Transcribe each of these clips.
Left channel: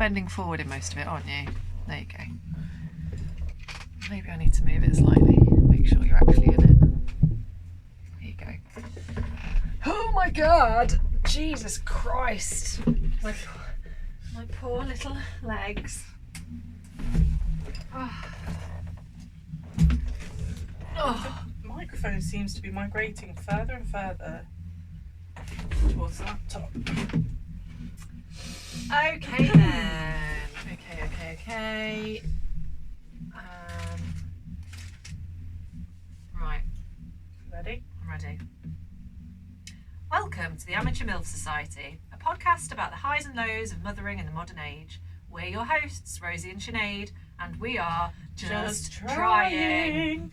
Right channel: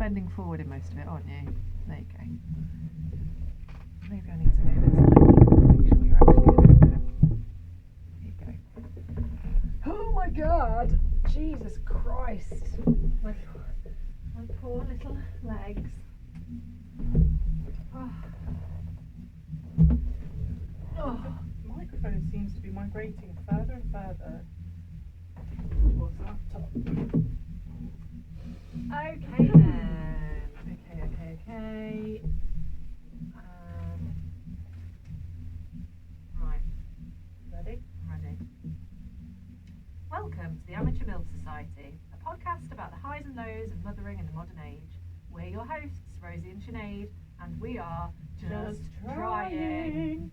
bending forward in most of it, aren't you? There you go. Maybe I need to move it slightly. Make sure you're actually in it. There you go. Oh my God! Jesus Christ! My poor little legs. The microphone seems to be migrating further and further towards the laptop. Okay then. Okay. Right. Ready? I'm ready. Welcome to the Amateur MILF Society, a podcast about the highs and lows of mothering in the modern age. We're your hosts, Rosie and Sinead, and we are just trying.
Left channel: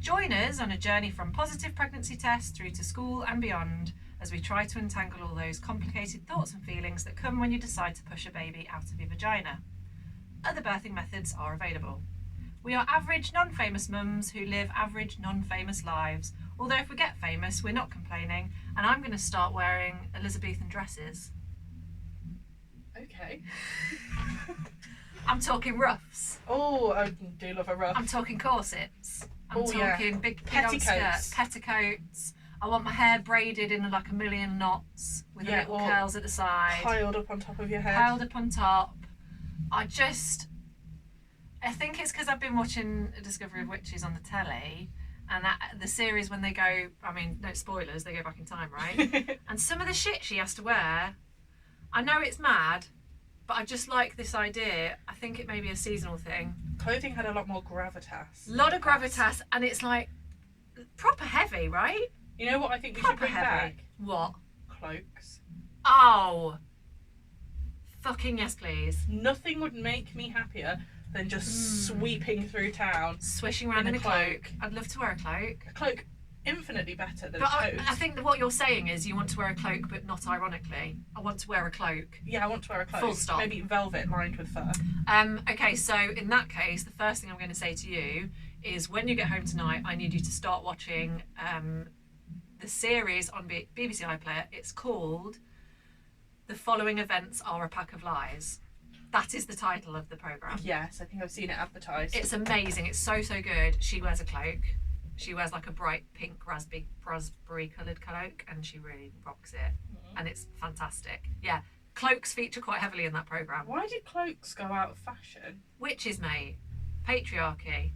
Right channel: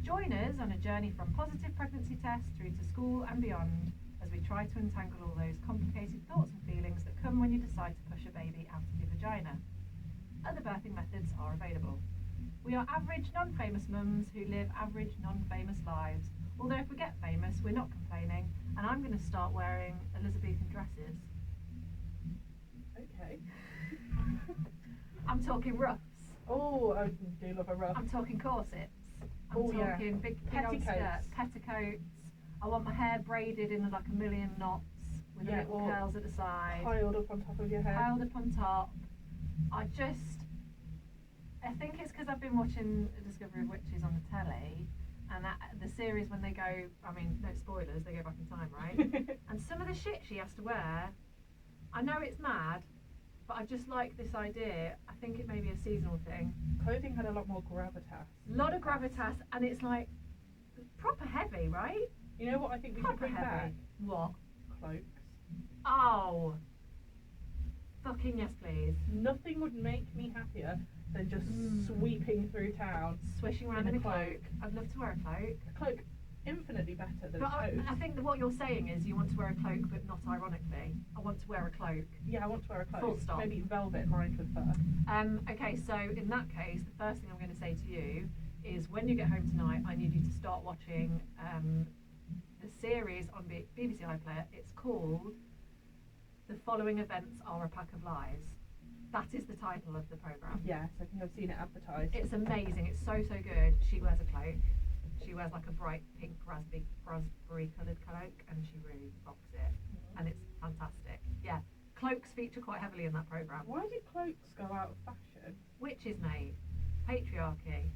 Join us on a journey from positive pregnancy tests through to school and beyond as we try to untangle all those complicated thoughts and feelings that come when you decide to push a baby out of your vagina. Other birthing methods are available. We are average, non-famous mums who live average, non-famous lives. Although if we get famous, we're not complaining, and I'm going to start wearing Elizabethan dresses. Okay. I'm talking ruffs. Oh, I do love a ruff. I'm talking corsets. I'm talking yeah. big old Petticoats. skirts, petticoats. I want my hair braided in like a million knots with the little curls at the side. Piled up on top of your head. Piled up on top. I think it's because I've been watching A Discovery of Witches on the telly, and the series when they go, I mean, no spoilers, they go back in time, right? And some of the shit she has to wear, I know it's mad, but I just like this idea. I think it may be a seasonal thing. Clothing had a lot more gravitas. A lot of gravitas, and it's like proper heavy, right? You know what I think we Proper should bring heavy. back? What? Cloaks. Oh. Fucking yes, please. Nothing would make me happier than just sweeping through town. Swishing around in a cloak. I'd love to wear a cloak. A cloak infinitely better than But a tote. I think that what you're saying is you want to wear a cloak, but not ironically. I want to wear a cloak. Yeah, I want to wear a cloak. Full stop. Maybe velvet lined with fur. Okay, so in that case, the first thing I'm going to say to you is when you get home tonight, I need you to start watching the series on BBC iPlayer. It's called The Following Events Are a Pack of Lies. That is the title of the programme. Yes, I think I've seen it advertised. It's amazing. It's so good. She wears a cloak. She wears like a bright pink raspberry coloured cloak, and she really rocks it. And it's fantastic. Yeah, cloaks feature quite heavily in that programme. Why did cloaks go out of fashion? Witches, mate. Patriarchy.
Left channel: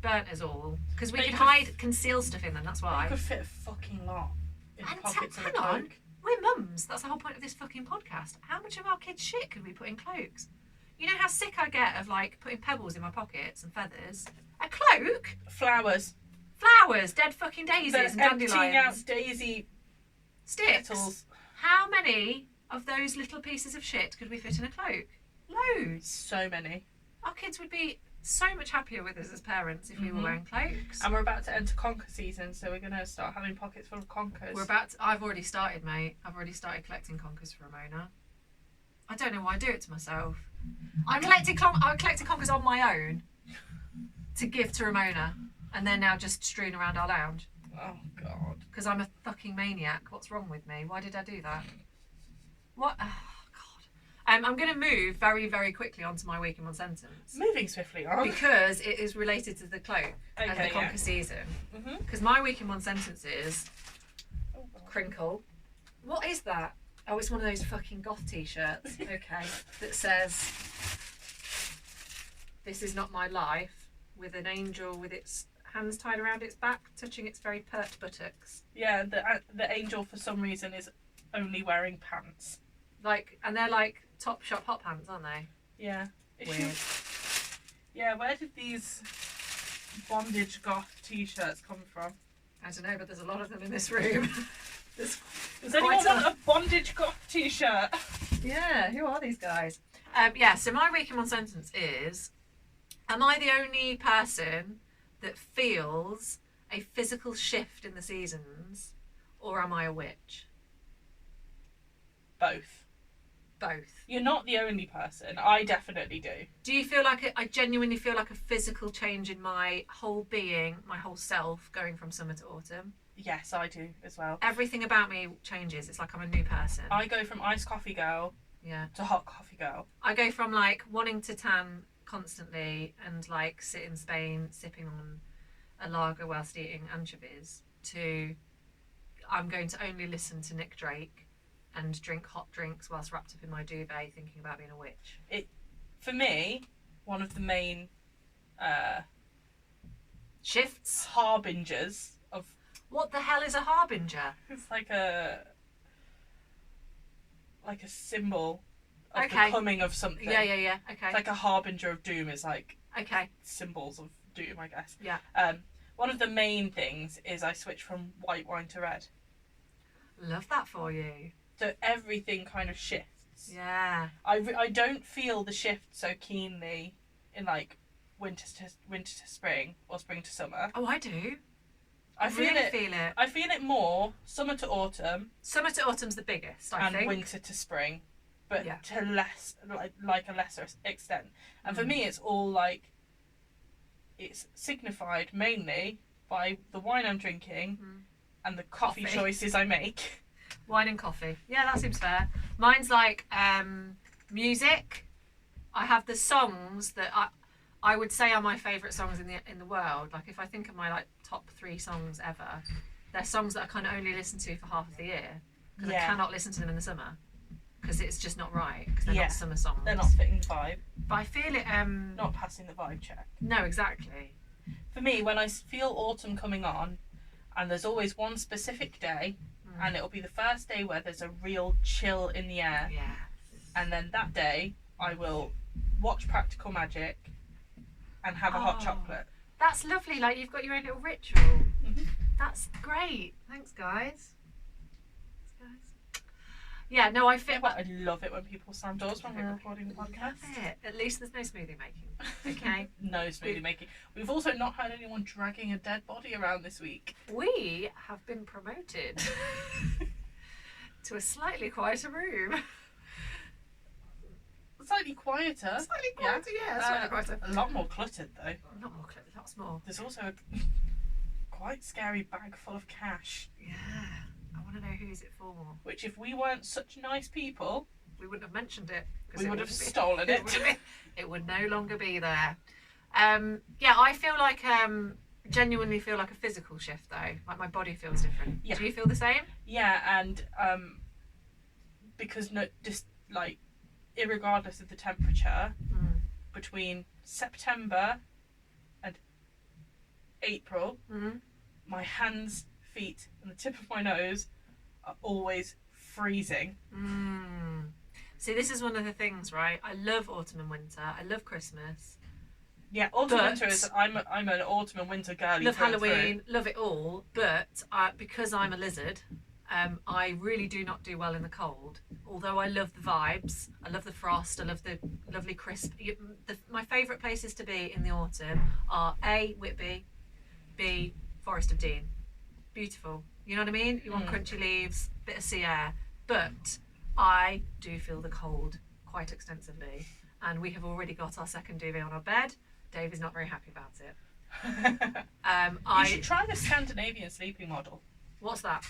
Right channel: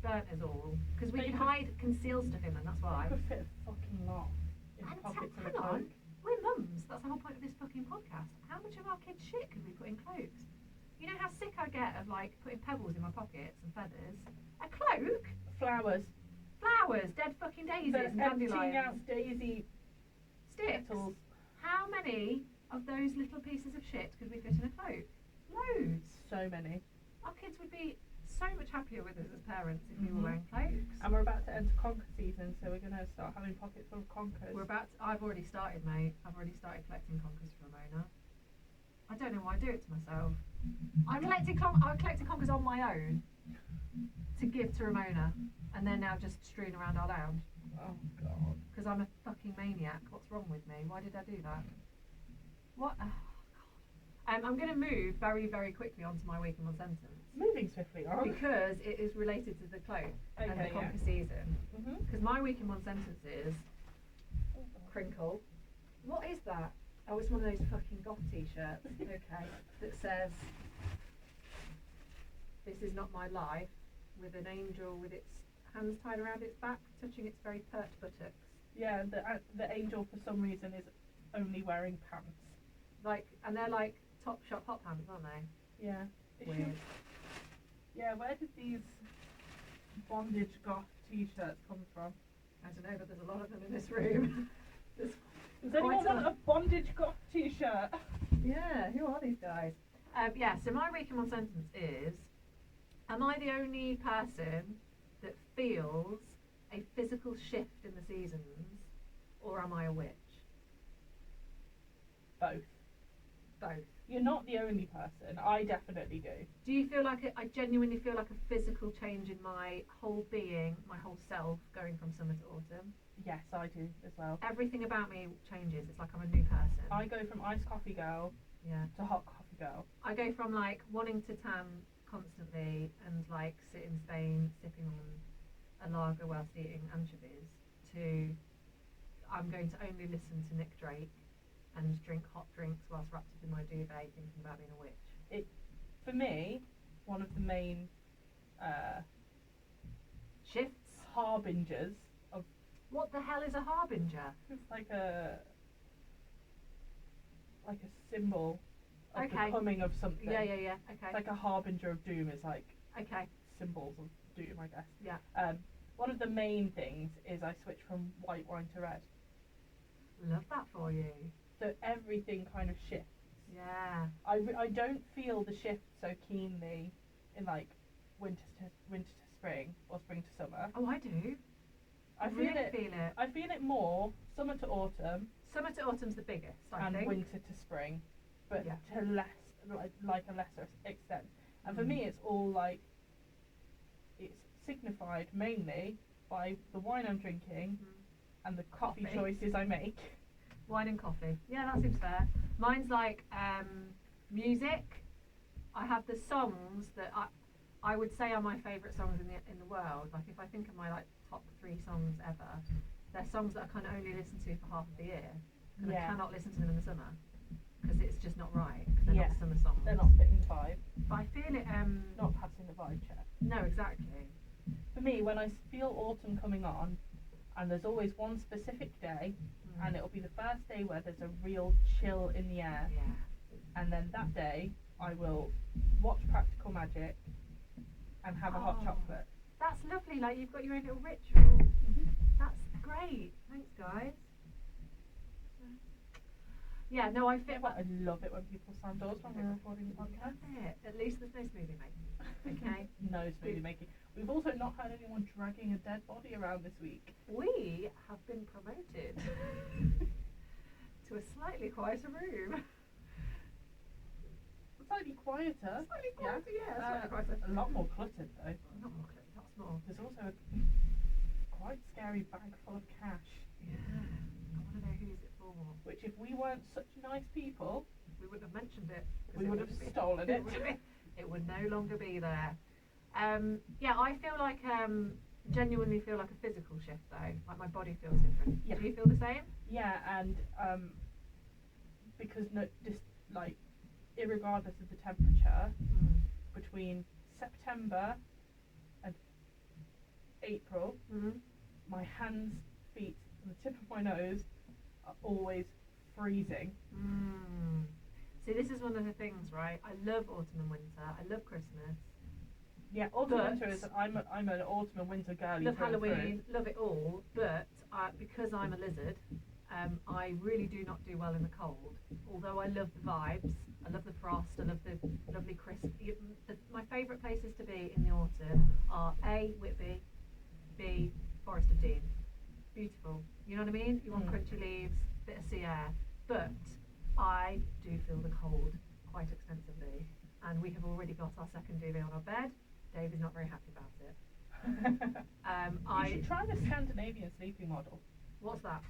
Burnt us all. Because we They could could conceal stuff in them, that's why. You could fit a fucking lot in And pockets of a hang cloak. on. We're mums. That's the whole point of this fucking podcast. How much of our kids' shit could we put in cloaks? You know how sick I get of like putting pebbles in my pockets and feathers? A cloak? Flowers. Flowers, dead fucking daisies They're and emptying out dandelions. daisy Sticks. petals. How many of those little pieces of shit could we fit in a cloak? Loads. So many. Our kids would be so much happier with us as parents if we were wearing cloaks. And we're about to enter conker season, so we're going to start having pockets full of conkers. I've already started, mate. I've already started collecting conkers for Ramona. I don't know why I do it to myself. I collected conkers on my own to give to Ramona, and they're now just strewn around our lounge. Oh, God. Because I'm a fucking maniac. What's wrong with me? Why did I do that? What? Oh, God. I'm going to move very, very quickly onto my week in one sentence. Moving swiftly on. Because it is related to the cloak and the conker season. Because my week in one sentence is crinkle. What is that? Oh, it's one of those fucking goth t-shirts. Okay. That says, "This is not my life," with an angel with its hands tied around its back, touching its very pert buttocks. Yeah, the angel for some reason is only wearing pants. And they're like Topshop hot pants, aren't they? Yeah. Weird. Yeah, where did these bondage goth t-shirts come from? I don't know, but there's a lot of them in this room. Does anyone want a bondage goth t-shirt? Yeah, who are these guys? So my week in one sentence is, am I the only person that feels a physical shift in the seasons, or am I a witch? Both. Both. You're not the only person. I definitely do. Do you feel like I genuinely feel like a physical change in my whole being, my whole self, going from summer to autumn? Yes, I do as well. Everything about me changes. It's like I'm a new person. I go from iced coffee girl Yeah. to hot coffee girl. I go from like wanting to tan constantly and like sit in Spain sipping on a lager whilst eating anchovies to I'm going to only listen to Nick Drake and drink hot drinks whilst wrapped up in my duvet thinking about being a witch. For me, one of the main Shifts. harbingers of... What the hell is a harbinger? It's like a symbol of Okay. the coming of something. Yeah. Okay. It's like a harbinger of doom is like Okay. symbols of doom, I guess. Yeah. One of the main things is I switch from white wine to red. Love that for you. So everything kind of shifts. Yeah. I don't feel the shift so keenly in like winter to spring or spring to summer. Oh, I do. I feel really it. feel it. I feel it more summer to autumn. Summer to autumn's the biggest, I and think. winter to spring, but Yeah. to less like a lesser extent. And for me, it's all like it's signified mainly by the wine I'm drinking and the coffee choices I make. Wine and coffee. Yeah, that seems fair. Mine's like music. I have the songs that I would say are my favourite songs in the world. Like if I think of my like top 3 songs ever, they're songs that I kind of only listen to for half the year because I cannot listen to them in the summer because it's just not right because they're not summer songs. They're not fitting the vibe. But I feel it. Not passing the vibe check. No, exactly. For me, when I feel autumn coming on, and there's always one specific day, and it'll be the first day where there's a real chill in the air. Yeah. And then that day, I will watch Practical Magic and have a hot chocolate. That's lovely. Like you've got your own little ritual. That's great. Thanks, guys. Yeah, no, I feel. I love it when people slam doors when we're recording the podcast. At least there's no smoothie making. Okay. No smoothie making. We've also not had anyone dragging a dead body around this week. We have been promoted to a slightly quieter room. Slightly quieter. Slightly quieter, yeah. Slightly quieter. A lot more cluttered though. Not more cluttered, lots more. There's also a quite scary bag full of cash. Yeah. I want to know who's it for. Which, if we weren't such nice people, we wouldn't have mentioned it. We would have stolen it. It would no longer be there. Yeah, I feel like genuinely feel like a physical shift though. Like my body feels different. Yeah. Do you feel the same? Yeah, and because just like irregardless of the temperature, between September and April, my hands, feet, and the tip of my nose are always freezing. See, this is one of the things, right? I love autumn and winter. I love Christmas. Yeah, autumn and winter is. I'm an autumn and winter girly. Love Halloween, love it all. But because I'm a lizard, I really do not do well in the cold. Although I love the vibes, I love the frost, I love the lovely crisp. My favourite places to be in the autumn are A, Whitby, B, Forest of Dean. Beautiful. You know what I mean? You want crunchy leaves, bit of sea air. But I do feel the cold quite extensively. And we have already got our second duvet on our bed. Dave is not very happy about it. You should try the Scandinavian sleeping model. What's that?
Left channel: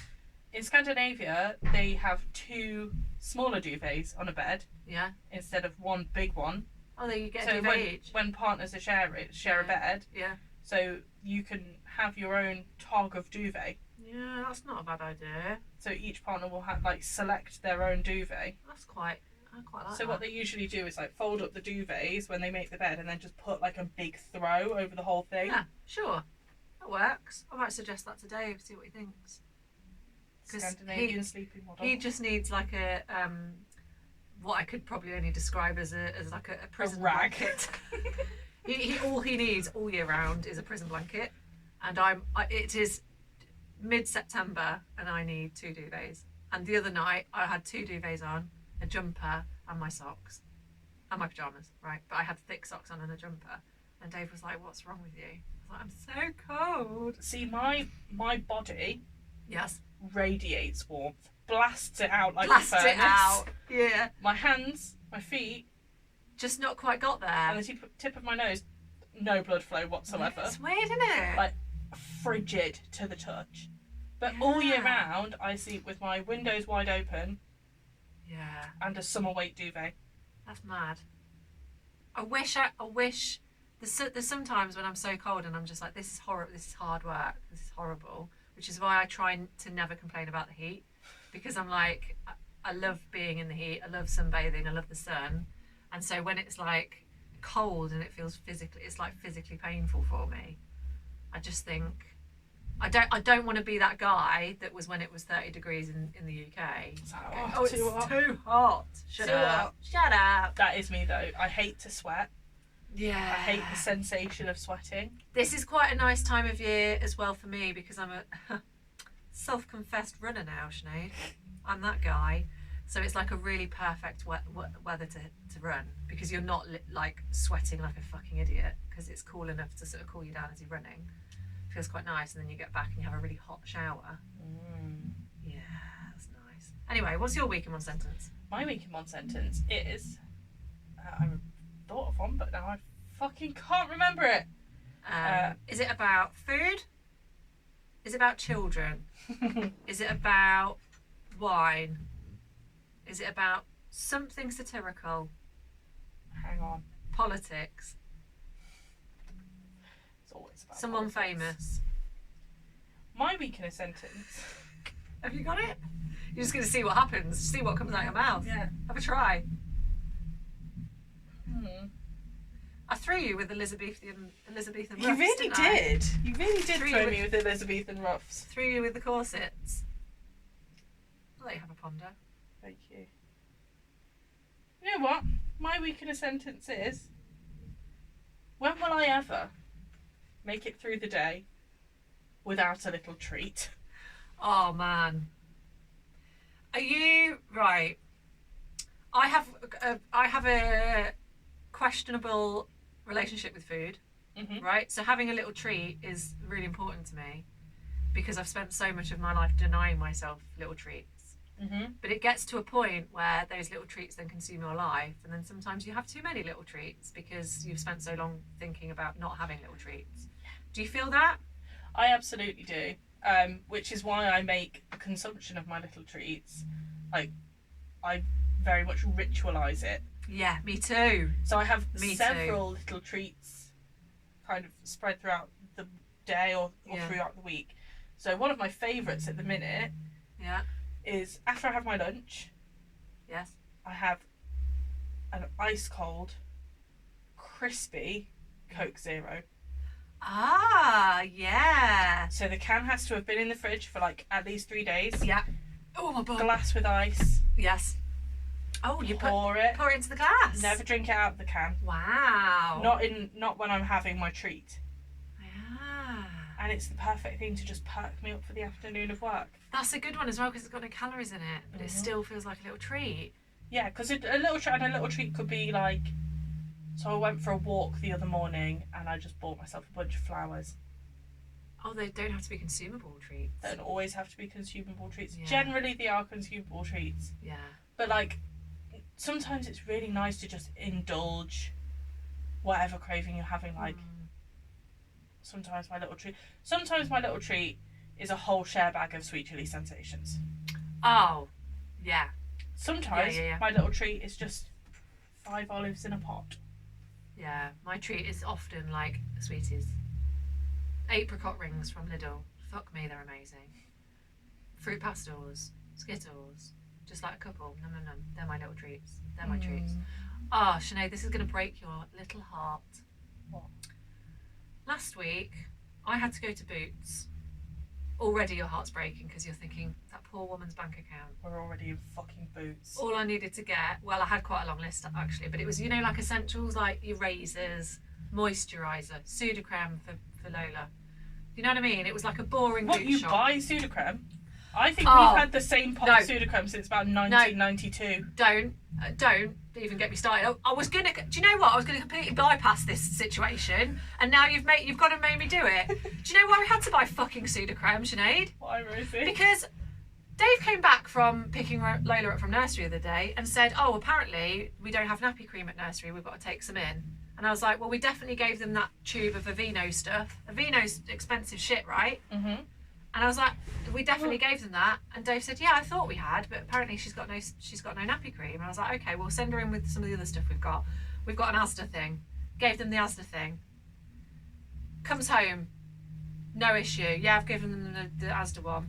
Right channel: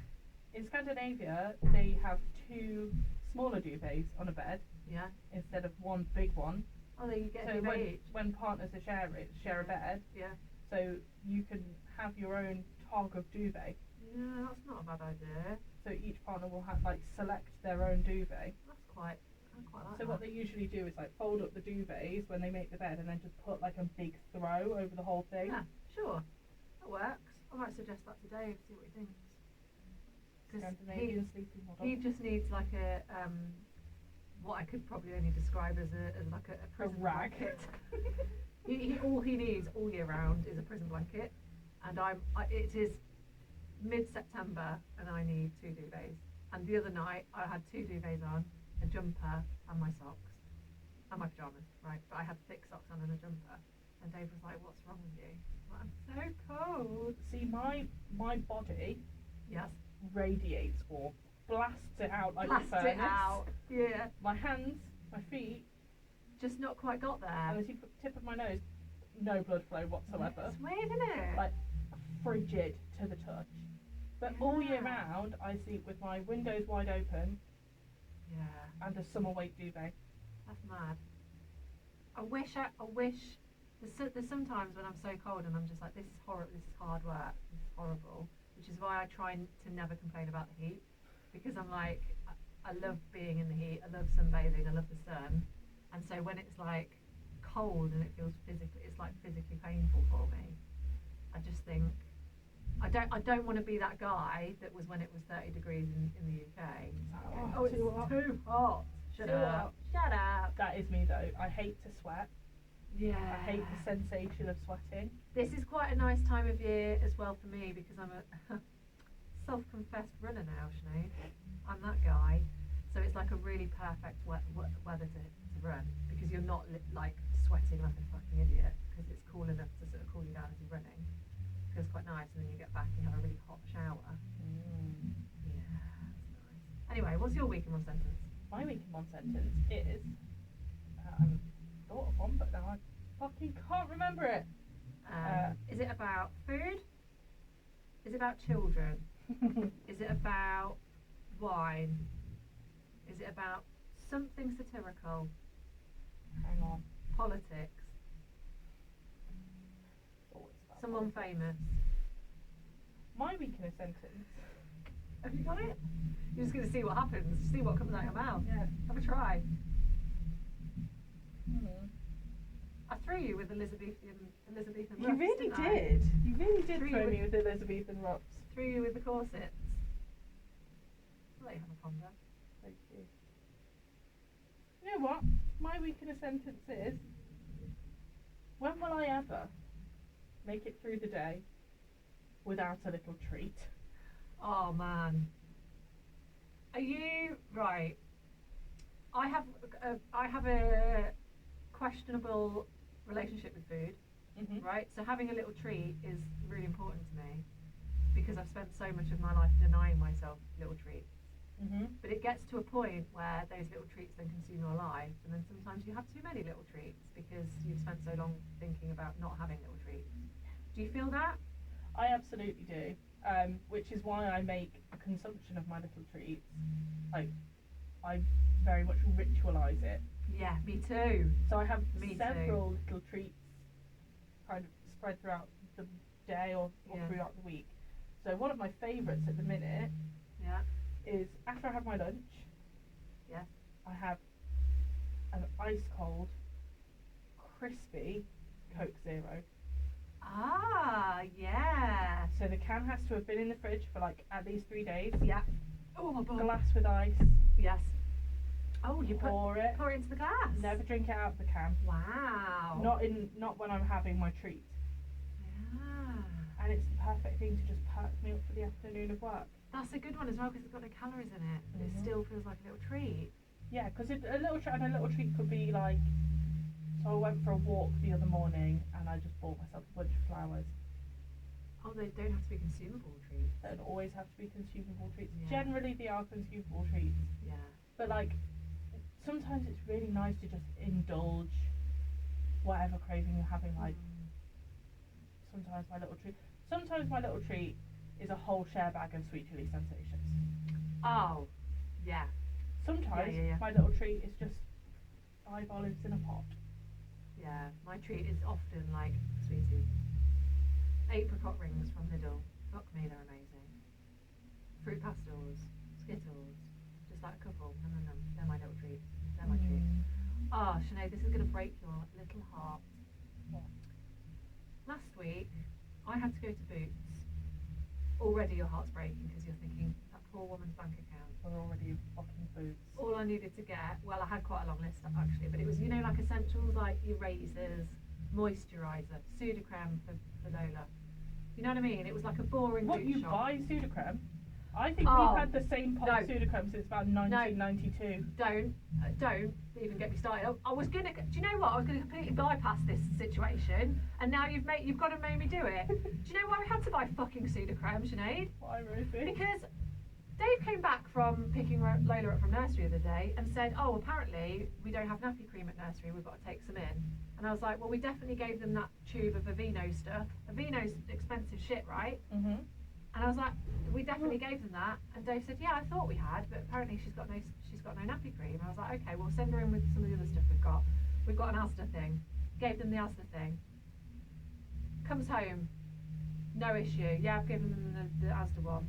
In Scandinavia, they have 2 smaller duvets on a bed. Yeah. Instead of one big one. Oh, there you get so a duvet each. When partners are share a bed. Yeah. So you can have your own tog of duvet. Yeah, that's not a bad idea. So each partner will have select their own duvet. That's quite. I quite like so that. what they usually do is fold up the duvets when they make the bed, and then just put a big throw over the whole thing. Yeah, sure, that works. I might suggest that to Dave. See what he thinks. Scandinavian sleeping model. He just needs a what I could probably only describe as a prison rag. blanket. All he needs all year round is a prison blanket, and it is mid-September and I need 2 duvets. And the other night I had 2 duvets on, a jumper and my socks and my pajamas, right? But I had thick socks on and a jumper. And Dave was like, "What's wrong with you?" I was like, "I'm so cold." See, my body. Yes. Radiates warmth, blasts it out like Blast a furnace. it out. Yeah. My hands, my feet, just not quite got there. And the tip of my nose, no blood flow whatsoever. It's weird, isn't it? Frigid to the touch. But all year round, I sleep with my windows wide open, Yeah. and a summer weight duvet. That's mad. I wish there's sometimes when I'm so cold and I'm just like, this is horrible, this is hard work, this is horrible, which is why I try to never complain about the heat, because I'm like, I love being in the heat, I love sunbathing, I love the sun, and so when it's like cold and it feels it's like physically painful for me. I just think I don't want to be that guy that was when it was 30 degrees in the UK. Oh, it's too hot. too hot. Shut up. That is me though. I hate to sweat. Yeah. I hate the sensation of sweating. This is quite a nice time of year as well for me because I'm a self-confessed runner now, Sinead. I'm that guy. So it's like a really perfect weather to run because you're not like sweating like a fucking idiot because it's cool enough to sort of cool you down as you're running. Feels quite nice, and then you get back and you have a really hot shower. Yeah, that's nice. Anyway, what's your week in one sentence? My week in one sentence is I thought of one, but now I fucking can't remember it. Is it about food? Is it about children? Is it about wine? Is it about something satirical? Hang on. Politics? It's always about Someone politics. famous? My week in a sentence. Have you got it? You're just going to see what happens, see what comes out your mouth. Yeah. Have a try. I threw you with Elizabethan ruffs, You really didn't I? did. You really did Threw throw you me with Elizabethan ruffs. Threw you with the corsets. I'll let you have a ponder. Thank you. You know what? My week in a sentence is, when will I ever make it through the day without a little treat? Oh man. Are you right? I have a questionable relationship with food, right? So having a little treat is really important to me because I've spent so much of my life denying myself little treats. But it gets to a point where those little treats then consume your life, and then sometimes you have too many little treats because you've spent so long thinking about not having little treats. Do you feel that? I absolutely do. Which is why I make the consumption of my little treats, like, I very much ritualise it. Yeah, me too. So I have Me several little treats kind of spread throughout the day or throughout the week. So one of my favourites at the minute is after I have my lunch, Yes. I have an ice cold, crispy Coke Zero. Ah, yeah. So the can has to have been in the fridge for like at least 3 days. Yeah. Oh my god. Glass with ice. Yes. Oh, you pour it. Pour it into the glass. Never drink it out of the can. Wow. Not when I'm having my treat. Yeah. And it's the perfect thing to just perk me up for the afternoon of work. That's a good one as well because it's got no calories in it, but it still feels like a little treat. Yeah, because a little treat could be like. So I went for a walk the other morning and I just bought myself a bunch of flowers. Oh, they don't have to be consumable treats. They don't always have to be consumable treats. Yeah. Generally, they are consumable treats. Yeah. But like, sometimes it's really nice to just indulge whatever craving you're having. Like, sometimes my little treat is a whole share bag of sweet chili sensations. Oh, yeah. Sometimes Yeah. my little treat is just 5 olives in a pot. Yeah, my treat is often like sweeties. Apricot rings from Lidl. Fuck me, they're amazing. Fruit pastels, Skittles, just like a couple. No. They're my little treats. They're my treats. Ah, Sinead, this is going to break your little heart. What? Last week, I had to go to Boots. Already your heart's breaking because you're thinking, that poor woman's bank account. We're already in fucking Boots. All I needed to get, well, I had quite a long list actually, but it was, you know, like essentials like your razors, moisturiser, Sudocreme for Lola. You know what I mean? It was like a boring What, boot you shop. buy Sudocreme? I think Oh, we've had the same pot of Sudocreme since about 1992. Don't even get me started. I was gonna. Do you know what? I was gonna completely bypass this situation, and now you've got to make me do it. Do you know why we had to buy fucking Sudocreme, Sinead? Why, Rosie? Because Dave came back from picking Lola up from nursery the other day and said, "Oh, apparently we don't have nappy cream at nursery. We've got to take some in." And I was like, "Well, we definitely gave them that tube of Aveeno stuff. Aveeno's expensive shit, right?" And I was like, we definitely gave them that. And Dave said, yeah, I thought we had, but apparently she's got no nappy cream. And I was like, okay, we'll send her in with some of the other stuff we've got. We've got an Asda thing. Gave them the Asda thing. Comes home, no issue. Yeah, I've given them the Asda one.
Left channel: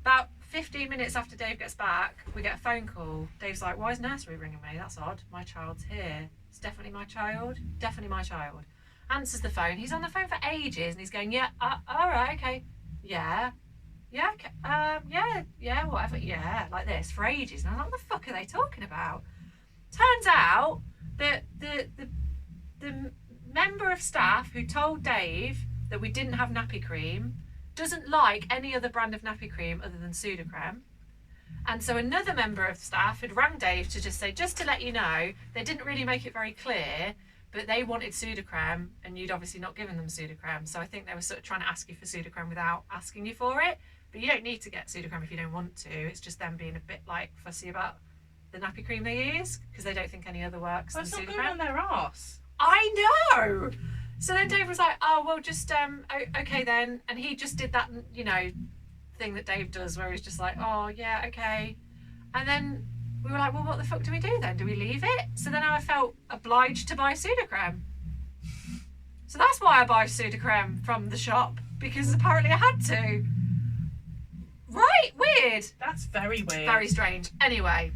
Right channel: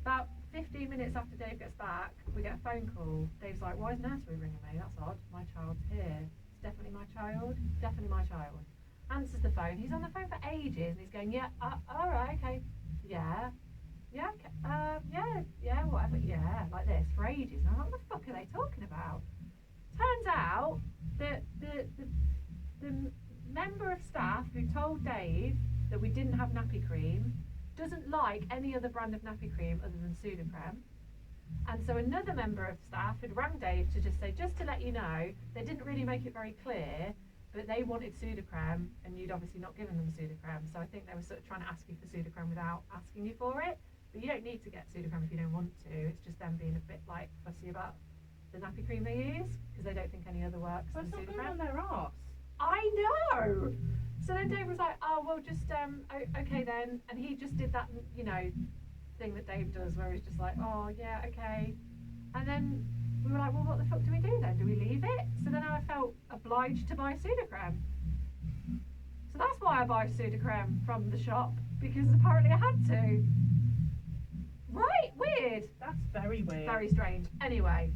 About 15 minutes after Dave gets back, we get a phone call. Dave's like, why is nursery ringing me? That's odd. My child's here. It's definitely my child. Definitely my child. Answers the phone. He's on the phone for ages and he's going, yeah, all right, okay. Yeah, okay. Yeah, whatever. Yeah, like this for ages. And I'm like, what the fuck are they talking about? Turns out that the member of staff who told Dave that we didn't have nappy cream doesn't like any other brand of nappy cream other than Sudocrem. And so another member of staff had rang Dave to just say, just to let you know, they didn't really make it very clear, but they wanted Sudocrem and you'd obviously not given them Sudocrem. So I think they were sort of trying to ask you for Sudocrem without asking you for it. But you don't need to get Sudocrem if you don't want to. It's just them being a bit like fussy about the nappy cream they use because they don't think any other works than It's not Sudocrem. going on their arse. I know. So then Dave was like, oh, well, just, okay then. And he just did that, you know, thing that Dave does where he's just like, oh, yeah, okay. And then we were like, well, what the fuck do we do then? Do we leave it? So then I felt obliged to buy Sudocrem. So that's why I buy Sudocrem from the shop, because apparently I had to. Right, weird. That's very weird. Very strange. Anyway,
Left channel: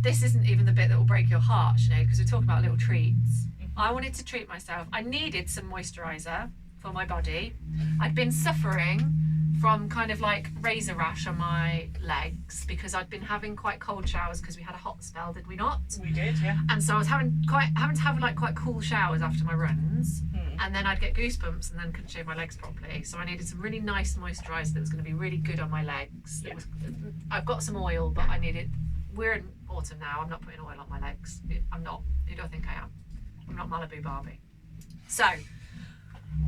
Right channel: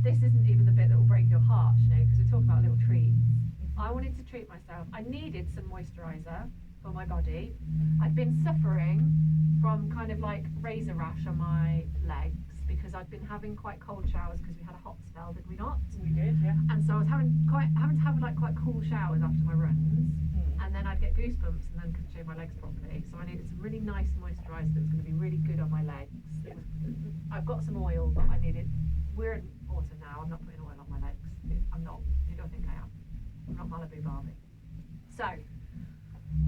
this isn't even the bit that will break your heart, Sinead, because we're talking about little treats. I wanted to treat myself. I needed some moisturiser for my body. I'd been suffering from kind of like razor rash on my legs because I'd been having quite cold showers because we had a hot spell, did we not? We did, yeah. And so I was having to have like quite cool showers after my runs, and then I'd get goosebumps and then couldn't shave my legs properly. So I needed some really nice moisturiser that was going to be really good on my legs. Yeah. I've got some oil, but I needed. We're in autumn now. I'm not putting oil on my legs. I'm not. Who do I think I am? I'm not Malibu Barbie. So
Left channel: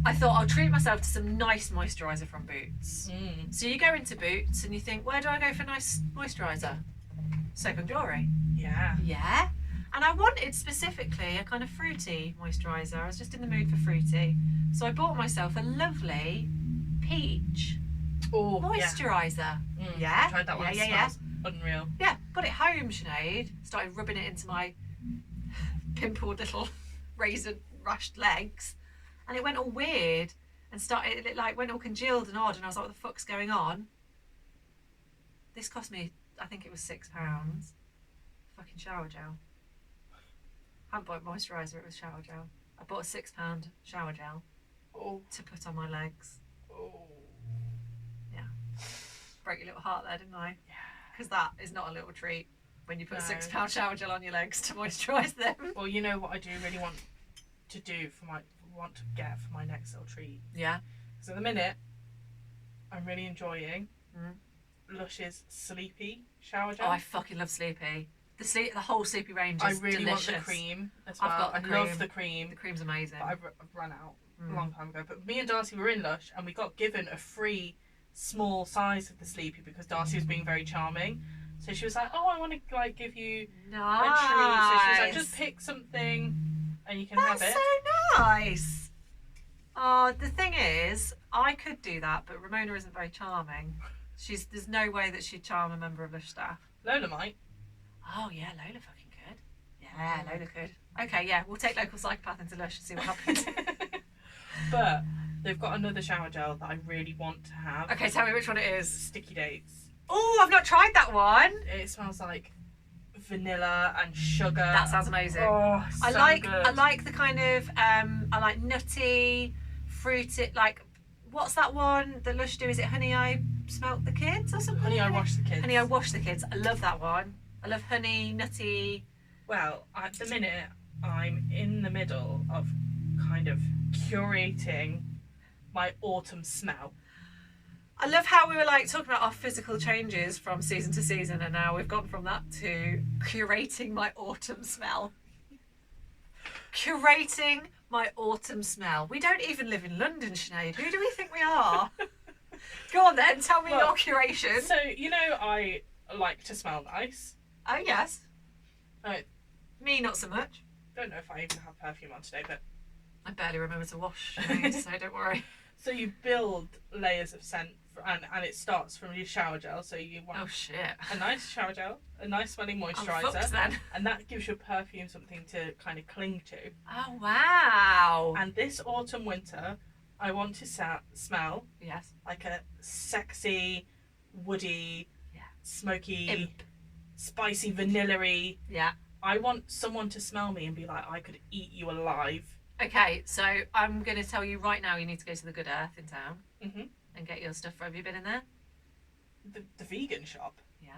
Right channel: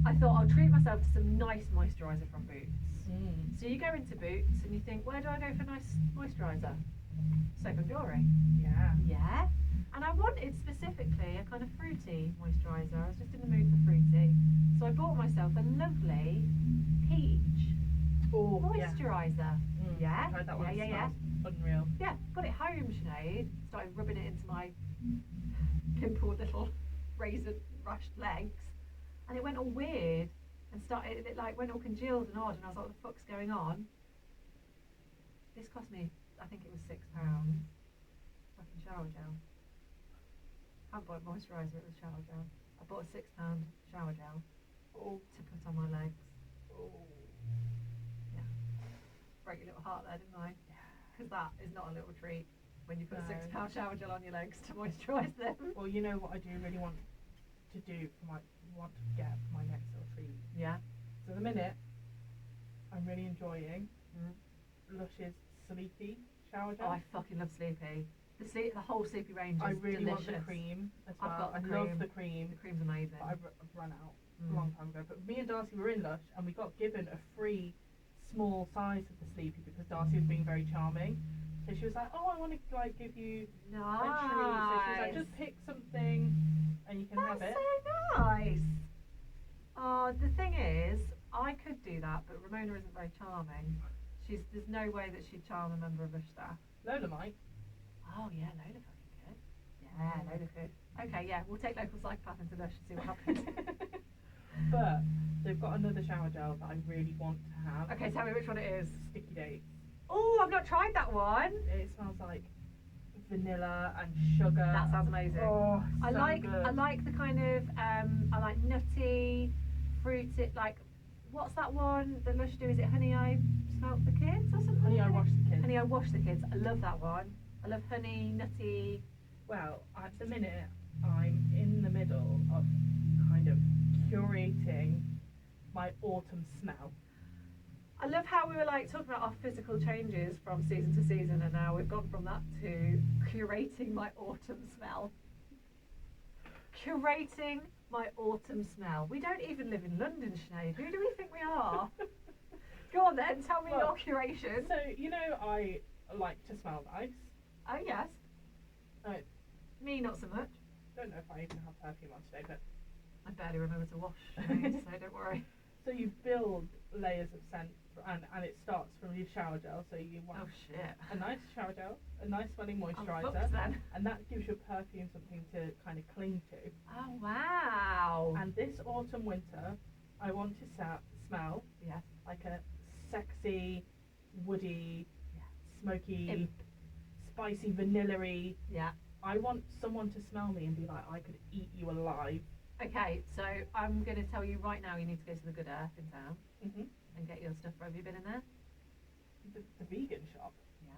I thought I'll treat myself to some nice moisturiser from Boots. So you go into Boots and you think, where do I go for nice moisturiser? Soap and Glory. Yeah. Yeah. And I wanted specifically a kind of fruity moisturiser. I was just in the mood for fruity. So I bought myself a lovely peach moisturiser. Yeah. I tried that one. Yeah. Unreal. Yeah. Got it home, Sinead. Started rubbing it into my pimpled little razor rashed legs, and it went all weird and it like went all congealed and odd, and I was like, what the fuck's going on? This cost me, I think it was £6. Fucking shower gel. I haven't bought moisturiser, it was shower gel. I bought a £6 shower gel to put on my legs. Yeah. Broke your little heart there, didn't I? Yeah. Because that is not a little treat when you put a £6 shower gel on your legs to moisturise them. Well, you know what I do really want to get for my next little treat. Yeah. So at the minute, I'm really enjoying Lush's Sleepy shower gel. Oh, I fucking love Sleepy. The whole Sleepy range is I really delicious. want the cream as well. I've got the I cream. love the cream. The cream's amazing. But I've run out a long time ago. But me and Darcy were in Lush and we got given a free small size of the Sleepy because Darcy was being very charming. So she was like, oh, I want to like give you a treat. So she was like, just pick something and you can have it. That's so nice. Oh, the thing is, I could do that, but Ramona isn't very charming. There's no way that she'd charm a member of Lush staff. Lola might. Oh yeah, Lola fucking could. Yeah, Lola could. Okay, yeah, we'll take local psychopath into Lush and see what happens. But they've got another shower gel that I really want to have. Okay, tell me which one it is. Sticky Dates. Oh, I've not tried that one. It smells like vanilla and sugar. That sounds amazing. Oh, so I like the kind of I like nutty, fruity, like what's that one that Lush do? Is it Honey I Smelt the Kids or something? Honey I Washed the Kids. Honey I Washed the Kids. I love that one. I love honey, nutty. Well, at the minute I'm in the middle of kind of curating my autumn smell. I love how we were like talking about our physical changes from season to season, and now we've gone from that to curating my autumn smell. Curating my autumn smell. We don't even live in London, Sinead. Who do we think we are? Go on then, tell me your curation. So, you know, I like to smell nice. Oh, yes. I Me, not so much. don't know if I even have perfume on today, but I barely remember to wash, Sinead, so don't worry. So you build layers of scent, and it starts from your shower gel. So you want a nice shower gel, a nice smelling moisturiser, then. and that gives your perfume something to kind of cling to. Oh wow! And this autumn winter, I want to smell like a sexy, woody, smoky, imp, spicy, vanilla-y. Yeah. I want someone to smell me and be like, I could eat you alive. Okay, so I'm going to tell you right now, you need to go to the Good Earth in town and get your stuff. Have you been in there? The vegan shop? Yeah.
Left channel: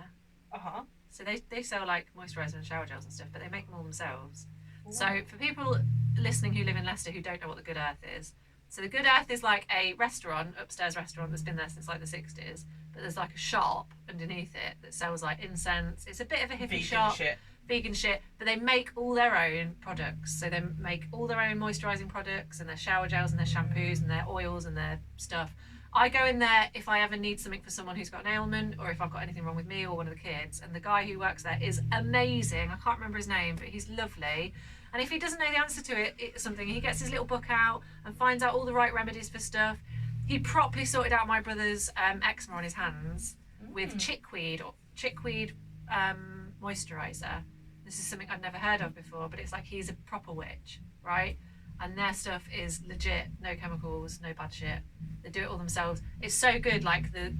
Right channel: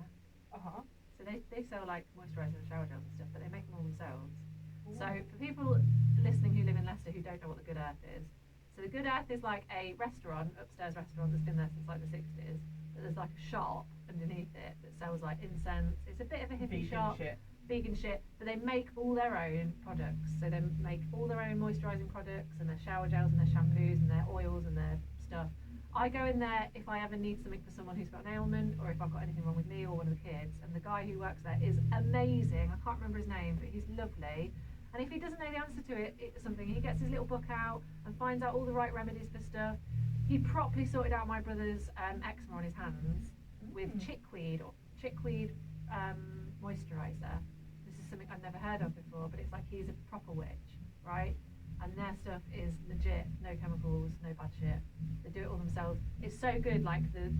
Uh-huh. So they sell like moisturiser and shower gels and stuff, but they make them all themselves. Ooh. So for people listening who live in Leicester who don't know what the Good Earth is, so the Good Earth is like a restaurant, upstairs restaurant that's been there since like the 60s, but there's like a shop underneath it that sells like incense. It's a bit of a hippie shop. Vegan shit, but they make all their own products. So they make all their own moisturising products and their shower gels and their shampoos and their oils and their stuff. I go in there if I ever need something for someone who's got an ailment or if I've got anything wrong with me or one of the kids. And the guy who works there is amazing. I can't remember his name, but he's lovely. And if he doesn't know the answer to something, he gets his little book out and finds out all the right remedies for stuff. He properly sorted out my brother's eczema on his hands with chickweed moisturiser. This is something I've never heard of before, but it's like he's a proper witch, right? And their stuff is legit, no chemicals, no bad shit. They do it all themselves. It's so good, like the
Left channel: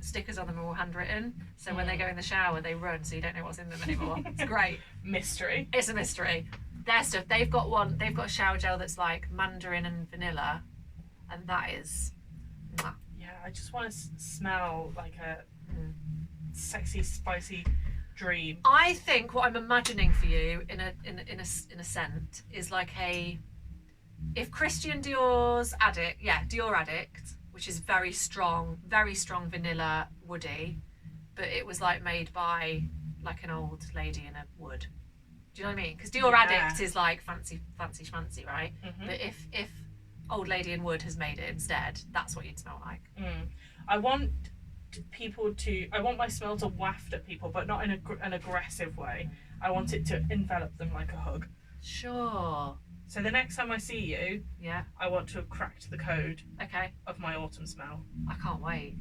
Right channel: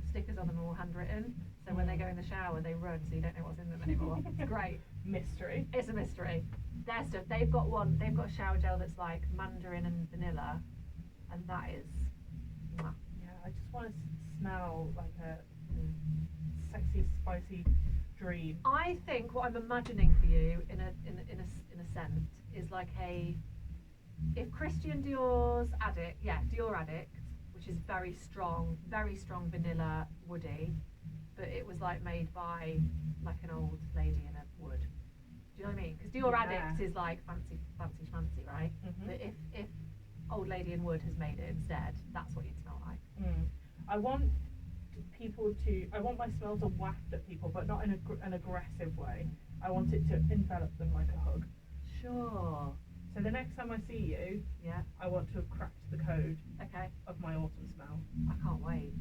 stickers on them are all handwritten, so when they go in the shower they run, so you don't know what's in them anymore. It's great. Mystery. It's a mystery. Their stuff, they've got a shower gel that's like mandarin and vanilla, and that is mwah. Yeah, I just want to smell like a sexy, spicy dream. I think what I'm imagining for you in a scent is like if Christian Dior's Dior Addict, which is very strong vanilla woody, but it was like made by like an old lady in a wood. Do you know what I mean? Because Dior Addict is like fancy schmancy, right? But if old lady in wood has made it instead, that's what you'd smell like. I want my smell to waft at people, but not in an aggressive way. I want it to envelop them like a hug. Sure. So the next time I see you, I want to have cracked the code of my autumn smell. I can't wait.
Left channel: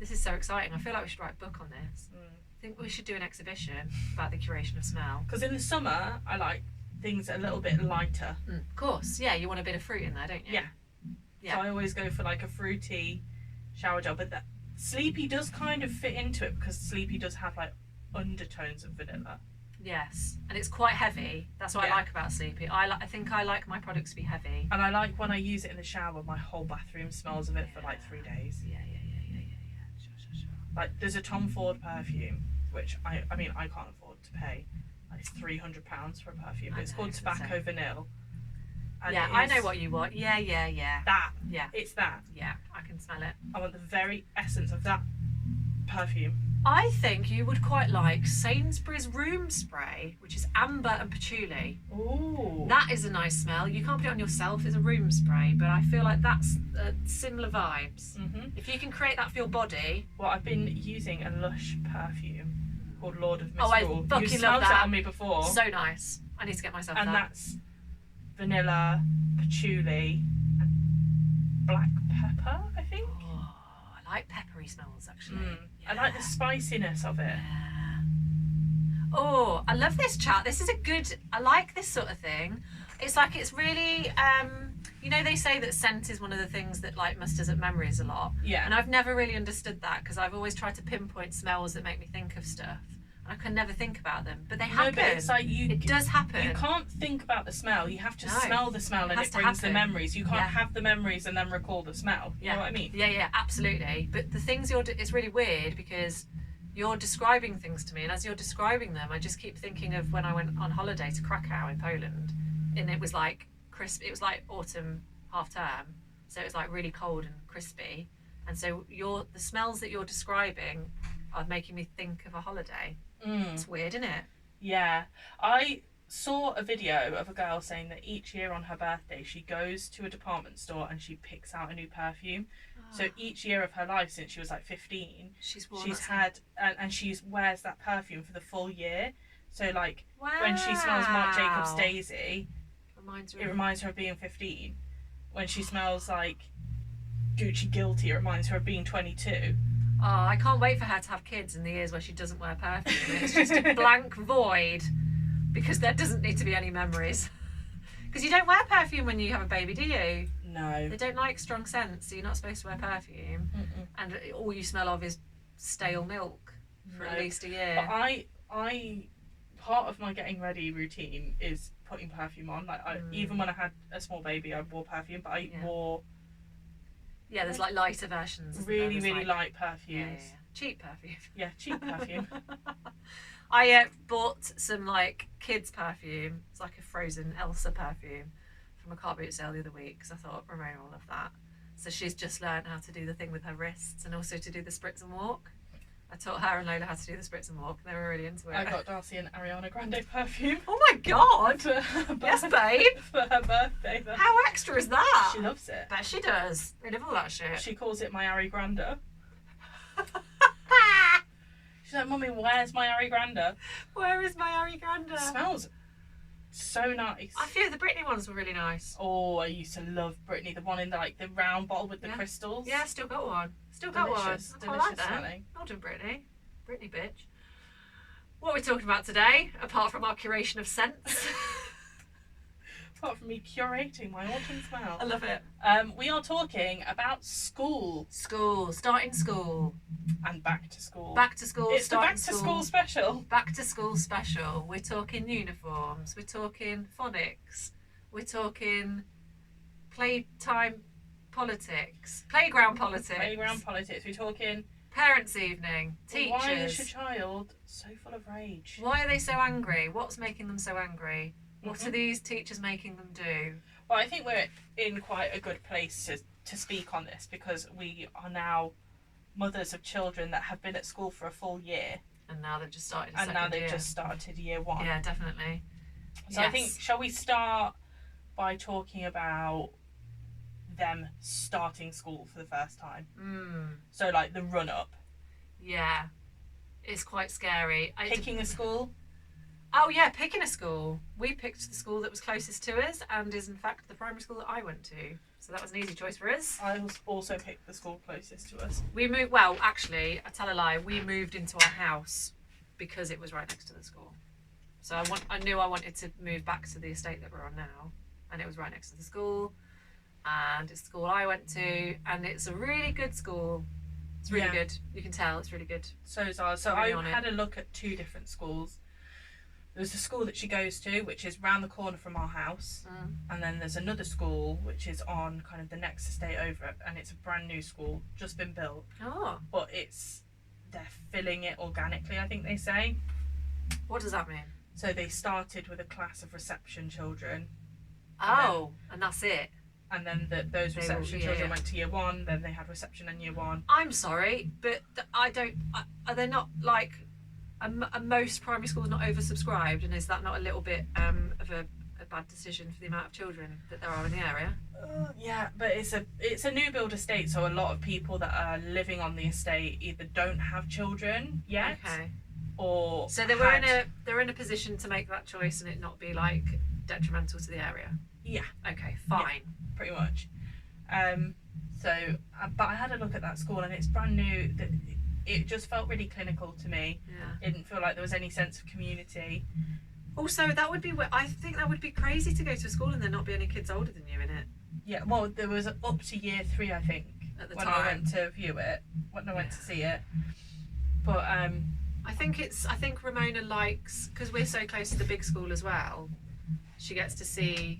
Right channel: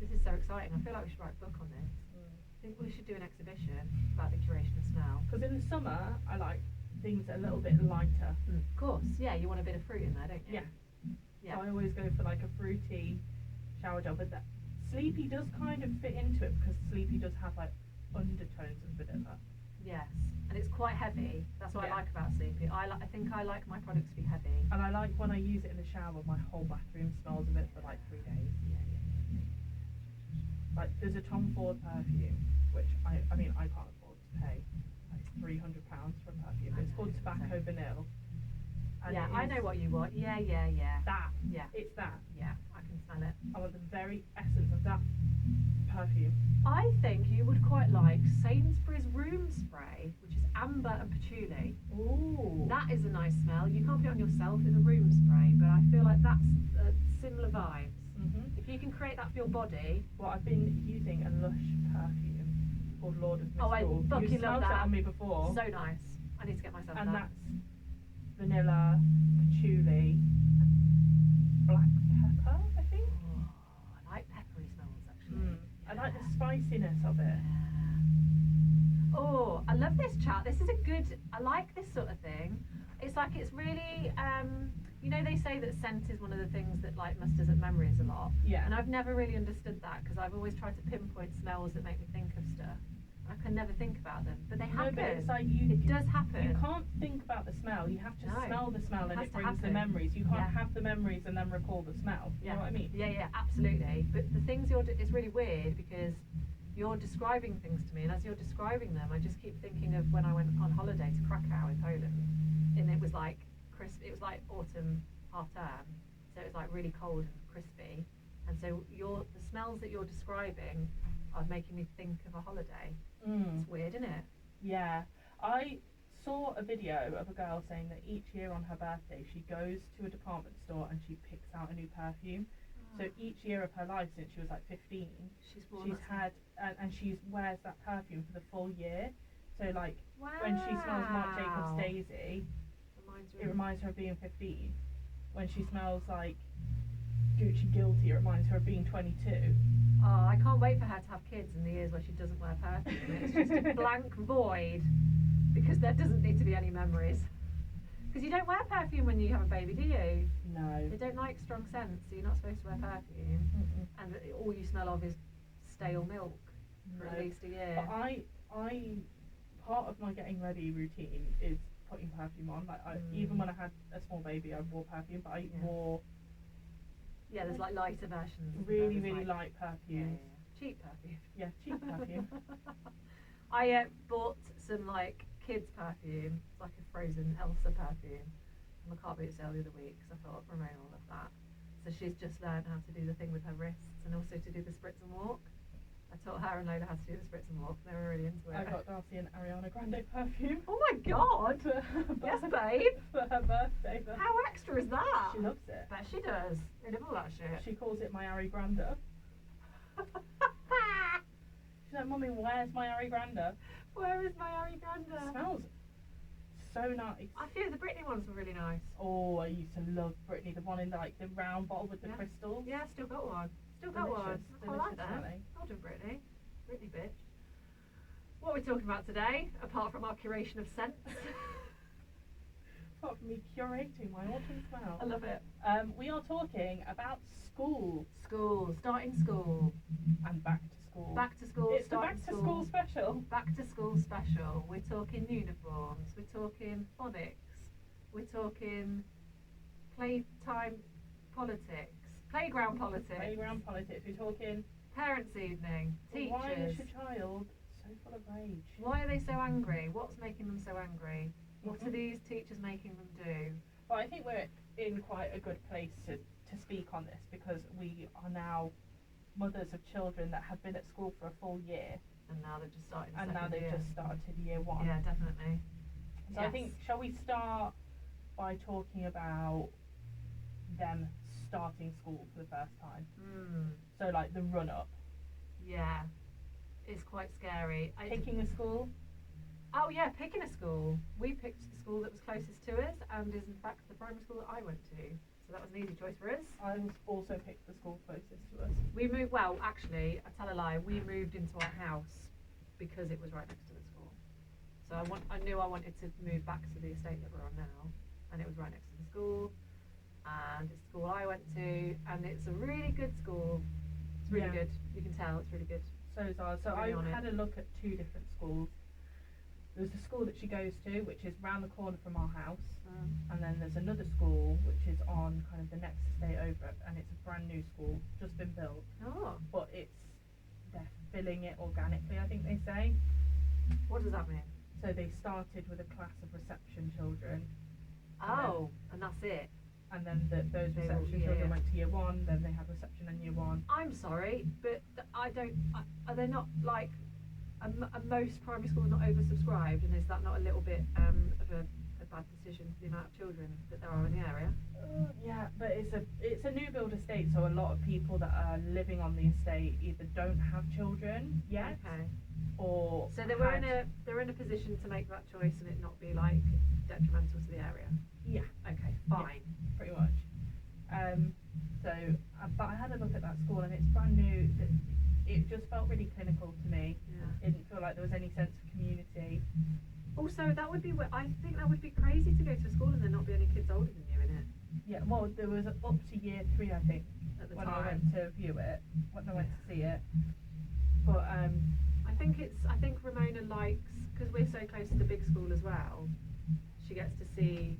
This is so exciting. I feel like we should write a book on this. I think we should do an exhibition about the curation of smell. Because in the summer, I like things a little bit lighter. Of course, yeah, you want a bit of fruit in there, don't you? Yeah. So I always go for like a fruity shower gel, but that Sleepy does kind of fit into it because Sleepy does have like undertones of vanilla. Yes, and it's quite heavy. That's what I like about Sleepy. I think I like my products to be heavy. And I like when I use it in the shower, my whole bathroom smells of it for like 3 days. Yeah. Sure. Like there's a Tom Ford perfume, which I can't afford to pay like £300 for a perfume. It's called Tobacco Vanille. And I know what you want. Yeah. That. Yeah. It's that. Yeah, I can smell it. I want the very essence of that perfume. I think you would quite like Sainsbury's room spray, which is amber and patchouli. Ooh. That is a nice smell. You can't put it on yourself, it's a room spray, but I feel like that's similar vibes. If you can create that for your body. Well, I've been using a Lush perfume called Lord of Misrule. I fucking you love smelled that. it on me before. So nice. I need to get myself that. And that's vanilla, patchouli, and black pepper, I think. Oh, I like peppery smells actually. I like the spiciness of it. Oh, I love this chat. This is I like this sort of thing. It's like it's really, they say that scent is one of the things that like musters up memories a lot. Yeah. And I've never really understood that because I've always tried to pinpoint smells that make me think of stuff. I can never think about them, but they happen. No, but it's like it does happen. You can't think about the smell. You have to smell the smell, and it brings the memories. You can't have the memories and then recall the smell. You know what I mean? Yeah, absolutely. But the things it's really weird because you're describing things to me, and as you're describing them, I just keep thinking of when I went on holiday to Krakow in Poland, and it was like crisp. It was like autumn half term, so it was like really cold and crispy, and so the smells that you're describing are making me think of a holiday. It's weird, isn't it? Yeah. I saw a video of a girl saying that each year on her birthday she goes to a department store and she picks out a new perfume. So each year of her life since she was like 15, she's had and she wears that perfume for the full year. So like when she smells Marc Jacobs Daisy, it reminds her of being 15. When she smells like Gucci guilty, it reminds her of being 22. Oh, I can't wait for her to have kids in the years where she doesn't wear perfume. It's just a blank void, because there doesn't need to be any memories. Because you don't wear perfume when you have a baby, do you? No. They don't like strong scents, so you're not supposed to wear perfume. Mm-mm. And all you smell of is stale milk for at least a year. But I part of my getting ready routine is putting perfume on. Like even when I had a small baby, I wore perfume, but I wore there's like lighter versions. Really light perfumes. Cheap perfume. Yeah, cheap perfume. I bought some like kids perfume. It's like a frozen Elsa perfume from a car boot sale the other week, because I thought Ramona will love that. So she's just learned how to do the thing with her wrists and also to do the spritz and walk. I taught her and Lola how to do the spritz and walk. They were really into it. I got Darcy an Ariana Grande perfume. Oh my god! Yes, babe. For her birthday. How extra is that? She loves it. Bet she does. Rid of all that shit. She calls it my Ari Grande. She's like, Mummy, where's my Ari Grande? Where is my Ari Grande? It smells so nice. I feel the Britney ones were really nice. Oh, I used to love Britney. The one in the round bottle with the crystals. Yeah, still got one. Delicious Like smelling. Well done, Britney. Britney bitch. What are we talking about today, apart from our curation of scents? Apart from me curating my autumn smell. I love it. We are talking about school. Starting school. And back to school. Back to school, it's the back to school special. Back to school special. We're talking uniforms, we're talking phonics, we're talking playtime politics, playground politics. We're talking parents' evening, teachers. Why is your child so full of rage? Why are they so angry? What's making them so angry? What are these teachers making them do? Well, I think we're in quite a good place to speak on this, because we are now mothers of children that have been at school for a full year. And now they've just started just started year one. Yeah, definitely. So yes. I think, shall we start by talking about them starting school for the first time? So like the run up. Yeah. It's quite scary. Picking a school? Oh yeah, picking a school. We picked the school that was closest to us and is in fact the primary school that I went to. So that was an easy choice for us. I also picked the school closest to us. We moved, well actually, I tell a lie, we moved into our house because it was right next to the school. So I knew I wanted to move back to the estate that we're on now, and it was right next to the school, and it's the school I went to, and it's a really good school. It's really good. You can tell it's really good. So is ours. So I had a look at two different schools. There's the school that she goes to, which is round the corner from our house, and then there's another school which is on kind of the next estate over, and it's a brand new school, just been built. Oh. But they're filling it organically, I think they say. What does that mean? So they started with a class of reception children. Oh, and that's it. And then those reception children went to year one, then they had reception in year one. I'm sorry, but are they not like... most primary schools not oversubscribed, and is that not a little bit of a bad decision for the amount of children that there are in the area? Yeah, but it's a new build estate, so a lot of people that are living on the estate either don't have children yet, or so they're in a position to make that choice and it not be like detrimental to the area. Yeah. Okay, fine. Yeah, pretty much. But I had a look at that school and it's brand new. It just felt really clinical to me. Yeah. It didn't feel like there was any sense of community. Also, I think that would be crazy to go to a school and there not be any kids older than you in it. Yeah, well, there was up to year 3, I think, at the when time. I went to view it, when I went to see it. But I think Ramona likes, because we're so close to the big school as well, she gets to see,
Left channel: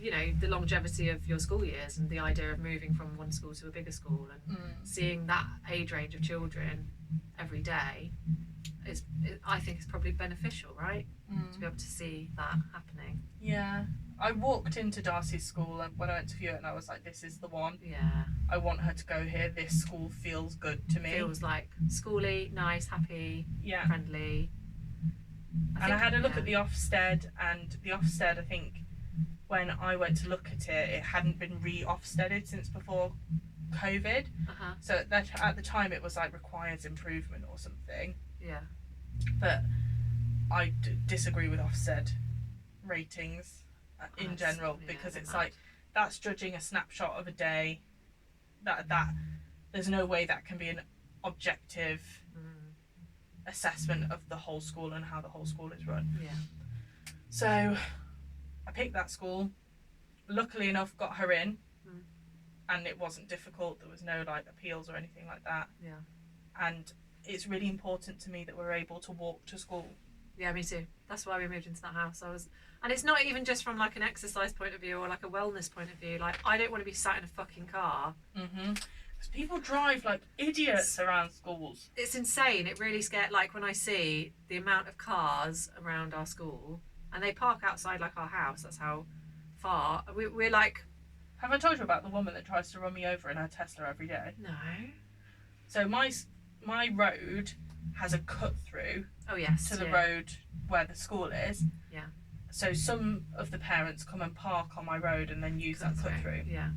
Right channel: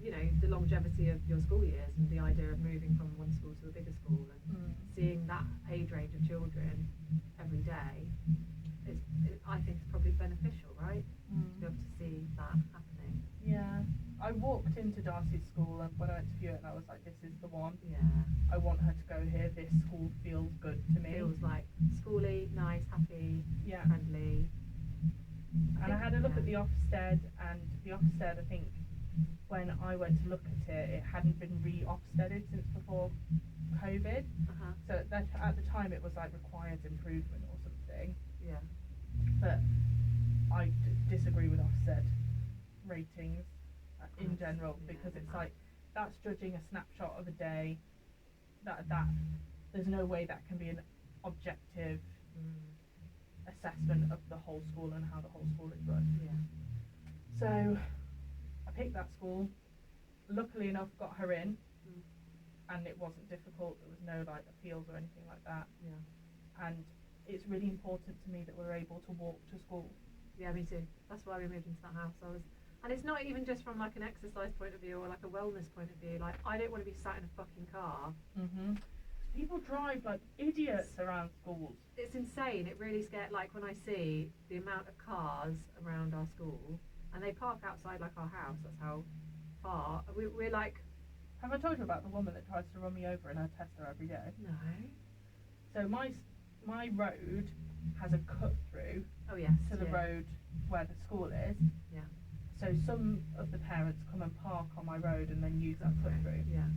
you know, the longevity of your school years and the idea of moving from one school to a bigger school and seeing that age range of children every day I think it's probably beneficial, right? To be able to see that happening. Yeah. I walked into Darcy's school and when I went to view it and I was like, this is the one. Yeah. I want her to go here. This school feels good to me. Feels like schooly, nice, happy, yeah, friendly. I had a look at the Ofsted, and the Ofsted, I think, when I went to look at it, it hadn't been re-Ofsteded since before COVID. So at the time it was like requires improvement or something. Yeah. But I disagree with Ofsted ratings in general, because it's like, that's judging a snapshot of a day that there's no way that can be an objective assessment of the whole school and how the whole school is run. Yeah. So I picked that school. Luckily enough, got her in, and it wasn't difficult. There was no like appeals or anything like that. Yeah. And it's really important to me that we're able to walk to school. Yeah, me too. That's why we moved into that house. And it's not even just from like an exercise point of view or like a wellness point of view. Like, I don't want to be sat in a fucking car. Because people drive like idiots around schools. It's insane. It really scared. Like, when I see the amount of cars around our school, and they park outside like our house. That's how far we're like. Have I told you about the woman that tries to run me over in her Tesla every day? No. So my road has a cut through. Oh yes. To the road where the school is. Yeah. So some of the parents come and park on my road and then use that cut through. Yeah.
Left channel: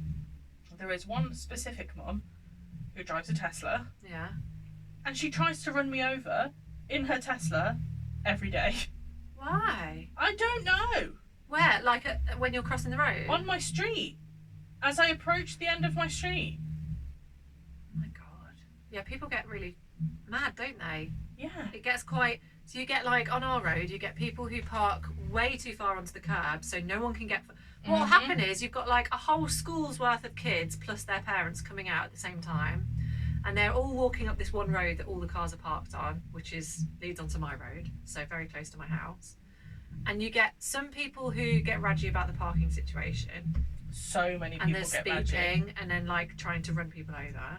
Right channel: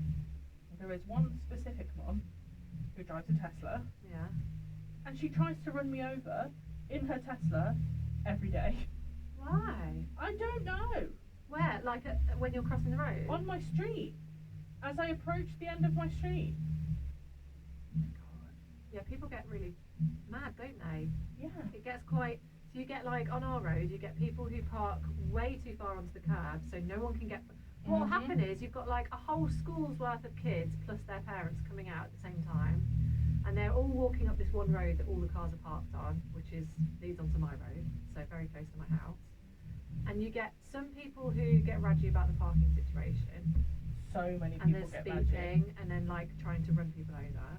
There is one specific mum who drives a Tesla. Yeah. And she tries to run me over in her Tesla every day. Why? I don't know. Where? Like when you're crossing the road? On my street. As I approach the end of my street. Oh my God. Yeah, people get really mad, don't they? Yeah. It gets quite. So you get like on our road, you get people who park way too far onto the curb, so no one can get. What will happen is you've got like a whole school's worth of kids plus their parents coming out at the same time, and they're all walking up this one road that all the cars are parked on, which leads onto my road, so very close to my house. And you get some people who get raggy about the parking situation. So many people and there's get speeding and then like trying to run people over.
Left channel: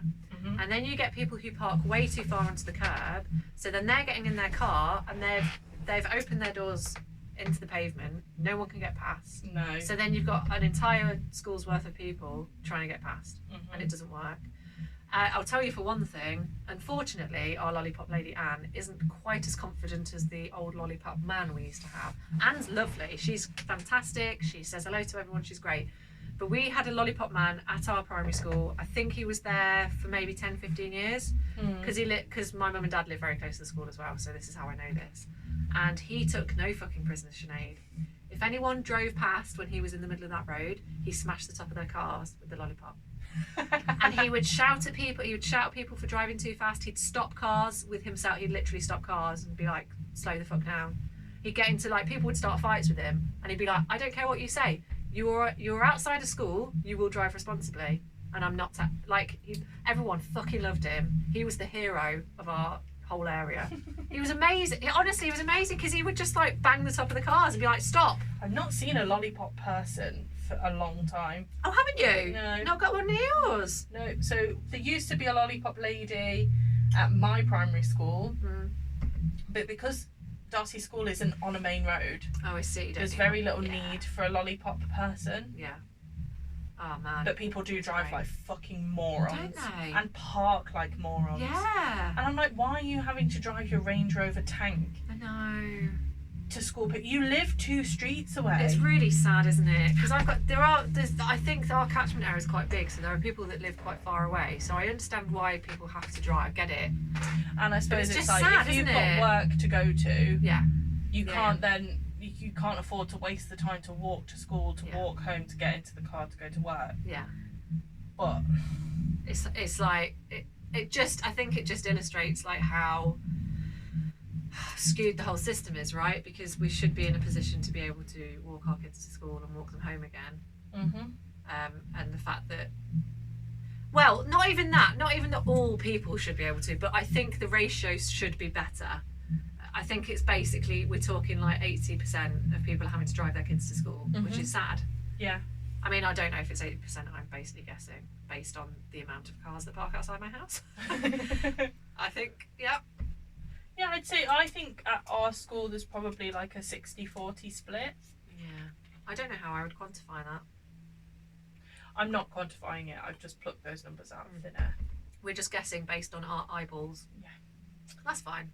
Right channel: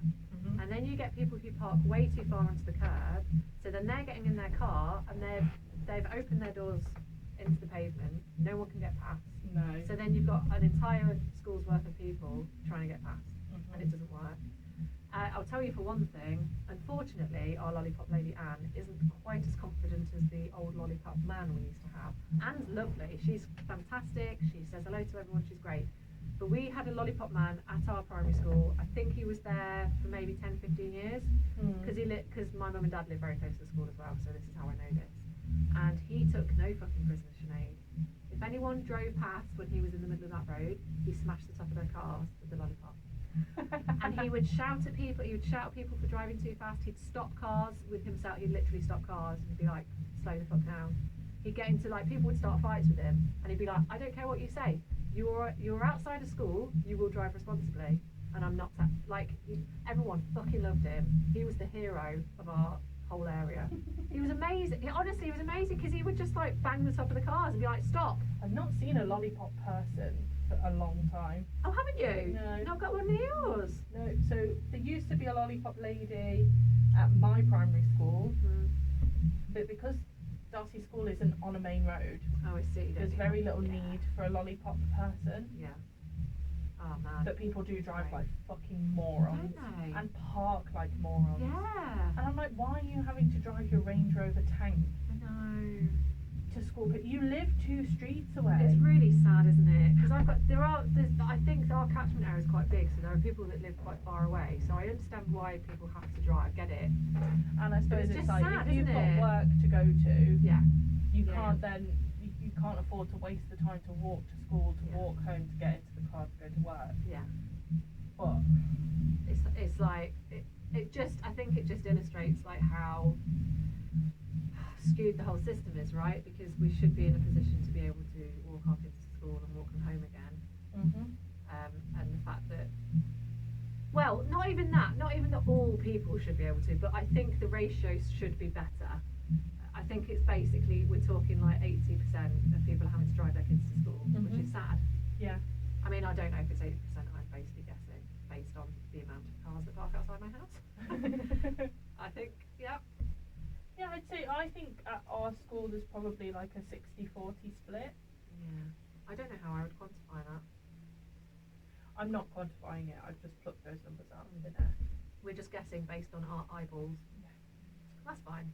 And then you get people who park way too far onto the curb, so then they're getting in their car and they've opened their doors into the pavement, no one can get past. No. So then you've got an entire school's worth of people trying to get past, and it doesn't work. I'll tell you for one thing, unfortunately our lollipop lady Anne isn't quite as confident as the old lollipop man we used to have. Anne's lovely, she's fantastic, she says hello to everyone, she's great. But we had a lollipop man at our primary school. I think he was there for maybe 10, 15 years. Because my mum and dad live very close to the school as well, so this is how I know this. And he took no fucking prisoners, Sinead. If anyone drove past when he was in the middle of that road, he smashed the top of their cars with the lollipop. And he would shout at people, for driving too fast. He'd stop cars with himself, he'd literally stop cars and be like, slow the fuck down. He'd get into like, people would start fights with him, and he'd be like, I don't care what you say. You're outside of school, you will drive responsibly. And I'm not everyone fucking loved him. He was the hero of our whole area. He was amazing. Honestly, he was amazing because he would just like bang the top of the cars and be like, stop. I've not seen a lollipop person for a long time. Oh, haven't you? No. Not got one near yours? No. So there used to be a lollipop lady at my primary school, but because Darcy School isn't on a main road. Oh, I see. There's very little need for a lollipop person. Yeah. Oh man. But people do drive like fucking morons. Don't they? And park like morons. Yeah. And I'm like, why are you having to drive your Range Rover tank I know. to school? But you live 2 streets away. It's really sad, isn't it? Because I think our catchment area is quite big, so there are people that live quite far away. So I understand why people have to drive. Get it? And I suppose it's it's just like sad, if you've isn't got it? work to go to, you Yeah. can't then you can't afford to waste the time to walk to school, to walk home, to get into the car to go to work. Yeah. But it's like I think it just illustrates like how skewed the whole system is, right? Because we should be in a position to be able to walk our kids to school and walk them home again. And the fact that, well, not even that all people should be able to, but I think the ratios should be better. I think it's basically, we're talking like 80% of people are having to drive their kids to school, which is sad. Yeah. I mean, I don't know if it's 80%, I'm basically guessing based on the amount of cars that park outside my house. I think, yeah. Yeah, I think at our school there's probably like a 60-40 split. Yeah. I don't know how I would quantify that. I'm not quantifying it, I've just plucked those numbers out of thin air. We're just guessing based on our eyeballs. Yeah. That's fine.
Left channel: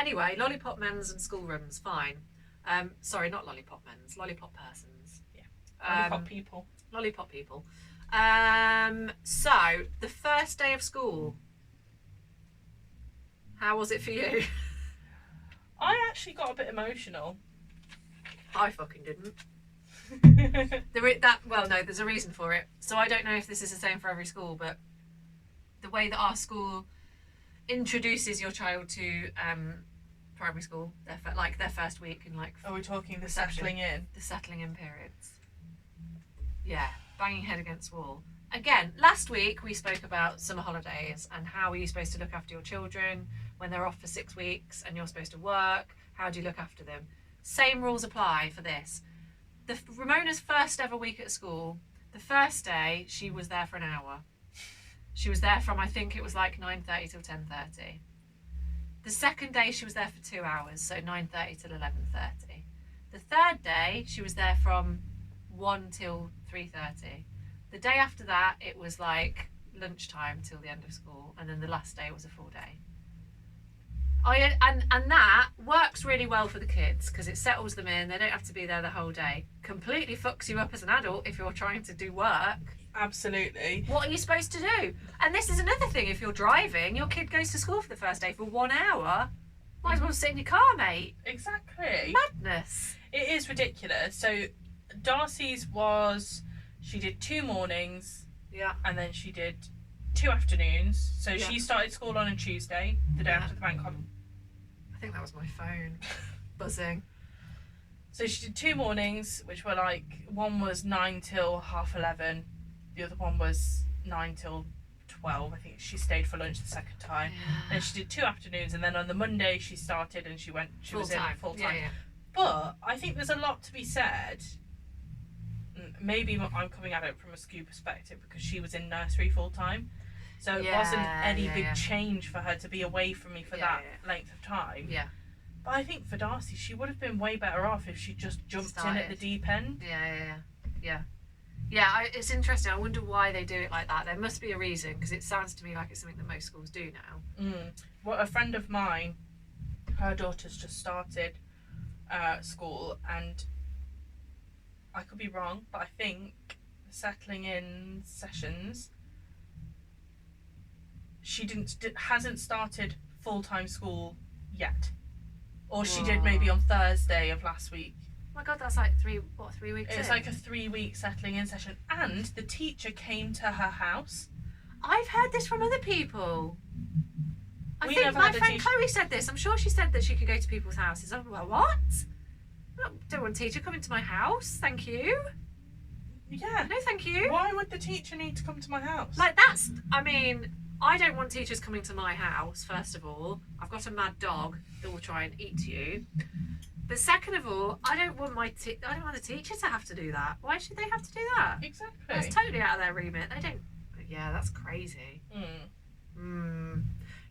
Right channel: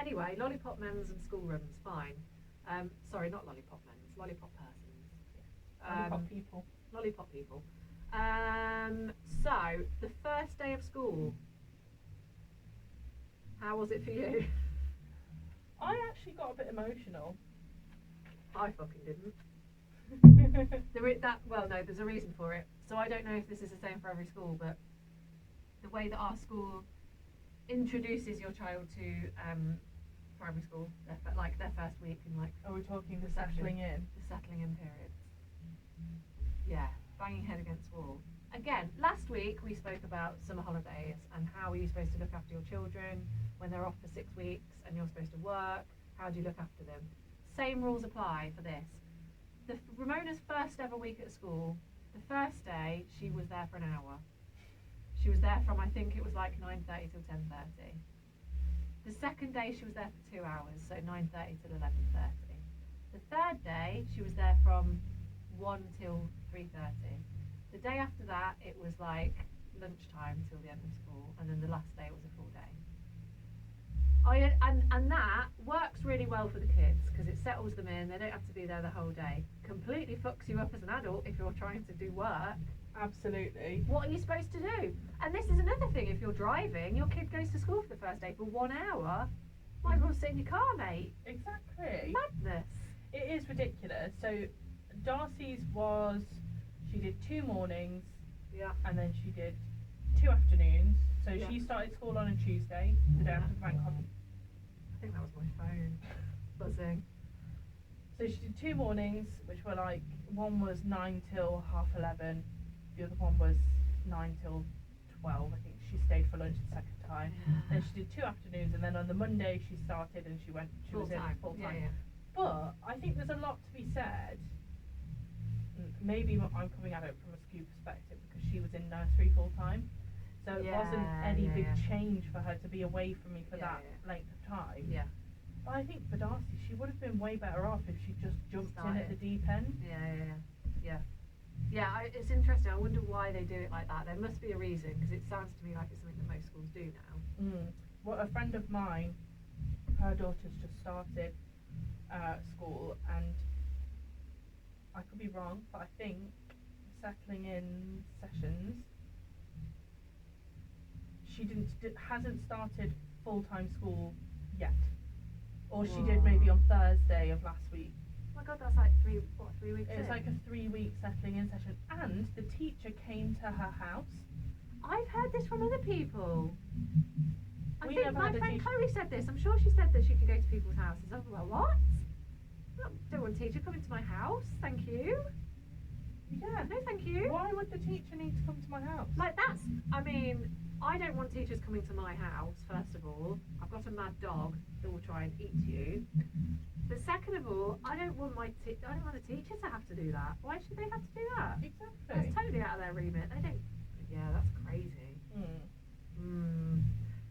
Anyway, lollipop men's and schoolrooms, fine. Sorry, not lollipop men's, lollipop persons. Yeah. Lollipop people. Lollipop people. So, the first day of school. How was it for you? I actually got a bit emotional. I fucking didn't. There's a reason for it. So I don't know if this is the same for every school, but the way that our school introduces your child to primary school, their first week in like. Are we talking the reception, settling in? The settling in periods. Yeah, banging head against wall. Again, last week we spoke about summer holidays and how are you supposed to look after your children when they're off for 6 weeks and you're supposed to work. How do you look after them? Same rules apply for this. Ramona's first ever week at school, the first day she was there for an hour. She was there from, I think it was like 9:30 till 10:30. The second day she was there for 2 hours, so 9:30 till 11:30. The third day she was there from 1 till 3:30. The day after that it was like lunchtime till the end of school, and then the last day was a full day. And that works really well for the kids because it settles them in. They don't have to be there the whole day. Completely fucks you up as an adult if you're trying to do work. Absolutely. What are you supposed to do? And this is another thing. If you're driving, your kid goes to school for the first day for 1 hour. Might as well sit in your car, mate. Exactly. Madness. It is ridiculous. So Darcy's was, she did 2 mornings. Yeah. And then she did 2 afternoons. So Yeah. she started school on a Tuesday, the day Yeah. after the bank holiday. I think that was my phone buzzing. So she did 2 mornings, which were like, one was 9 till half 11. The other one was 9 till 12. I think she stayed for lunch the second time. Yeah. And she did 2 afternoons, and then on the Monday she started and she was in full time. Yeah. But I think there's a lot to be said. Maybe I'm coming at it from a SKU perspective because she was in nursery full time. So it wasn't any big change for her to be away from me for that length of time. Yeah. But I think for Darcy, she would have been way better off if she just jumped in at the deep end. Yeah, it's interesting. I wonder why they do it like that. There must be a reason because it sounds to me like it's something that most schools do now. Well, a friend of mine, her daughter's just started school, and I could be wrong, but I think the settling in sessions, she hasn't started full-time school yet, or she did maybe on Thursday of last week. Oh my god, that's like 3 weeks. It's like a 3-week settling in session, and the teacher came to her house. I've heard this from other people. I We think never my had a friend teacher- Chloe said this. I'm sure she said that she could go to people's houses. I'm like, what? I don't want a teacher coming to my house. Thank you. Yeah. No, thank you. Why would the teacher need to come to my house? Like I don't want teachers coming to my house. First of all, I've got a mad dog that will try and eat you. But second of all, I don't want the teacher to have to do that. Why should they have to do that? Exactly. That's totally out of their remit. They don't. Yeah, that's crazy.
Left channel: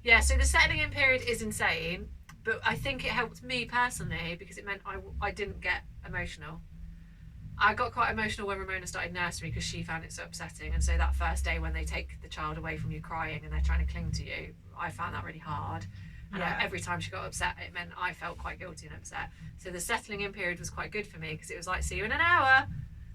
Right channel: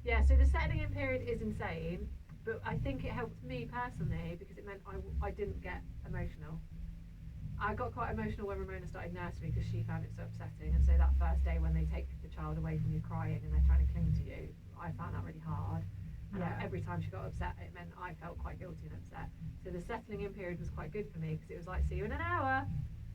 Yeah, so the settling in period is insane, but I think it helped me personally because it meant I didn't get emotional. I got quite emotional when Ramona started nursery because she found it so upsetting, and so that first day when they take the child away from you crying and they're trying to cling to you, I found that really hard. And every time she got upset, it meant I felt quite guilty and upset. So the settling in period was quite good for me because it was like, see you in an hour.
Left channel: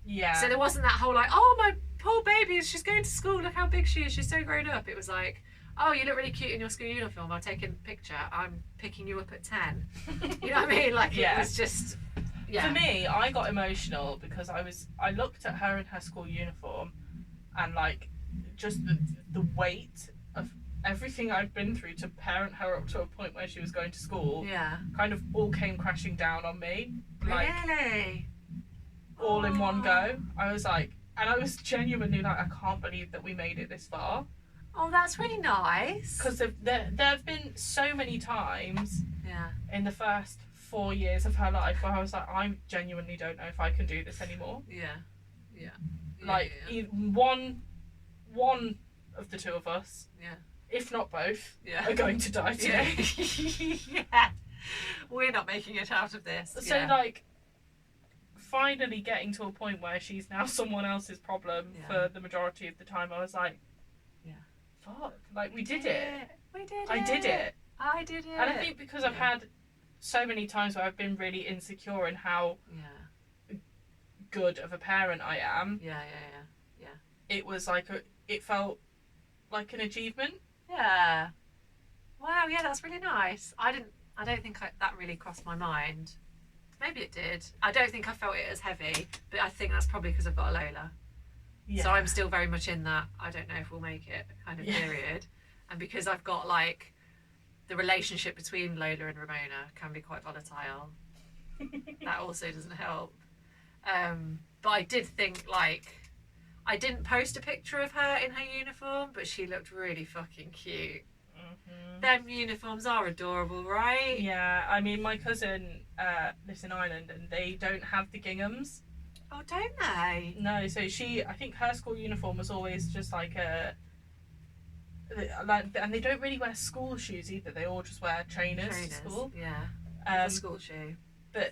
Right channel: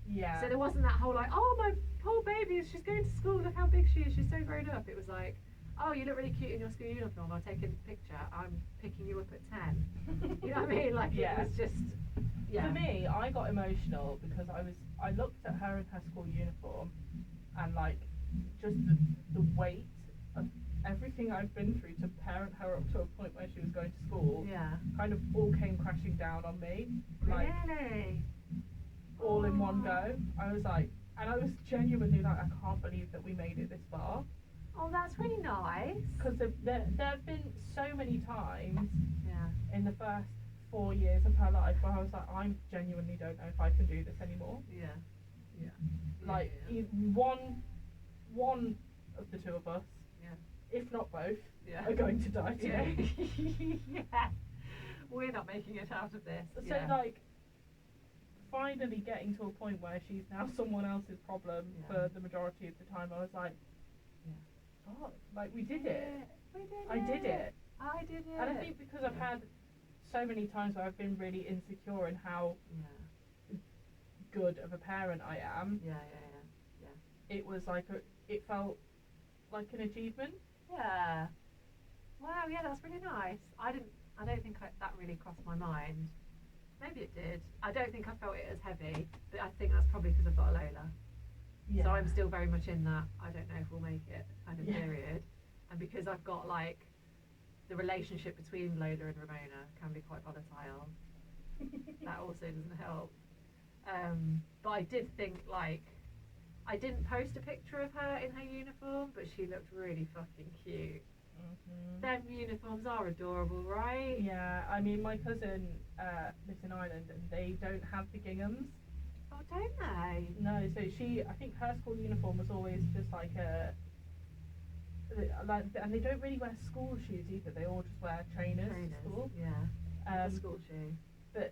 Yeah. So there wasn't that whole like, oh, my poor baby, she's going to school, look how big she is, she's so grown up. It was like, oh, you look really cute in your school uniform, I'll take a picture, I'm picking you up at 10. You know what I mean? Like, it was just, For me, I got emotional because I looked at her in her school uniform and like just the weight of everything I'd been through to parent her up to a point where she was going to school kind of all came crashing down on me. Like, really? all in one go. I was like, and I was genuinely like, I can't believe that we made it this far. Oh, that's really nice. Because there have been so many times Yeah. in the first 4 years of her life where I was like, I genuinely don't know if I can do this anymore. Yeah. Like one of the two of us, if not both, are going to die today. Yeah. We're not making it out of this. So like, finally getting to a point where she's now someone else's problem for the majority of the time, I was like, fuck, like we did it. We did it. I did it. I did it. And I think because I've had so many times where I've been really insecure in how good of a parent I am. Yeah. It was like it felt like an achievement. Yeah. Wow. Yeah, that's really nice. I don't think that really crossed my mind. Maybe it did. I don't think I felt it as heavy, but I think that's probably because I've got a Lola. Yeah. So I'm still very much in that I don't know if we'll make it kind of Yeah. period. And because I've got like the relationship between Lola and Ramona can be quite volatile, that also doesn't help. But I did think, like, I didn't post a picture of her in her uniform, but she looked really fucking cute. Mm-hmm. Them uniforms are adorable, right? Yeah, I mean, my cousin lives in Ireland and they don't have the ginghams. Oh, don't they? No, so I think her school uniform was always just like and they don't really wear school shoes either. They all just wear trainers to school. Yeah. A school shoe. But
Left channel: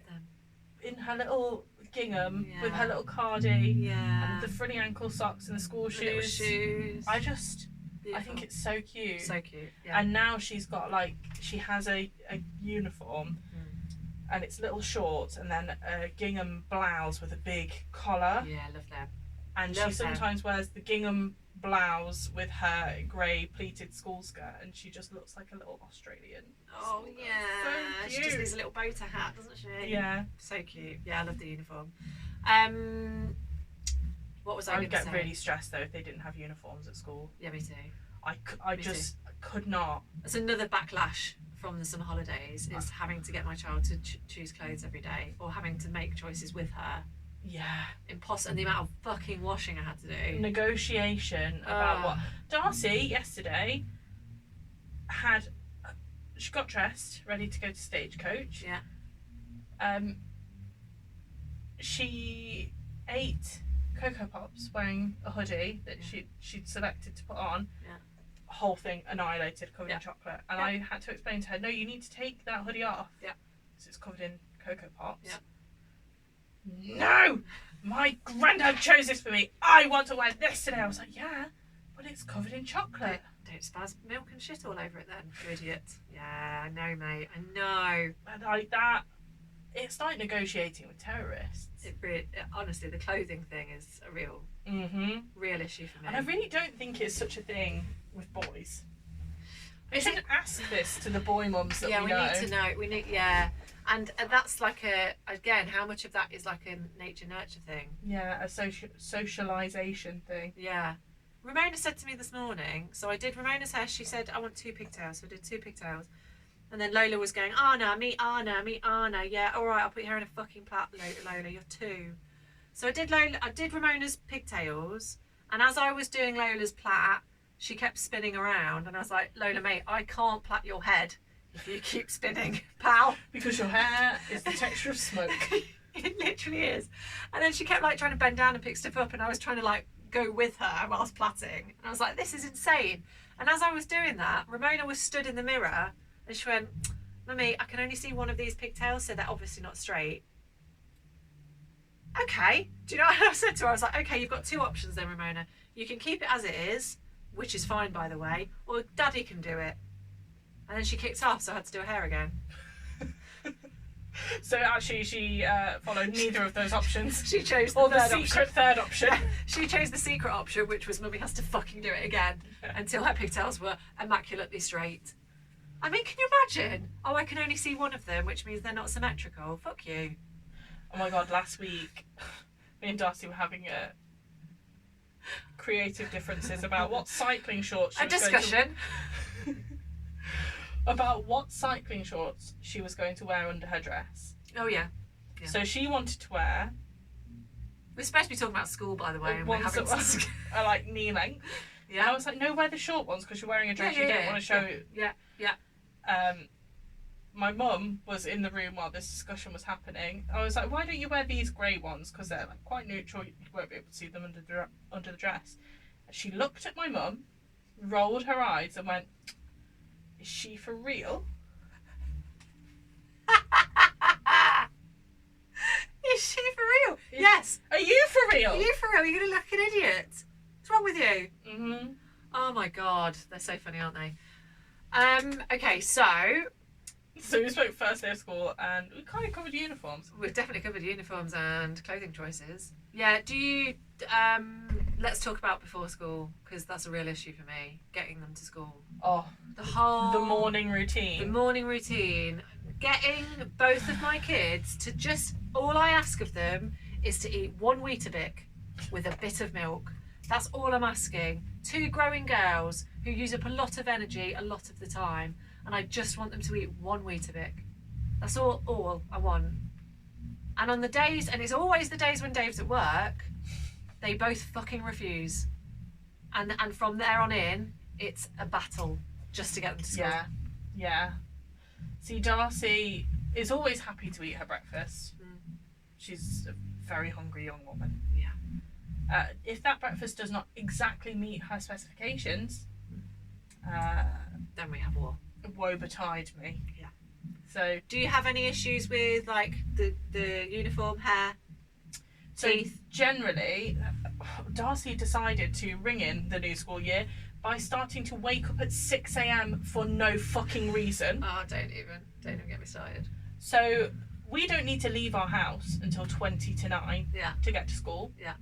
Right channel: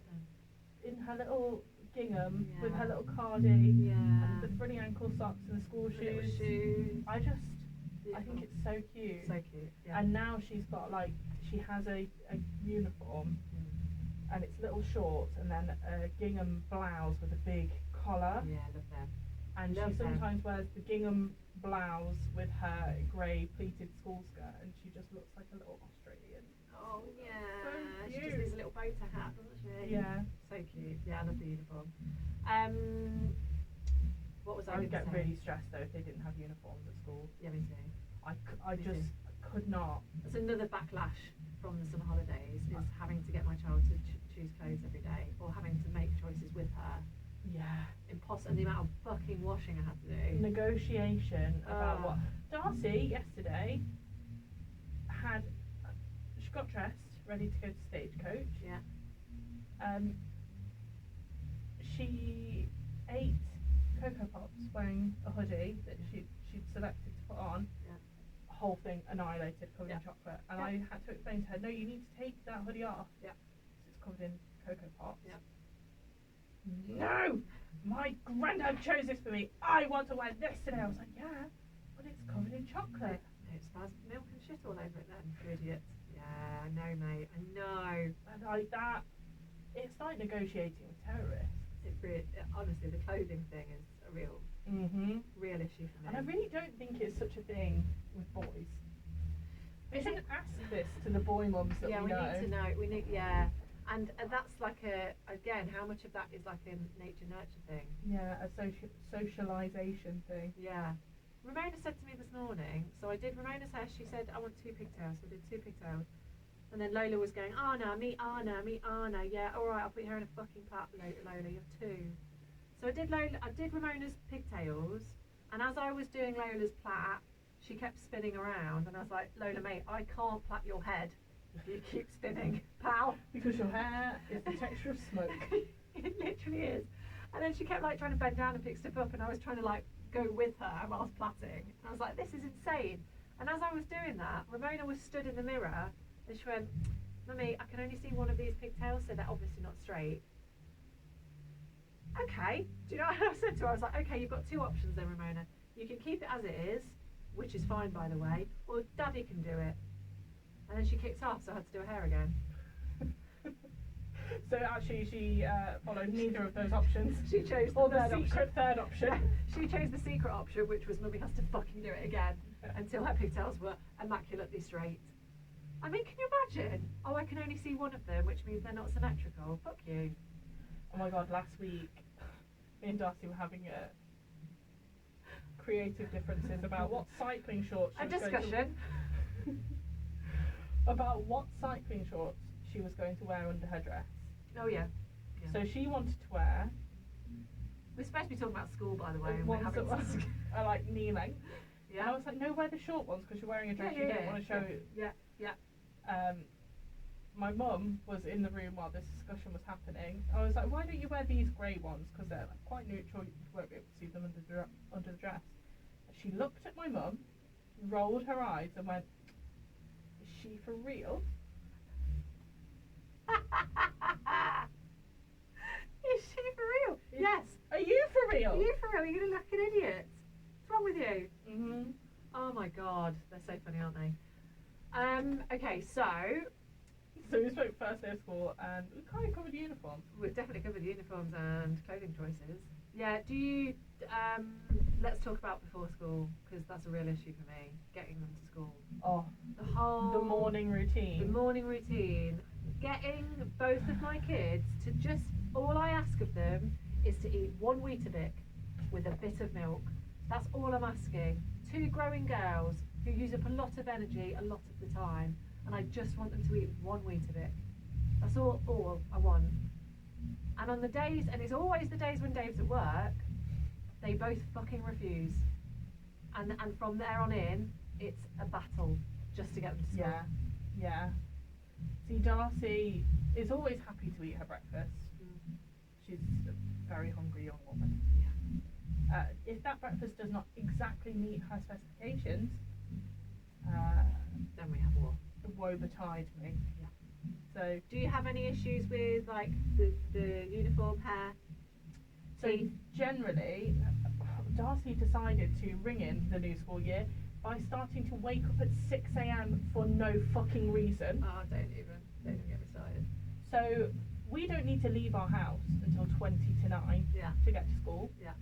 in her little gingham Yeah. with her little cardi Yeah. and the frilly ankle socks and the school The little shoes. shoes. I think it's so cute. So cute. Yeah. And now she has a uniform and it's little shorts and then a gingham blouse with a big collar. Yeah, love them. And Love she sometimes wears the gingham blouse with her grey pleated school skirt and she just looks like a little Australian. Oh, yeah. So She cute. just needs a little bow tie hat, doesn't she? Yeah. So cute. Yeah, I love the uniform. What was I I going would to get say? really stressed though if they didn't have uniforms at school. Yeah, me too. I Me just could not. That's another backlash from the summer holidays, is having to get my child to choose clothes every day, or having to make choices with her. Yeah. And the amount of fucking washing I had to do. Negotiation about what. Darcy yesterday she got dressed, ready to go to Stagecoach. Yeah. She ate Cocoa Pops wearing a hoodie that she'd selected to put on. Yeah. Whole thing annihilated, covered in Yeah. chocolate. And Yeah. I had to explain to her, no, you need to take that hoodie off. Yeah. Because it's covered in Cocoa Pops. Yeah. No! My granddad chose this for me. I want to wear this today. I was like, yeah, but it's covered in chocolate. Don't spaz milk and shit all over it then, you idiot. Yeah, I know, mate. I know. And like that, it's like negotiating with terrorists. Honestly, the clothing thing is a real issue for me. And I really don't think it's such a thing with boys. We Is should ask this to the boy mums that we know. need to know. And that's like again, how much of that is like a nature nurture thing? Yeah, a socialisation thing. Yeah. Ramona said to me this morning, so I did Ramona's hair, she said, I want 2 pigtails, so I did 2 pigtails. And then Lola was going, Anna, meet Anna, yeah, alright, I'll put your hair in a fucking plait, Lola, you're 2. So I did Ramona's pigtails, and as I was doing Lola's plait, she kept spinning around, and I was like, Lola, mate, I can't plait your head if you keep spinning, pal. Because your hair is the texture of smoke. It literally is. And then she kept like trying to bend down and pick stuff up, and I was trying to like go with her whilst plaiting, and I was like, this is insane. And as I was doing that, Ramona was stood in the mirror and she went, Mummy, I can only see one of these pigtails, so they're obviously not straight. Okay, do you know what I said to her? I was like, okay, you've got 2 options then, Ramona. You can keep it as it is, which is fine by the way, or Daddy can do it. And then she kicked off, so I had to do her hair again. So actually she followed neither of those options. She chose the secret third option. She chose the secret option, which was Mummy has to fucking do it again until her pigtails were immaculately straight. I mean, can you imagine? Oh, I can only see one of them, which means they're not symmetrical. Fuck you. Oh my god, last week me and Darcy were having creative differences about what cycling shorts she was discussion. about what cycling shorts she was going to wear under her dress. Oh yeah. So she wanted to wear. We're supposed to be talking about school, by the way, and we're ones having that are like knee length. Yeah. And I was like, no, wear the short ones because you're wearing a dress. You don't want to show. Yeah. My mum was in the room while this discussion was happening. I was like, why don't you wear these grey ones? Because they're like quite neutral. You won't be able to see them under the dress. And she looked at my mum, rolled her eyes, and went, is she for real? Is she for real? Yes. Are you for real? Are you for real? You're gonna look an idiot. What's wrong with you? Mm-hmm. Oh my god, they're so funny, aren't they? Okay, so we spoke first day of school, and we kind of covered uniforms. We've definitely covered uniforms and clothing choices. Yeah. Do you? Let's talk about before school, because that's a real issue for me. Getting them to school. Oh, The morning routine. The morning routine. Getting both of my kids to all I ask of them is to eat 1 Weetabix with a bit of milk. That's all I'm asking. 2 growing girls who use up a lot of energy a lot of the time, and I just want them to eat 1 Weetabix. That's all I want. And on the days, and it's always the days when Dave's at work, they both fucking refuse. And from there on in, it's a battle just to get them to school. Yeah. See, Darcy is always happy to eat her breakfast. She's a very hungry young woman. Yeah. If that breakfast does not exactly meet her specifications, then we have war. Woe betide me. Yeah. So, do you have any issues with like the uniform, hair, teeth? Generally, Darcy decided to ring in the new school year by starting to wake up at 6 a.m. for no fucking reason. Oh, don't even get me started. So we don't need to leave our house until 20 to 9 to get to school. Yeah.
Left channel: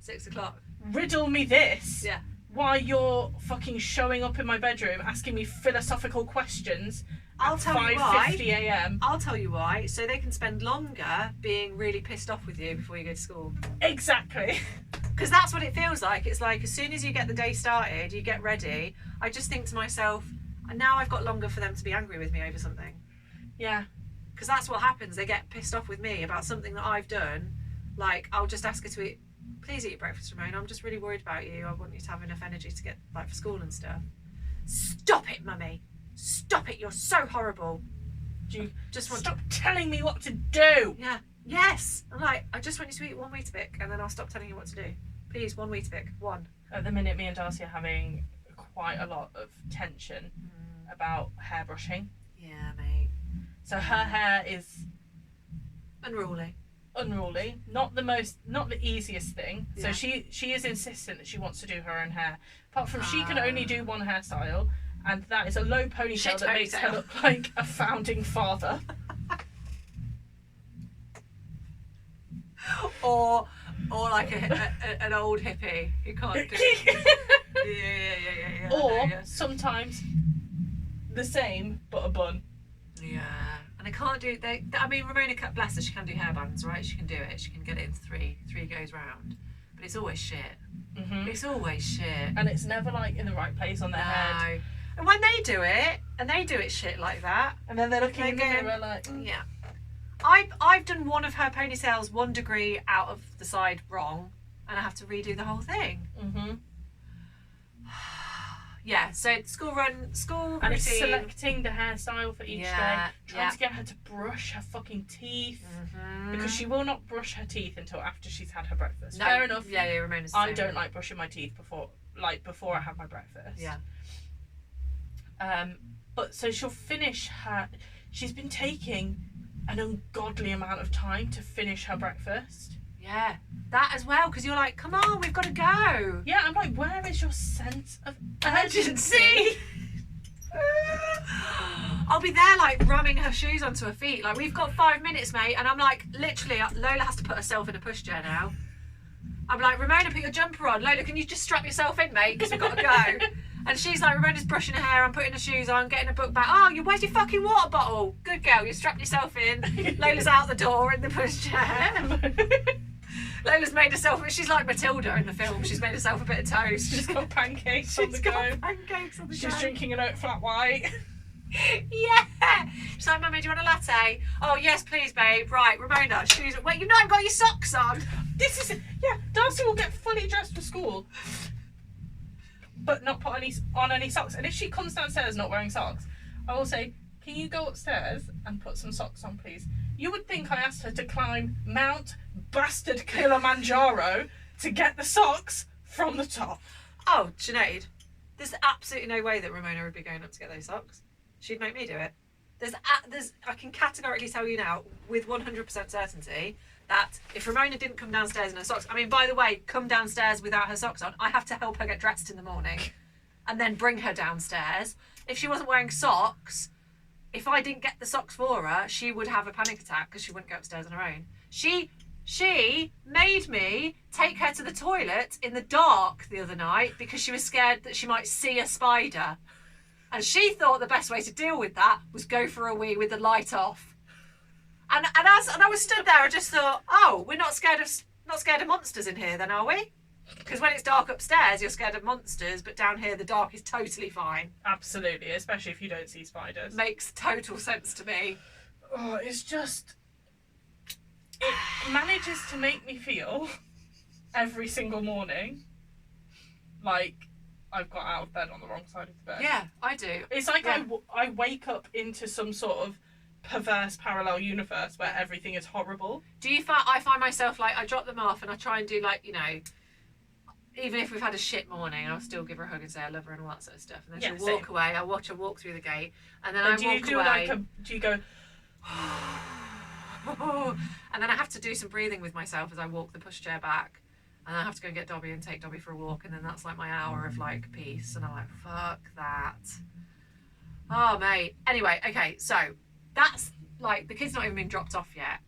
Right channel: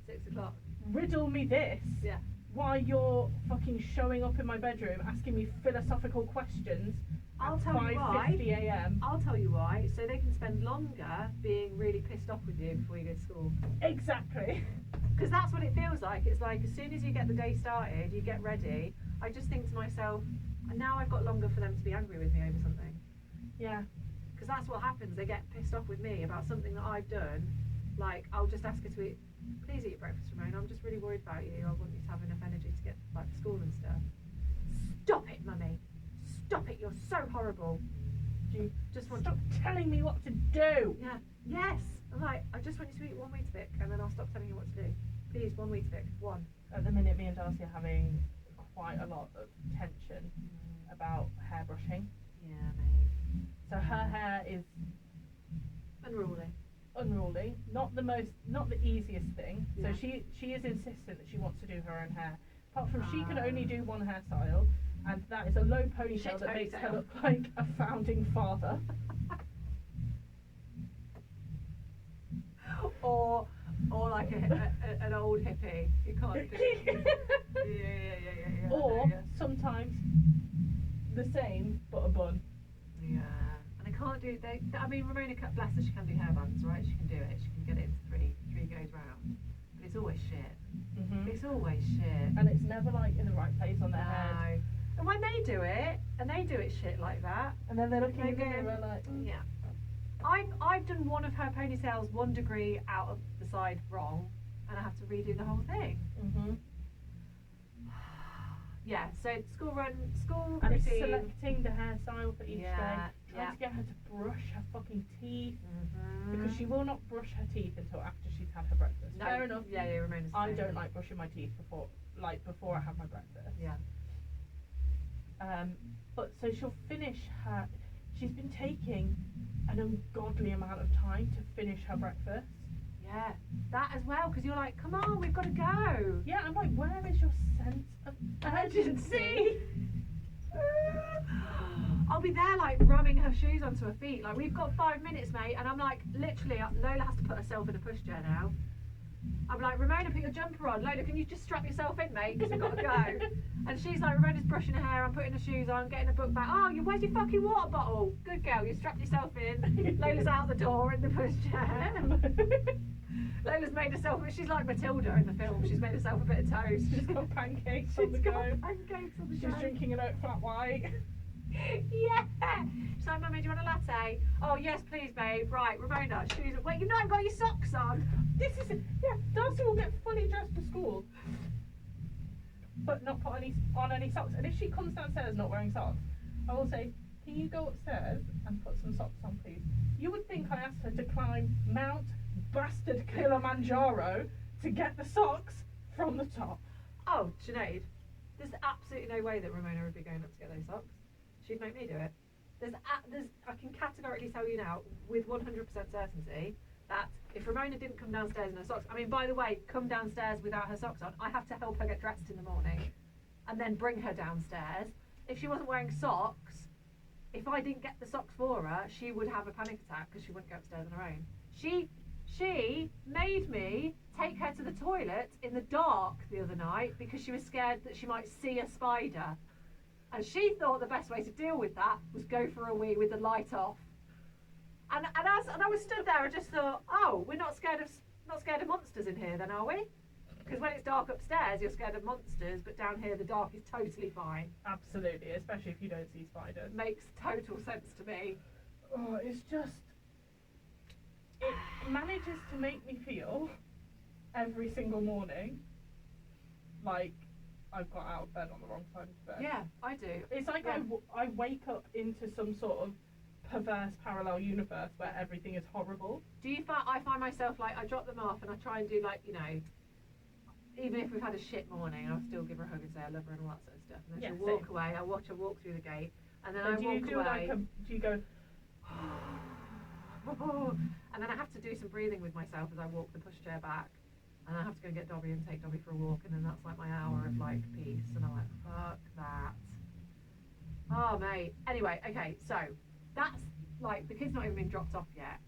6 o'clock. Riddle me this. Yeah. Why you're fucking showing up in my bedroom asking me philosophical questions I'll at tell you why. 5:50 a.m. I'll tell you why. So they can spend longer being really pissed off with you before you go to school. Exactly. Because that's what it feels like. It's like as soon as you get the day started, you get ready. I just think to myself, now I've got longer for them to be angry with me over something. Yeah. Because that's what happens. They get pissed off with me about something that I've done. Like, I'll just ask her to eat, please eat your breakfast, Ramona. I'm just really worried about you. I want you to have enough energy to get, like, for school and stuff. Stop it, mummy. Stop it. You're so horrible. Do you just want stop telling me what to do? Yeah. Yes. I'm like, I just want you to eat 1 Weetabix and then I'll stop telling you what to do. Please, 1 Weetabix. 1. At the minute, me and Darcy are having quite a lot of tension about hair brushing. Yeah, mate. So her hair is unruly, not the easiest thing. Yeah. So she is insistent that she wants to do her own hair. Apart from she can only do one hairstyle, and that is a low ponytail that makes her look like a founding father. or like an old hippie who can't do it. Yeah. Or sometimes the same but a bun. Yeah. And they can't do I mean, Ramona, bless her, she can do hairbands, right? She can do it. She can get it into three goes round. But it's always shit. Mm-hmm. It's always shit. And it's never like in the right place on their head. And when they do it, and they do it shit like that, and then they're looking in the mirror like, yeah. I've done one of her ponytails 1 degree out of the side wrong, and I have to redo the whole thing. Mm-hmm. Yeah, so school and routine. it's selecting the hairstyle for each day, trying to get her to brush her fucking teeth, because she will not brush her teeth until after she's had her breakfast. No, Fair enough. Yeah, Ramona's the I same. don't like brushing my teeth before I have my breakfast. Yeah. But so she'll finish her. She's been taking an ungodly amount of time to finish her breakfast. Yeah, that as well, because you're like, come on, we've got to go. Yeah, I'm like, where is your sense of urgency? I'll be there like ramming her shoes onto her feet. Like, we've got 5 minutes, mate. And I'm like, literally, Lola has to put herself in a pushchair now. I'm like, Ramona, put your jumper on. Lola, can you just strap yourself in, mate? Because we've got to go. And she's like, Ramona's brushing her hair, I'm putting her shoes on, getting her book back. Oh, where's your fucking water bottle? Good girl, you strapped yourself in. Lola's out the door in the pushchair. Lola's made herself, she's like Matilda in the film. She's made herself a bit of toast. She's got pancakes on the go. Pancakes on the go. She's drinking an oat flat white. Yeah. She's like, Mummy, do you want a latte? Oh, yes, please, babe. Right, Ramona, shoes. Wait, you've not got your socks on. Darcy will get fully dressed for school, but not put on any socks. And if she comes downstairs not wearing socks, I will say, can you go upstairs and put some socks on, please? You would think I asked her to climb Mount Bastard Kilimanjaro to get the socks from the top. Oh, Sinead, there's absolutely no way that Ramona would be going up to get those socks. She'd make me do it. I can categorically tell you now, with 100% certainty, that if Ramona didn't come downstairs in her socks, I mean, by the way, come downstairs without her socks on, I have to help her get dressed in the morning and then bring her downstairs. If she wasn't wearing socks, if I didn't get the socks for her, she would have a panic attack because she wouldn't go upstairs on her own. She made me take her to the toilet in the dark the other night because she was scared that she might see a spider. And she thought the best way to deal with that was go for a wee with the light off. And I was stood there, I just thought, oh, we're not scared of monsters in here then, are we? Because when it's dark upstairs, you're scared of monsters, but down here the dark is totally fine. Absolutely, especially if you don't see spiders. Makes total sense to me. Oh, it's just... It manages to make me feel every single morning like I've got out of bed on the wrong side of the bed. Yeah, I do. It's like Yeah. I wake up into some sort of perverse parallel universe where everything is horrible. I find myself like, I drop them off and I try and do like, you know, even if we've had a shit morning, I'll still give her a hug and say I love her and all that sort of stuff. And then she'll walk away. I'll watch her walk through the gate, and then I walk away. Do you go? And then I have to do some breathing with myself as I walk the pushchair back, and I have to go and get Dobby and take Dobby for a walk, and then that's like my hour of like peace. And I'm like, fuck that. Oh mate. Anyway, okay, so that's like the kid's not even been dropped off yet,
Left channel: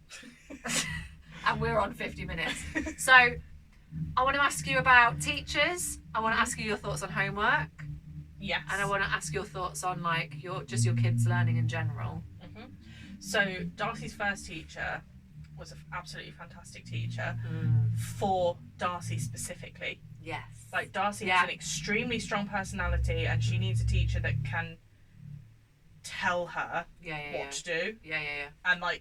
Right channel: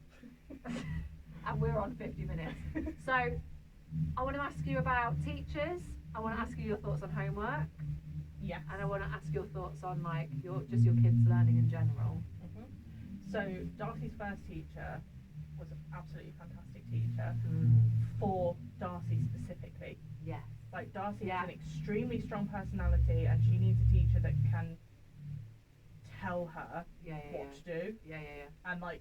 and we're on 50 minutes. So I want to ask you about teachers. I want to ask you your thoughts on homework. Yes. And I want to ask your thoughts on like your kids' learning in general. So Darcy's first teacher was an absolutely fantastic teacher for Darcy specifically. Yes. Like Darcy has an extremely strong personality, and she needs a teacher that can tell her what to do. Yeah. And like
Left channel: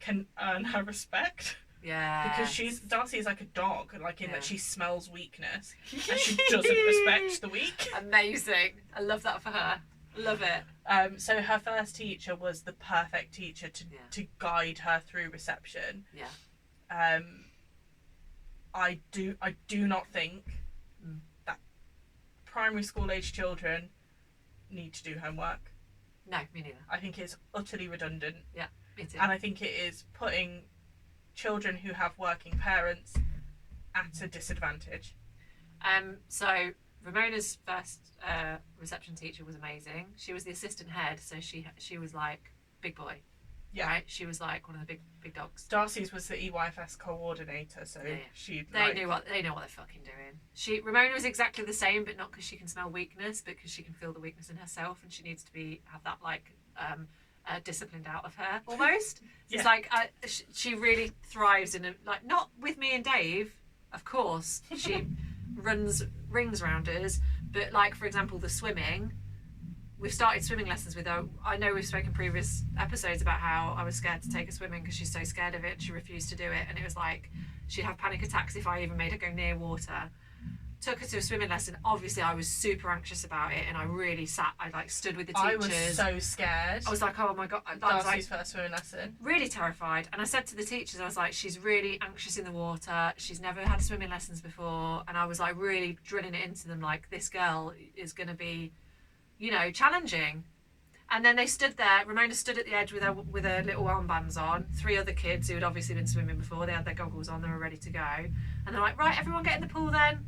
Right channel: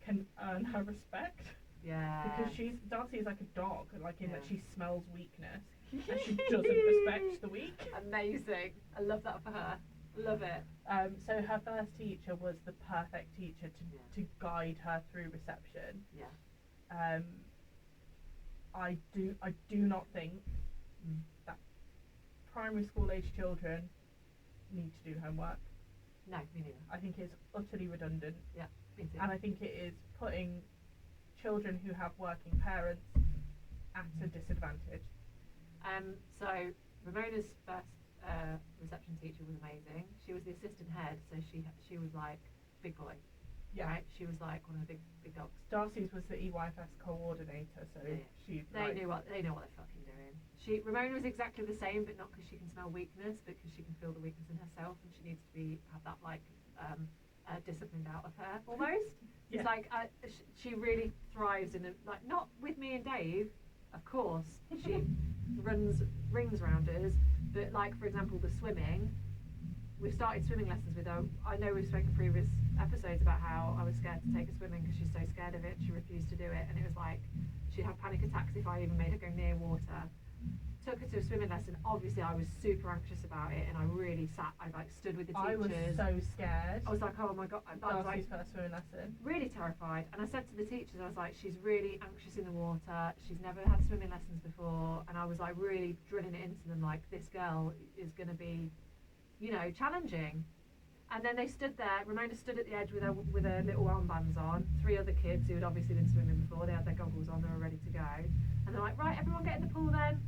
can earn her respect. Yeah. Because Darcy is like a dog, like in that she smells weakness and she doesn't respect the weak. Amazing. I love that for her. Love it. So her first teacher was the perfect teacher to guide her through reception. Yeah. I do not think that primary school age children need to do homework. No, me neither. I think it's utterly redundant. Yeah, me too. And I think it is putting children who have working parents at a disadvantage. So Ramona's first reception teacher was amazing. She was the assistant head, so she was like big boy. Yeah. Right? She was like one of the big dogs. Darcy's was the EYFS coordinator, so they know what they're fucking doing. Ramona was exactly the same, but not because she can smell weakness, but because she can feel the weakness in herself, and she needs to have that like disciplined out of her almost. It's like she really thrives in like, not with me and Dave, of course. She rings round us, but like for example the swimming. We've started swimming lessons with her. I know we've spoken previous episodes about how I was scared to take her swimming because she's so scared of it. She refused to do it, and it was like she'd have panic attacks if I even made her go near water. Took her to a swimming lesson. Obviously, I was super anxious about it, and I really I like stood with the teachers. I was so scared. I was like, oh my god, Darcy's first swimming lesson. Really terrified, and I said to the teachers, I was like, she's really anxious in the water. She's never had swimming lessons before, and I was like really drilling it into them, like this girl is going to be, you know, challenging. And then they stood there. Ramona stood at the edge with her little armbands on. 3 other kids who had obviously been swimming before. They had their goggles on. They were ready to go. And they're like, right, everyone get in the pool then.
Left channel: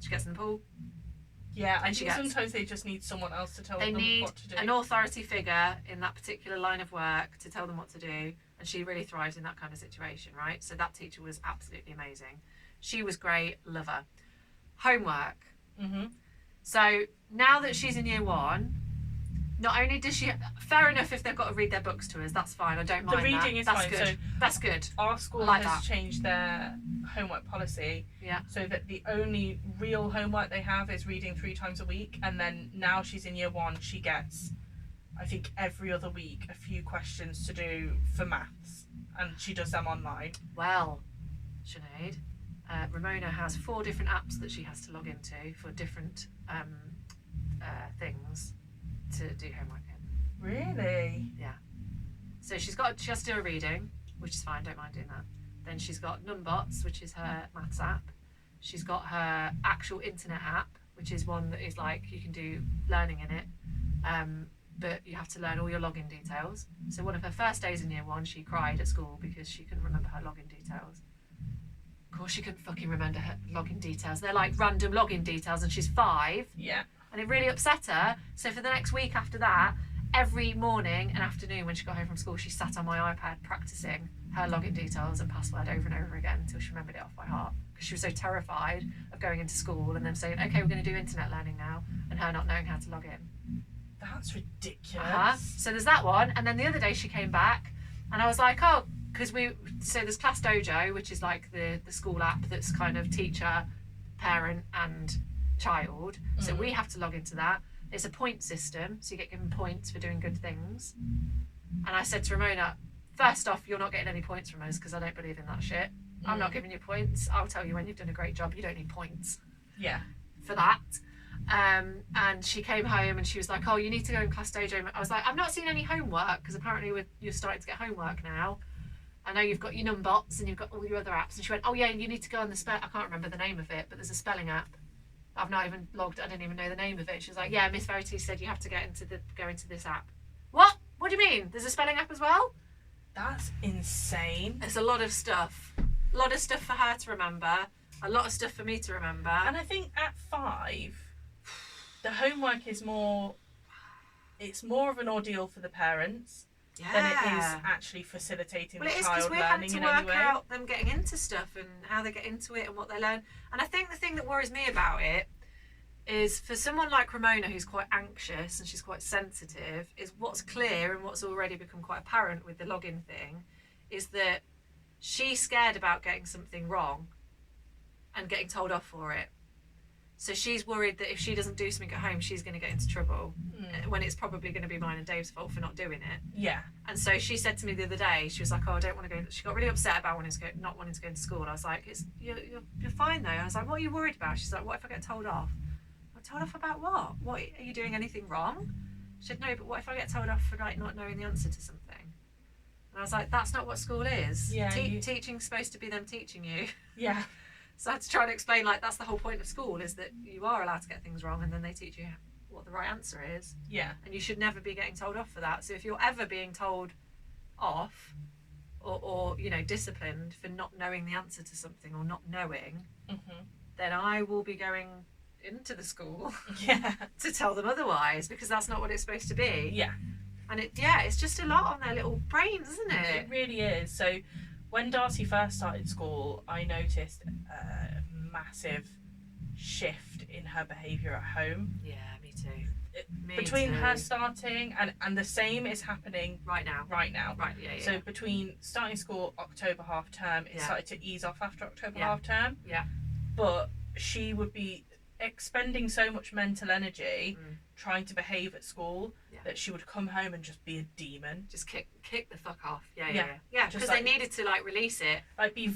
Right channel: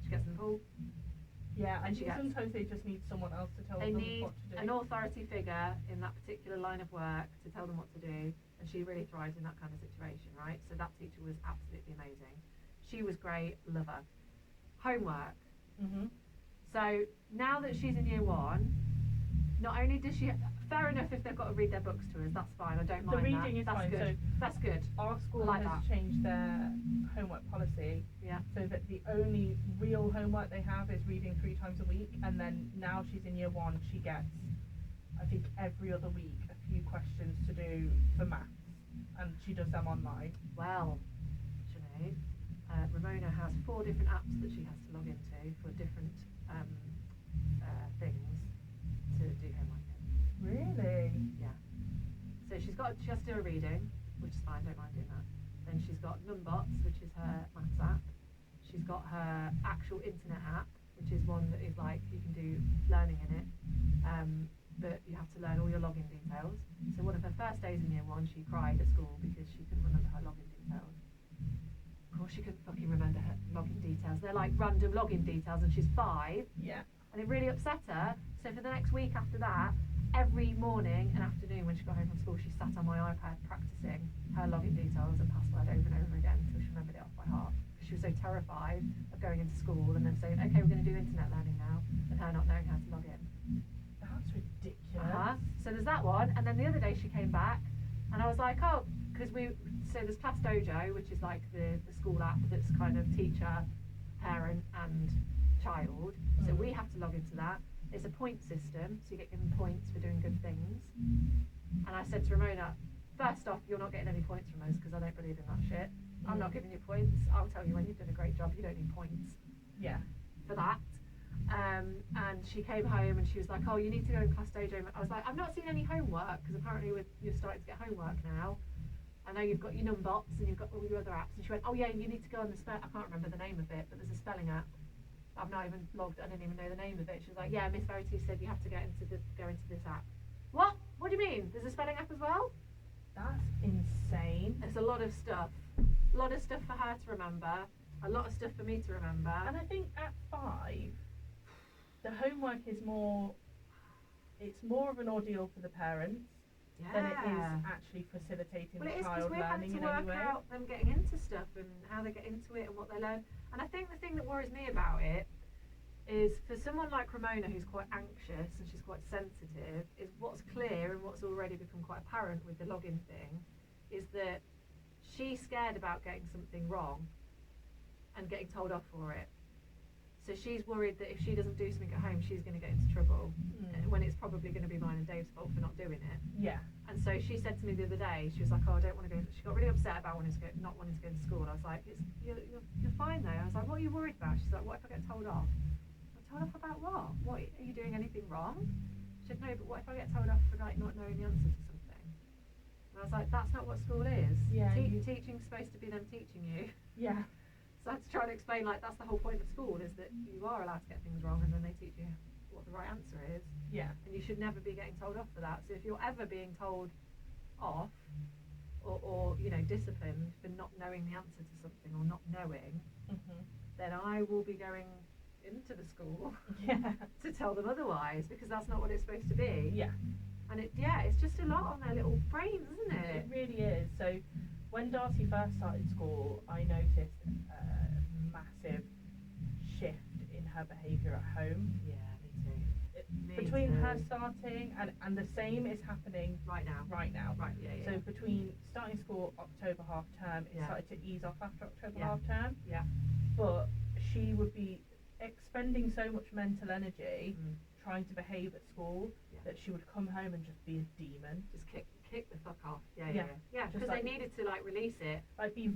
She gets in the pool. Yeah, I think sometimes they just need someone else to tell them what to do. An authority figure in that particular line of work to tell them what to do. And she really thrives in that kind of situation, right? So that teacher was absolutely amazing. She was great. Love her. Homework. So now that she's in year 1, not only does she, fair enough if they've got to read their books to us, that's fine, I don't mind that. The reading is that's fine. Good. So that's good. Our school like has changed their homework policy so that the only real homework they have is reading 3 times a week, and then now she's in year 1, she gets, I think every other week, a few questions to do for maths, and she does them online. Well, Sinead, Ramona has 4 different apps that she has to log into for different things to do homework in. Really? Yeah. So she has to do a reading, which is fine, don't mind doing that. Then she's got Numbots, which is her maths app. She's got her actual internet app, which is one that is like you can do learning in it, but you have to learn all your login details. So one of her first days in year 1, she cried at school because she couldn't remember her login details. Of course, she couldn't fucking remember her login details. They're like random login details, and she's 5. Yeah. And it really upset her. So for the next week after that, every morning and afternoon when she got home from school, she sat on my iPad practicing her login details and password over and over again until she remembered it off by heart. Because she was so terrified of going into school and them saying, okay, we're going to do internet learning now, and her not knowing how to log in. That's ridiculous. So there's that one. And then the other day she came back and I was like, oh, because there's Class Dojo, which is like the school app that's kind of teacher, parent and child. So we have to log into that. It's a point system, so you get given points for doing good things. And I said to Ramona, first off, you're not getting any points from us because I don't believe in that shit. I'm not giving you points. I'll tell you when you've done a great job. You don't need points. Yeah. For that. And she came home and she was like, oh, you need to go in Class Dojo. I was like, I've not seen any homework because apparently you're starting to get homework now. I know you've got your Numbots and you've got all your other apps. And she went, oh yeah, you need to go on I can't remember the name of it, but there's a spelling app. I've not even logged. I didn't even know the name of it. She was like, yeah, Miss Verity said you have to go into this app. What? What do you mean? There's a spelling app as well? That's insane. There's a lot of stuff. A lot of stuff for her to remember. A lot of stuff for me to remember. And I think at 5, the homework is more of an ordeal for the parents than it is actually facilitating the child learning in any way. Well, it is because we're having to work out them getting into stuff and how they get into it and what they learn. And I think the thing that worries me about it is for someone like Ramona, who's quite anxious and she's quite sensitive, is what's clear and what's already become quite apparent with the login thing is that she's scared about getting something wrong and getting told off for it. So she's worried that if she doesn't do something at home, she's going to get into trouble when it's probably going to be mine and Dave's fault for not doing it. Yeah. And so she said to me the other day, she was like, oh, I don't want to go. She got really upset about not wanting to go to school. I was like, you're fine though. I was like, what are you worried about? She's like, what if I get told off? Told off about what? What, are you doing anything wrong? She said, no, but what if I get told off for like not knowing the answer to something? And I was like, that's not what school is. Yeah, teaching's supposed to be them teaching you. Yeah. So I had to try and explain, like, that's the whole point of school, is that you are allowed to get things wrong and then they teach you what the right answer is. Yeah. And you should never be getting told off for that. So if you're ever being told off or disciplined for not knowing the answer to something or not knowing, then I will be going into the school to tell them otherwise, because that's not what it's supposed to be. Yeah. And it's just a lot on their little brains, isn't it? It really is. So when Darcy first started school, I noticed a massive shift in her behaviour at home. Yeah, me too. Between her starting and the same is happening right now. Right, yeah. So between starting school, October half term, it started to ease off after October half term. Yeah. But she would be expending so much mental energy trying to behave at school that she would come home and just be a demon. Just kick the fuck off. Yeah. Because they needed to release it. Like be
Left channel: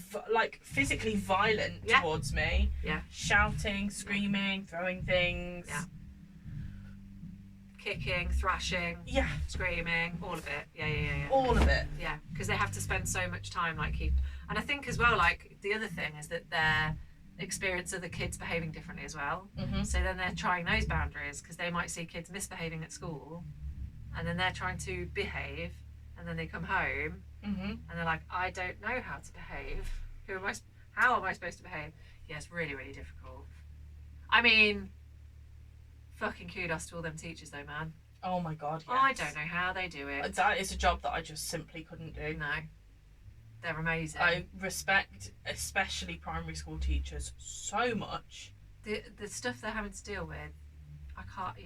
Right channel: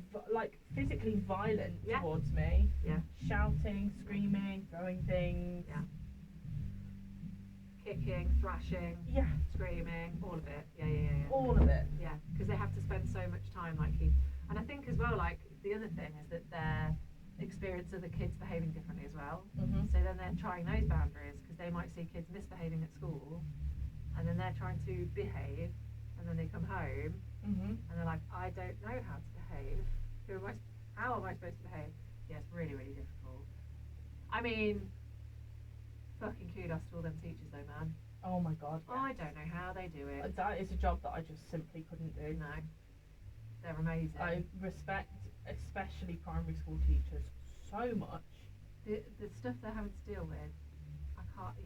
physically violent towards me. Yeah. Shouting, screaming, throwing things. Yeah. Kicking, thrashing. Yeah. Screaming, all of it. Yeah. All of it. Yeah, because they have to spend so much time and I think as well, the other thing is that they're experience other kids behaving differently as well. So then they're trying those boundaries, because they might see kids misbehaving at school and then they're trying to behave, and then they come home and they're like, I don't know how to behave. How am I supposed to behave? Yeah, it's really, really difficult. I mean, fucking kudos to all them teachers though, man. Oh my god, yes. I don't know how they do it. That is a job that I just simply couldn't do. No. They're amazing. I respect especially primary school teachers so much. The stuff they're having to deal with, I can't.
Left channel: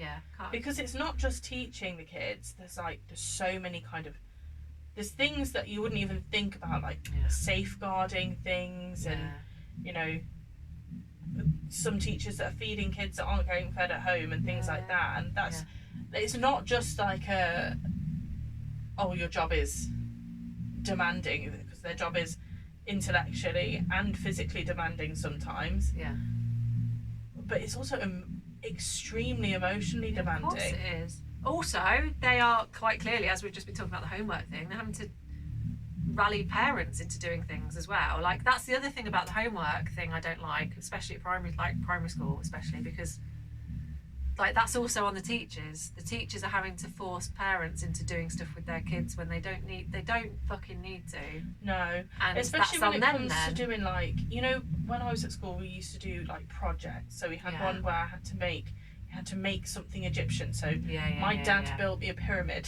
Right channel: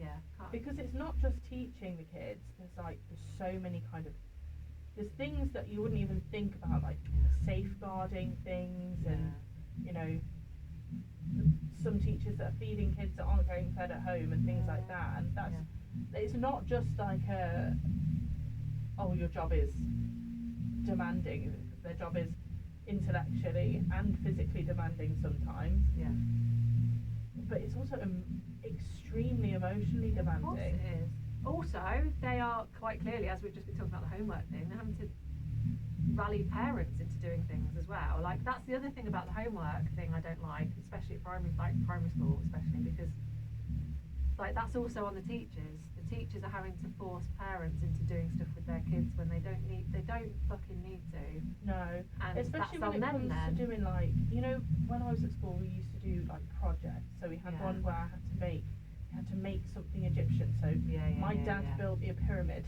Because it's not just teaching the kids. There's so many there's things that you wouldn't even think about, safeguarding things, and some teachers that are feeding kids that aren't getting fed at home and things like that. And it's not just your job is demanding, because their job is intellectually and physically demanding sometimes. Yeah. But it's also extremely emotionally demanding. Of course it is. Also, they are quite clearly, as we've just been talking about the homework thing, they're having to rally parents into doing things as well. That's the other thing about the homework thing I don't like, especially at primary school, especially because that's also on the teachers. The teachers are having to force parents into doing stuff with their kids when they don't fucking need to. No. And especially when it comes to doing when I was at school, we used to do projects. So we had one where I had to make something Egyptian. So my dad built me a pyramid.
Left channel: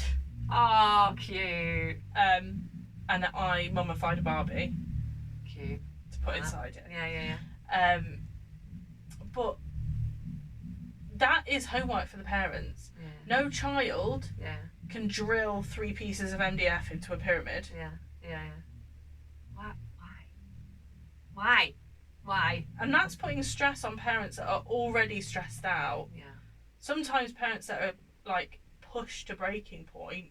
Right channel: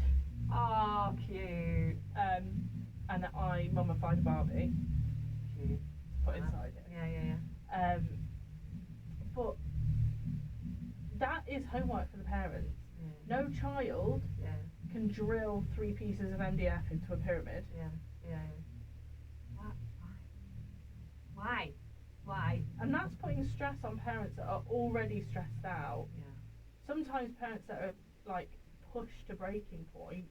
Oh, cute. And I mummified a Barbie. Cute. To put inside it. Yeah. But that is homework for the parents. No child can drill 3 pieces of MDF into a pyramid. Yeah. And that's putting stress on parents that are already stressed out. Yeah. Sometimes parents that are like pushed to breaking point,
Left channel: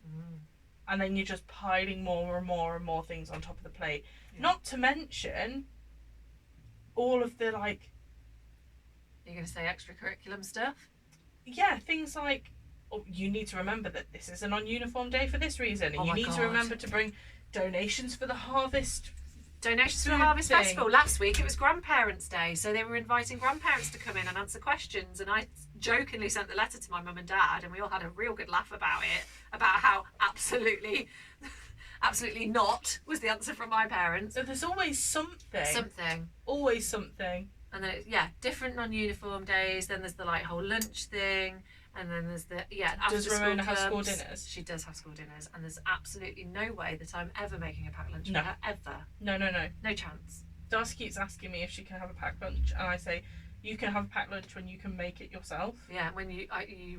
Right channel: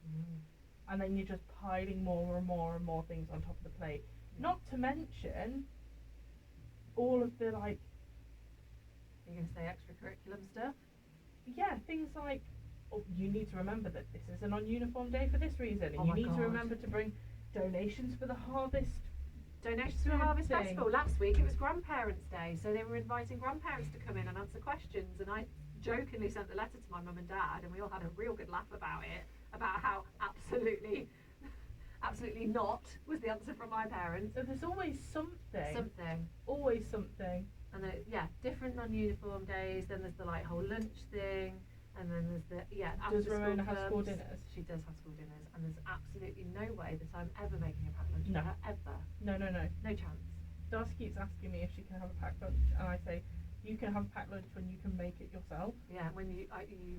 and then you're just piling more and more and more things on top of the plate. Yeah. Not to mention all of the like. You're going to say extracurriculum stuff? Yeah, things like, oh, you need to remember that this is a non-uniform day for this reason, and you need to remember to bring donations for the harvest. Donations for the Harvest Festival. Last week it was Grandparents' Day, so they were inviting grandparents to come in and answer questions, and I jokingly sent the letter to my mum and dad, and we all had a real good laugh about it, about how absolutely not was the answer from my parents. So there's always something. Always something. And then, different non-uniform days. Then there's the like whole lunch thing. And then there's the, after Does Ramona have school dinners? She does have school dinners. And there's absolutely no way that I'm ever making a packed lunch for her, ever. No. No chance. Darcy keeps asking me if she can have a packed lunch. And I say, you can have a packed lunch when you can make it yourself. Yeah, when you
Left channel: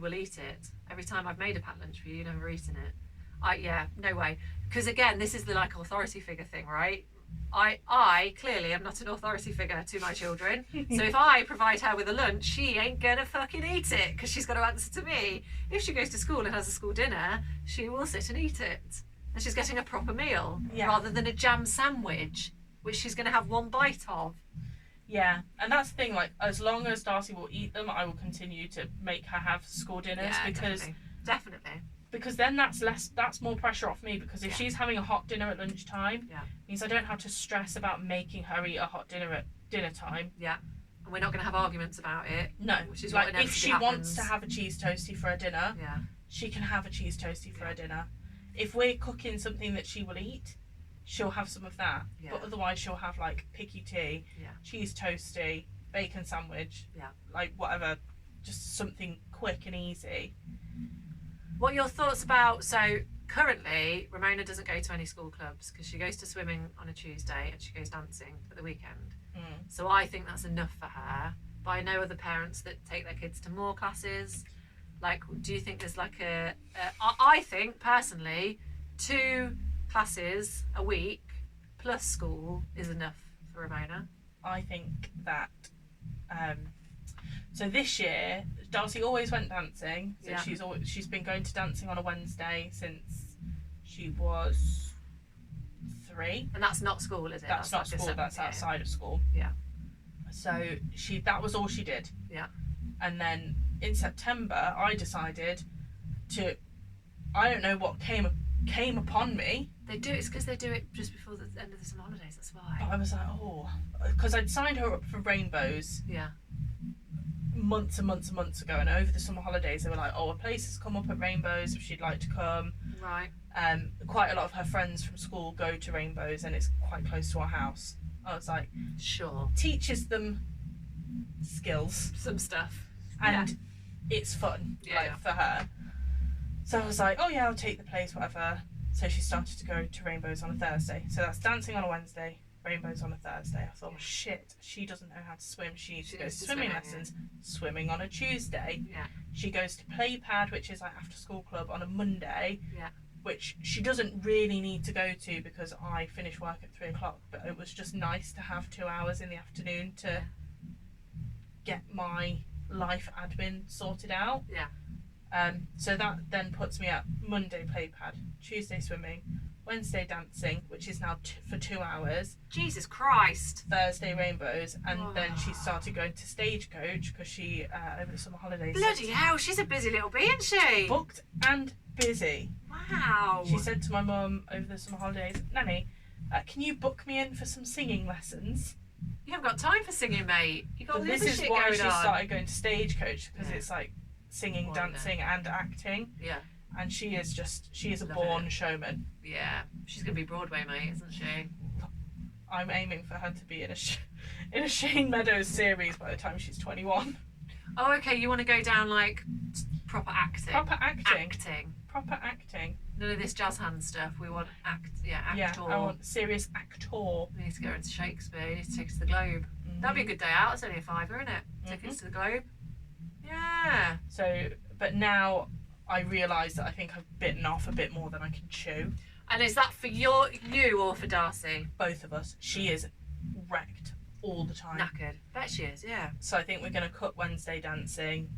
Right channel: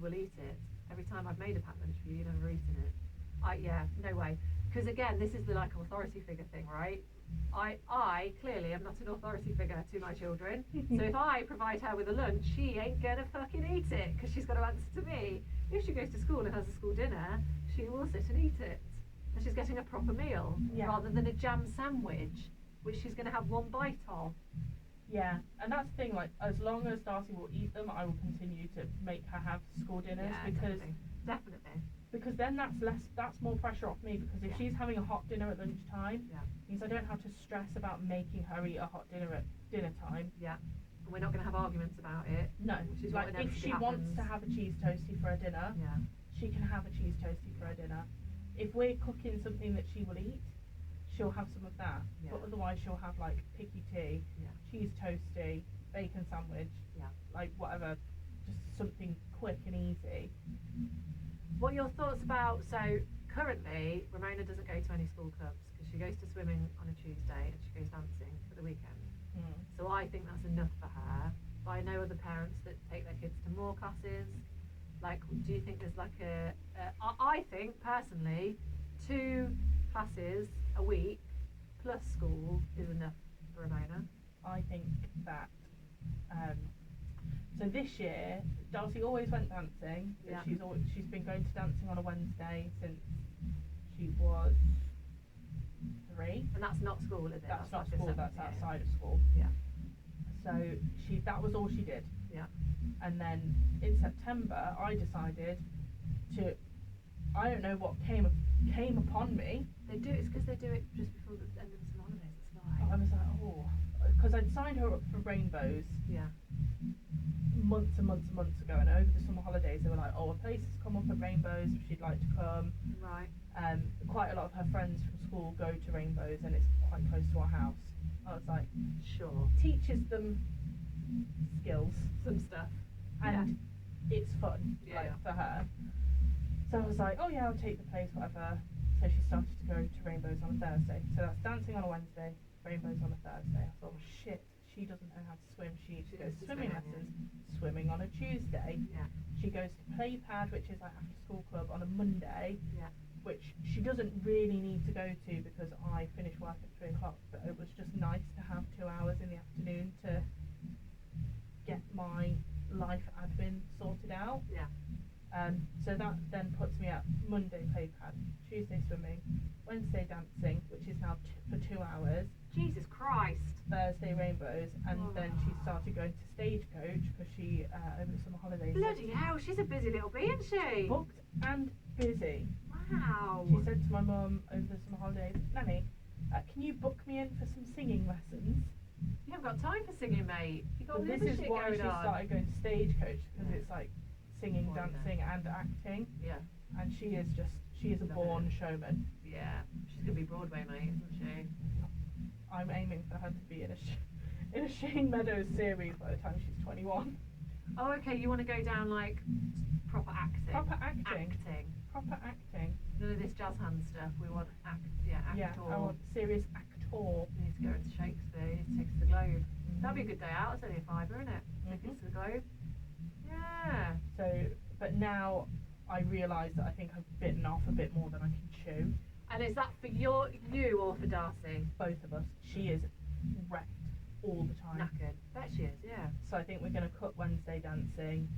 will eat it. Every time I've made a packed lunch for you, you've never eaten it. No way. Because again, this is the like authority figure thing, right? I clearly am not an authority figure to my children. So if I provide her with a lunch, she ain't gonna fucking eat it because she's got to answer to me. If she goes to school and has a school dinner, she will sit and eat it. And she's getting a proper meal rather than a jam sandwich, which she's going to have one bite of. Yeah, and that's the thing, like, as long as Darcy will eat them, I will continue to make her have school dinners because definitely. Because then that's more pressure off me, because if she's having a hot dinner at lunchtime, means I don't have to stress about making her eat a hot dinner at dinner time. Yeah. And we're not going to have arguments about it. No. Which is like, what if she happens. wants to have a cheese toastie for her dinner, she can have a cheese toastie for her dinner. If we're cooking something that she will eat, she'll have some of that. But otherwise she'll have like picky tea, cheese toastie, bacon sandwich, like whatever, just something quick and easy. What are your thoughts about, so currently Ramona doesn't go to any school clubs because she goes to swimming on a Tuesday and she goes dancing at the weekend. So I think that's enough for her. But I know other parents that take their kids to more classes. Like, do you think there's like I think personally 2 classes a week plus school is enough for Ramona. I think that so this year Darcy always went dancing, so she's been going to dancing on a Wednesday since she was 3. And that's not school, is it? That's not like school, that's outside of school. So that was all she did. And then in September I decided to, I don't know what came upon me. It's because they do it just before the end of the summer holidays, that's why. But I was like, because I'd signed her up for Rainbows months and months and months ago, and over the summer holidays they were like, a place has come up at Rainbows if she'd like to come. Right. Quite a lot of her friends from school go to Rainbows and it's quite close to our house. I was like, sure. Teaches them skills. Some stuff. And it's fun for her. So I was like, I'll take the place, whatever. So she started to go to Rainbows on a Thursday. So that's dancing on a Wednesday, Rainbows on a Thursday. I thought, shit, she doesn't know how to swim. She needs to go to swimming lessons. Swimming on a Tuesday. She goes to play pad, which is like after school club, on a Monday. Which she doesn't really need to go to because I finish work at 3 o'clock. But it was just nice to have 2 hours in the afternoon to get my life admin sorted out. So that then puts me at Monday play pad, Tuesday swimming, Wednesday dancing, which is now for 2 hours. Jesus Christ. Thursday Rainbows, and then she started going to Stagecoach because she over the summer holidays. Bloody hell, she's a busy little bee, isn't she? Booked and busy. Wow. She said to my mum over the summer holidays, Nanny, can you book me in for some singing lessons? You haven't got time for singing, mate. You got all this shit going on. This is why she started going to Stagecoach, because it's like singing, dancing, and acting. And she is a born showman. Yeah, she's gonna be Broadway, mate, isn't she? I'm aiming for her to be in a Shane Meadows series by the time she's 21. Oh, okay. You want to go down like proper acting. Proper acting. Proper acting. None of this jazz hand stuff. We want actor. Yeah, I want serious actor. We need to go into Shakespeare. You need to take us to the Globe. That'd be a good day out. It's only a £5, isn't it? Tickets to the Globe. Yeah. So, but now I realise that I think I've bitten off a bit more than I can chew. And is that for you or for Darcy? Both of us. She is wrecked. all the time. Knackered. Bet she is, yeah. So I think we're going to cut Wednesday dancing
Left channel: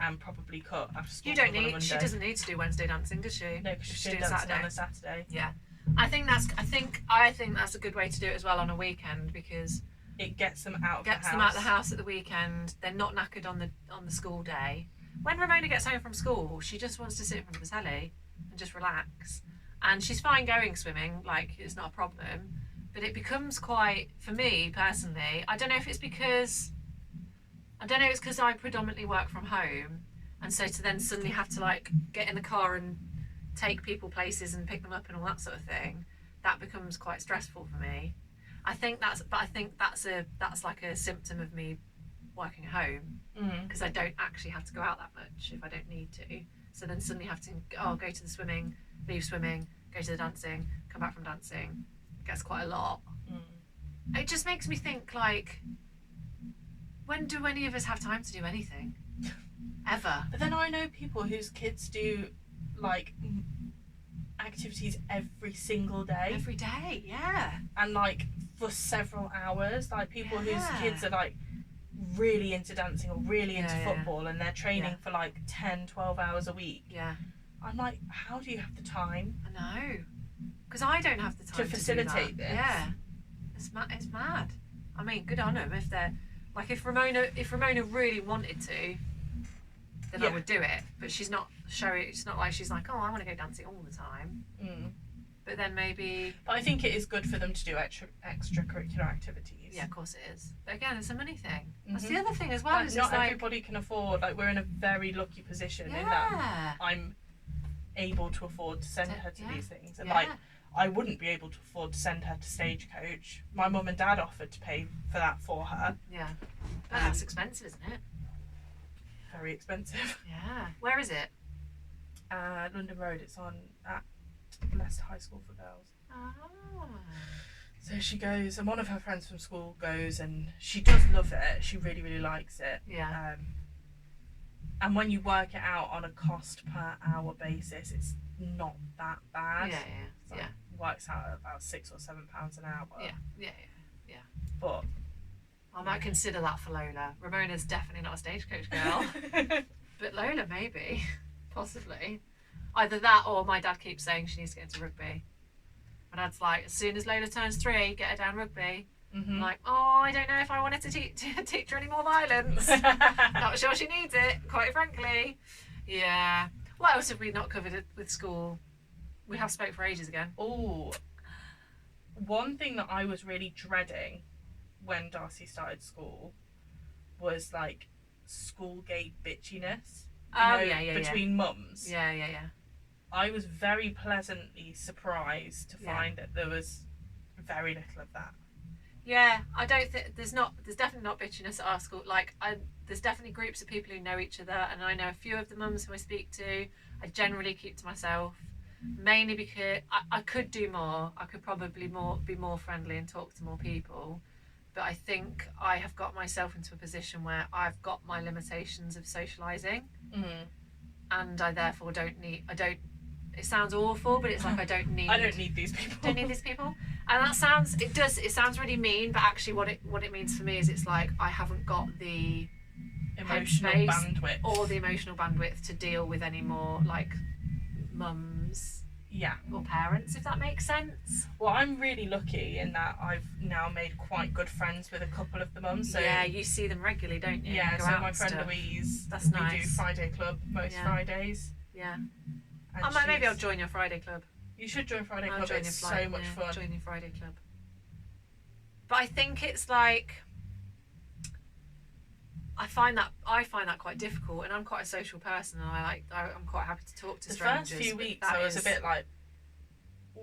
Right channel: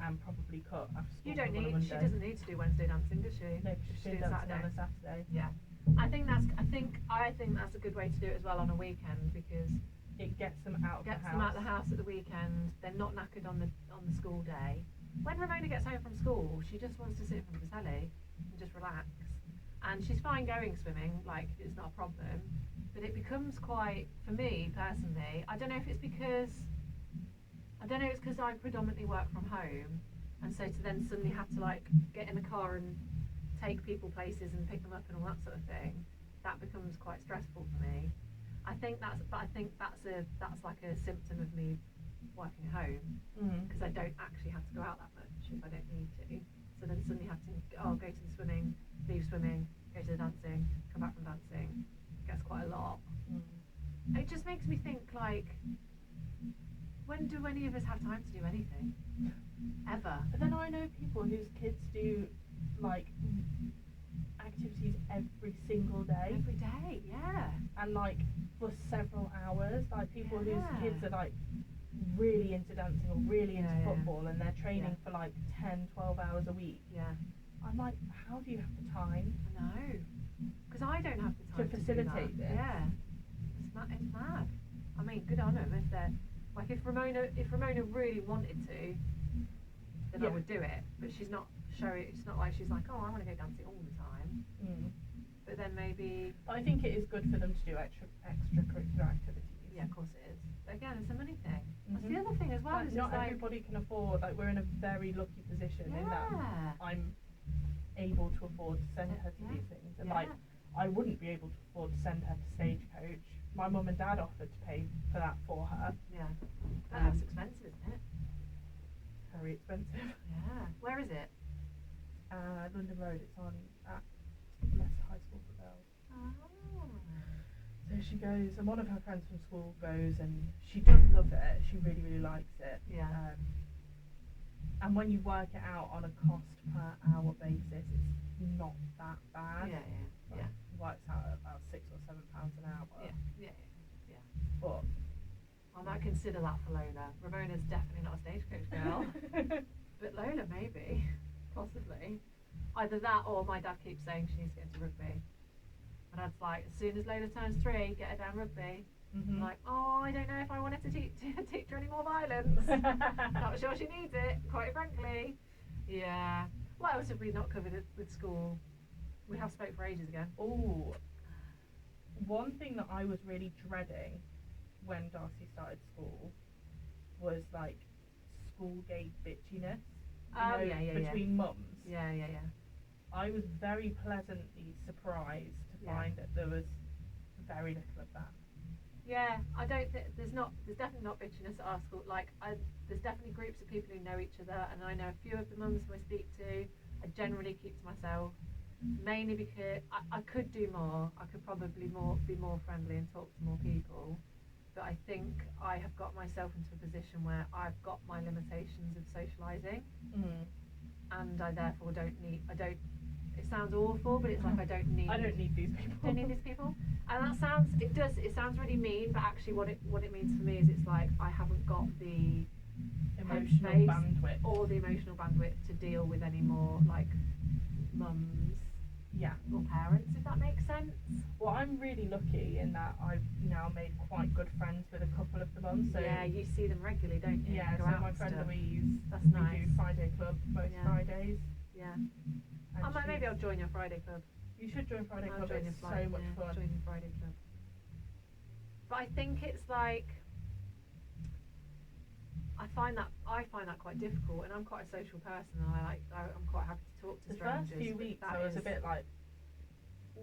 and probably cut after school. You don't on a need. Monday. She doesn't need to do Wednesday dancing, does she? No, because she's She doing does dancing Saturday. on a Saturday. Yeah, I think that's a good way to do it as well on a weekend, because it gets them out of the house. Gets them out of the house at the weekend. They're not knackered on the school day. When Ramona gets home from school, she just wants to sit in front of the telly and just relax. And she's fine going swimming, like it's not a problem. But it becomes quite, for me personally, I don't know if it's because I predominantly work from home, and so to then suddenly have to like get in the car and take people places and pick them up and all that sort of thing, that becomes quite stressful for me. I think that's like a symptom of me working at home, because I don't actually have to go out that much if I don't need to. So then suddenly have to go to the swimming, leave swimming, go to the dancing, come back from dancing. It gets quite a lot. It just makes me think, like, when do any of us have time to do anything? Ever? But then I know people whose kids do like activities every single day. Every day, yeah. And like for several hours. Like people whose kids are like really into dancing or really into football, and they're training for like 10, 12 hours a week. Yeah. I'm like, how do you have the time? I know. Because I don't have the time to facilitate this. Yeah. It's mad. I mean, good on them if they're like, if Ramona really wanted to, then I would do it. But she's not showing. It's not like she's like, oh, I want to go dancing all the time. But then maybe. But I think it is good for them to do extracurricular activities. Yeah, of course it is. But again, it's a money thing. That's the other thing as well. Like, not everybody can afford. Like, we're in a very lucky position in that I'm able to afford to send her to these things, and like I wouldn't be able to afford to send her to Stagecoach. My mum and dad offered to pay for that for her. Yeah, but that's expensive, isn't it? Very expensive. Yeah. Where is it? London Road. It's on at Leicester High School for Girls. Oh. So she goes, and one of her friends from school goes, and she does love it. She really, really likes it. Yeah. And when you work it out on a cost per hour basis, it's not that bad. Yeah. It works out at about £6 or £7 an hour. Yeah. But I might consider that for Lola. Ramona's definitely not a Stagecoach girl. But Lola, maybe. Possibly. Either that, or my dad keeps saying she needs to get into rugby. My dad's like, as soon as Lola turns 3, get her down rugby. I'm like, oh, I don't know if I wanted to teach her any more violence. Not sure she needs it, quite frankly. Yeah. What else have we not covered with school? We have spoke for ages again. Oh, one thing that I was really dreading when Darcy started school was like school gate bitchiness. Between mums. Yeah. I was very pleasantly surprised to find that there was very little of that. Yeah, I don't think there's definitely not bitchiness at our school. Like, there's definitely groups of people who know each other, and I know a few of the mums who I speak to. I generally keep to myself, mainly because I could do more. I could probably be more friendly and talk to more people. But I think I have got myself into a position where I've got my limitations of socialising, and I therefore don't need. It sounds awful, but it's like I don't need these people. Don't need these people. And that sounds really mean, but actually what it means for me is it's like I haven't got the emotional bandwidth or the emotional bandwidth to deal with any more like mums or parents, if that makes sense. Well, I'm really lucky in that I've now made quite good friends with a couple of the mums. So yeah, you see them regularly, don't you? Yeah, so my friend Louise, that's nice. We do Friday Club most Fridays. Yeah. Maybe I'll join your Friday club. You should join Friday Club. It's so much fun. Join your Friday club. But I think it's like I find that quite difficult, and I'm quite a social person, and I'm quite happy to talk to strangers. The first few weeks I was a bit like,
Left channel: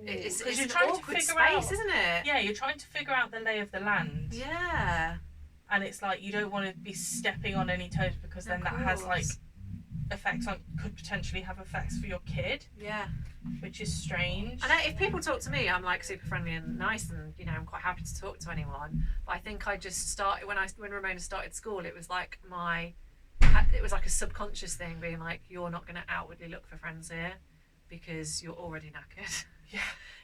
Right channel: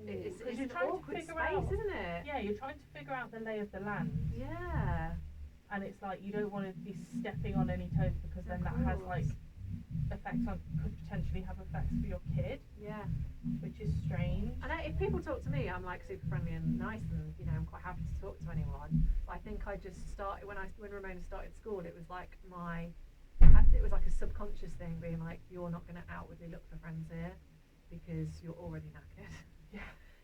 it's you're trying to figure out, isn't it? Yeah, you're trying to figure out the lay of the land. Yeah. And it's like you don't want to be stepping on any toes, because then that has like could potentially have effects for your kid. Yeah. Which is strange. And if people talk to me, I'm like super friendly and nice, and I'm quite happy to talk to anyone. But I think I just started when Ramona started school. It was like a subconscious thing, being like, you're not going to outwardly look for friends here because you're already knackered. Yeah.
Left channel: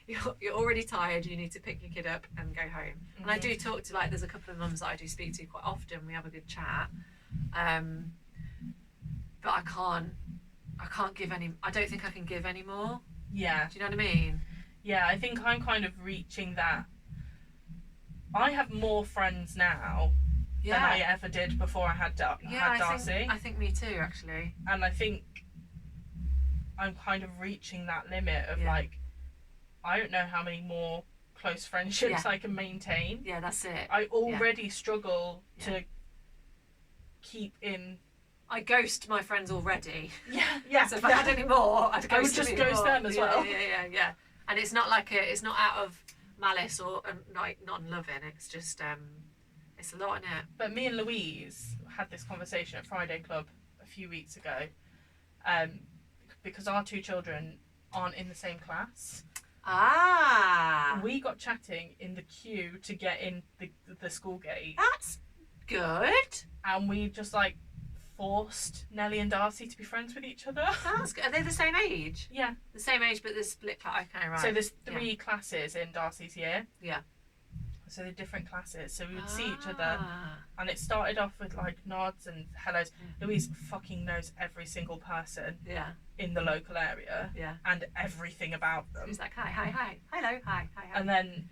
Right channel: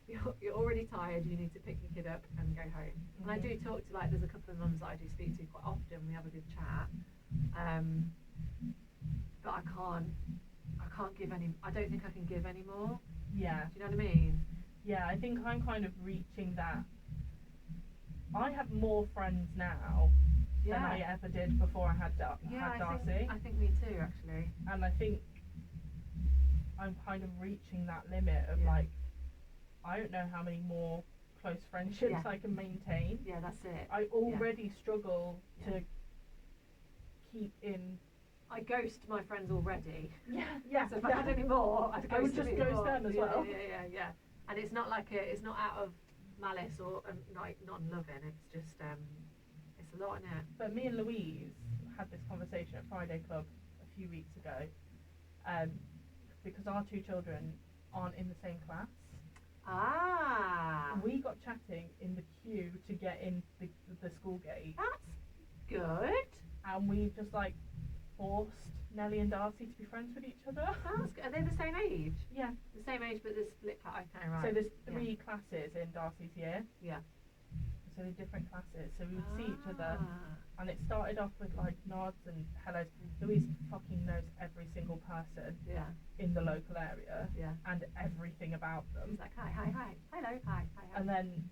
you're already tired, you need to pick your kid up and go home. Mm-hmm. And I do talk to, like, there's a couple of mums that I do speak to quite often, we have a good chat, but I can't give any, I don't think I can give any more. Yeah. Do you know what I mean? Yeah, I think I'm kind of reaching that. I have more friends now than I ever did before I had Darcy. I think me too, actually. And I think I'm kind of reaching that limit of like, I don't know how many more close friendships I can maintain. Yeah, that's it. I already struggle to keep in. I ghost my friends already. Yeah. So if I had any more, I would just ghost them as well. Yeah. And it's not like it's not out of malice or like not loving. It's just it's a lot, isn't it? But me and Louise had this conversation at Friday Club a few weeks ago, because our two children aren't in the same class. We got chatting in the queue to get in the school gate. That's good. And we just like forced Nellie and Darcy to be friends with each other. That's good. Are they the same age? Yeah. The same age, but they're split class. Okay, right. So there's 3 classes in Darcy's year. Yeah. So they're different classes. So we would see each other. And it started off with like nods and hellos. Louise fucking knows every single person in the local area and everything about them. She's like, hi, hello, hi. And then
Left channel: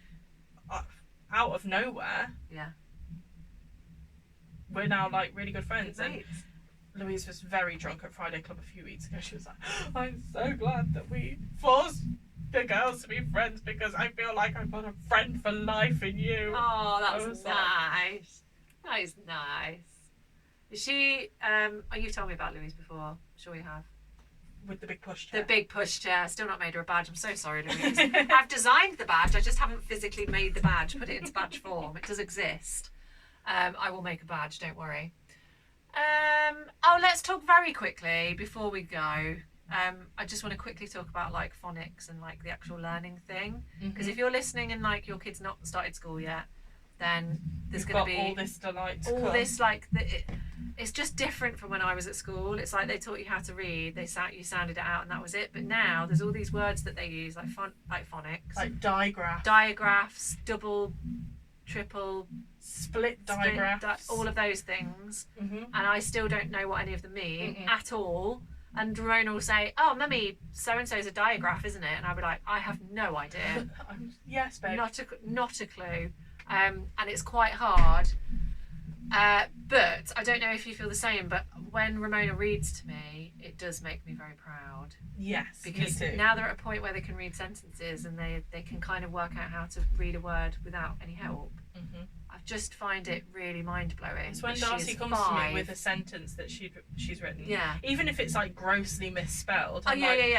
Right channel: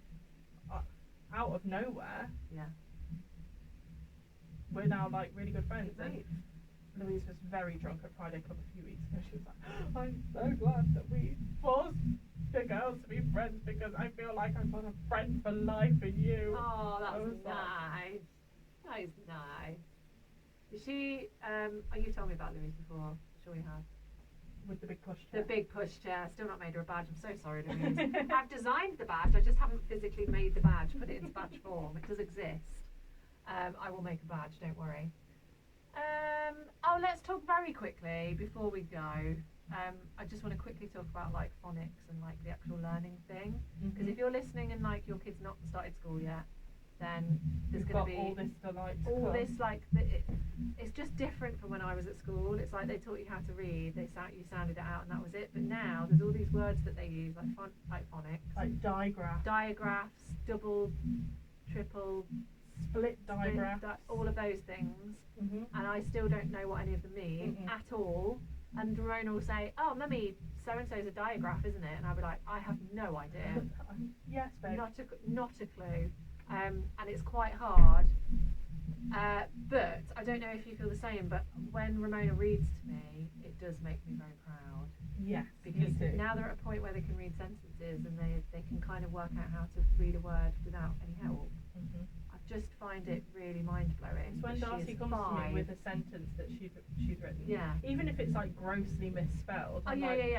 out of nowhere, we're now like really good friends. And Louise was very drunk at Friday Club a few weeks ago. She was like, I'm so glad that we forced the girls to be friends because I feel like I've got a friend for life in you. Oh, that's nice. That is nice. Is she, you've told me about Louise before. I'm sure you have. With the big pushchair. The big pushchair. Still not made her a badge. I'm so sorry, Louise. I've designed the badge. I just haven't physically made the badge, put it into badge form. It does exist. I will make a badge, don't worry. Let's talk very quickly before we go. I just want to quickly talk about like phonics and like the actual learning thing. Because if you're listening and like your kid's not started school yet, then there's going to be all this delight. This like it's just different from when I was at school. It's like they taught you how to read. You sounded it out and that was it. But now there's all these words that they use like phonics, like digraphs, double, triple, split digraphs, all of those things. And I still don't know what any of them mean at all. And Ramona will say, "Oh, mummy, so and so's a digraph, isn't it?" And I'll be like, "I have no idea." Yes, babe. Not a clue. And it's quite hard. But I don't know if you feel the same. But when Ramona reads to me, it does make me very proud. Yes, because me too. Now they're at a point where they can read sentences and they can kind of work out how to read a word without any help. I just find it really mind blowing. It's when Darcy comes to me with a sentence that she's written. Yeah. Even if it's like grossly misspelled. I get it.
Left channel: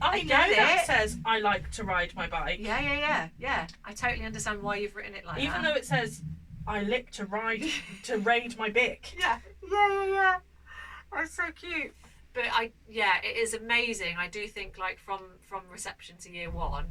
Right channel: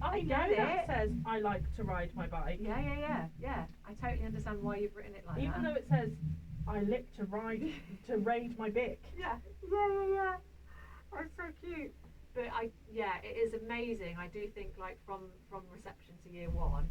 I know that says I like to ride my bike. Yeah. I totally understand why you've written it like Even though it says I lick to raid my bick. Yeah. That's so cute. But it is amazing. I do think like from reception to year 1,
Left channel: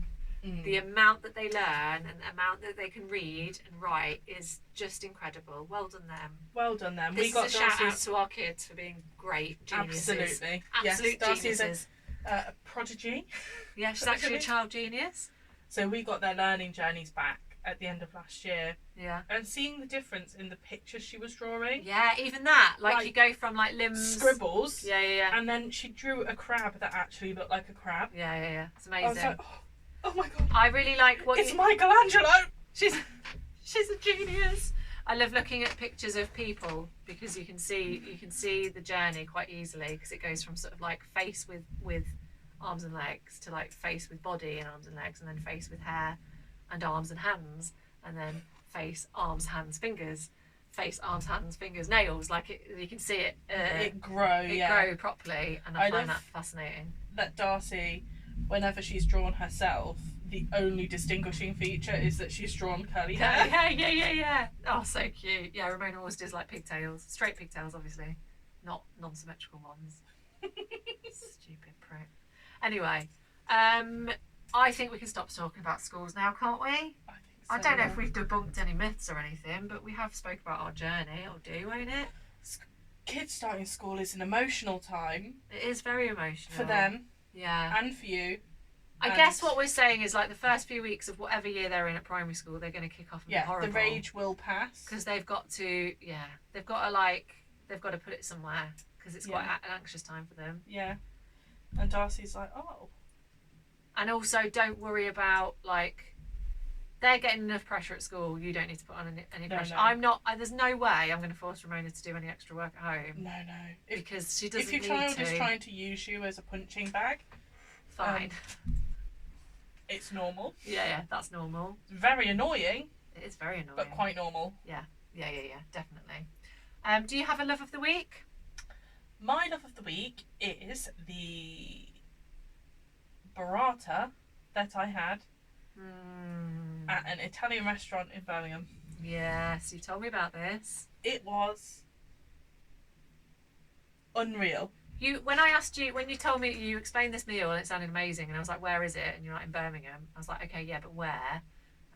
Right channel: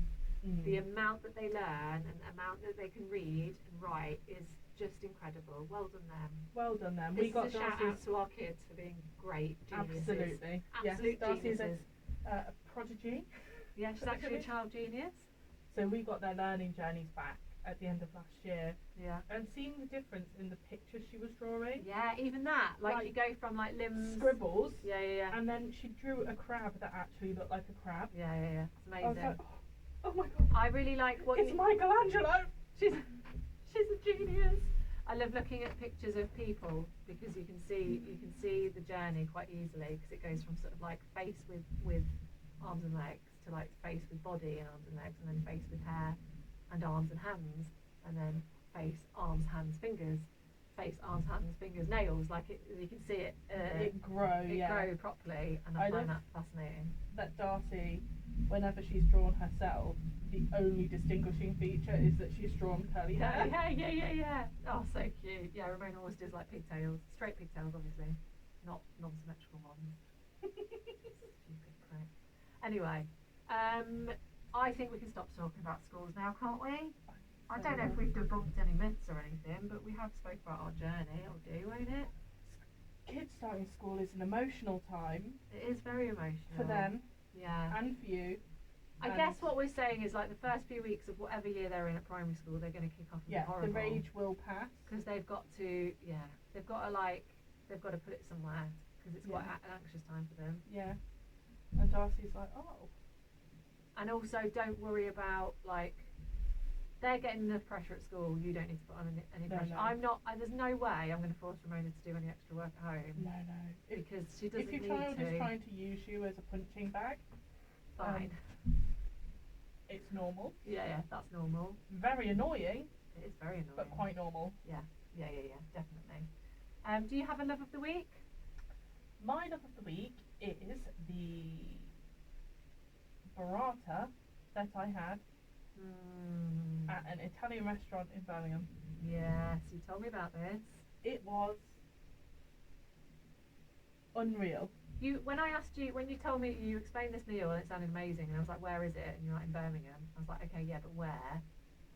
the amount that they learn and the amount that they can read and write is just incredible. Well done them. We got a shout out to our kids for being great geniuses. Absolutely. Absolute geniuses. A prodigy. Yeah, she's actually a child genius. So we got their learning journeys back at the end of last year. Yeah. And seeing the difference in the pictures she was drawing. Yeah, even that. Like you go from like limbs. Scribbles. Yeah. And then she drew a crab that actually looked like a crab. Yeah. It's amazing. I was like, oh my god. I really like It's Michelangelo! She's a genius. I love looking at pictures of people because you can see the journey quite easily because it goes from sort of like face with arms and legs to like face with body and arms and legs and then face with hair and arms and hands and then face, arms, hands, fingers, face, arms, hands, fingers, nails. Like you can see it. It grow properly, and I find that fascinating. That Darcy, whenever she's drawn herself, the only distinguishing feature is that she's drawn curly hair. Yeah. Oh, so cute. Yeah, Ramona always does like pigtails, straight pigtails, obviously, not non-symmetrical ones. Stupid prick. Anyway, I think we can stop talking about schools now, can't we? I don't know if we've debunked any myths or anything, but we have spoke about our journey. It'll do, won't it? Kids starting school is an emotional time. It is very emotional for them. Yeah. And for you. I guess what we're saying is, like, the first few weeks of whatever year they're in at primary school, they're going to kick off and be horrible. The rage will pass. Because they've got to put it somewhere, because it's quite an anxious time for them. Yeah. And Darcy's like, oh. And also, don't worry about, like, they're getting enough pressure at school. You don't need to put on any pressure. No. I'm not. There's no way I'm going to force Ramona to do any extra work at home. No. Because she doesn't need to. If your child is trying to use you as a punching bag, fine. It's normal. Yeah, that's normal. It's very annoying. It is very annoying. But quite normal. Yeah, definitely. Do you have a love of the week? My love of the week is the burrata that I had at an Italian restaurant in Birmingham. Yes, you told me about this. It was unreal. When you told me, you explained this meal and it sounded amazing, and I was like, where is it? And you're like, in Birmingham. I was like, okay, yeah, but where?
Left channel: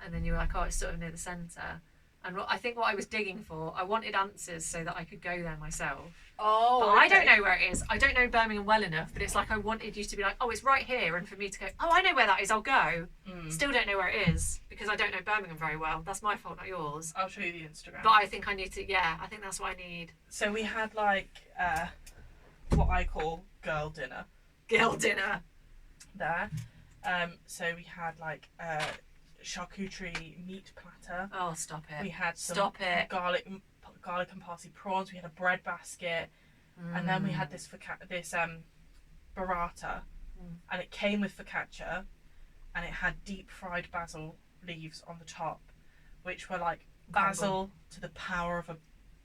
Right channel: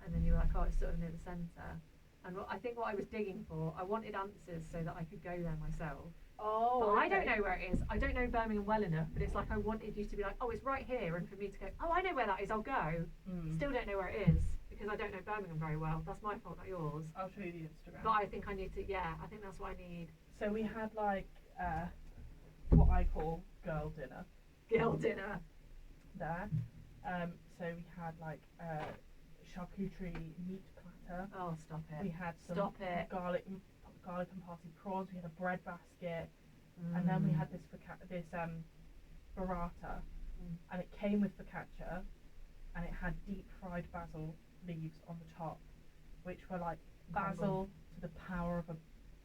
And then you were like, oh, it's sort of near the centre. And I think what I was digging for, I wanted answers so that I could go there myself. Oh, but I don't know where it is. I don't know Birmingham well enough, but it's like I wanted you to be like, oh, it's right here, and for me to go, oh, I know where that is, I'll go. Still don't know where it is, because I don't know Birmingham very well. That's my fault, not yours. I'll show you the Instagram. But I think I need to, I think that's what I need. So we had, like, what I call girl dinner. Girl dinner. There. So we had, like, charcuterie meat platter. Oh, stop it. We had some garlic and parsley prawns. We had a bread basket, and then we had this burrata, and it came with focaccia, and it had deep fried basil leaves on the top, which were like basil to the power of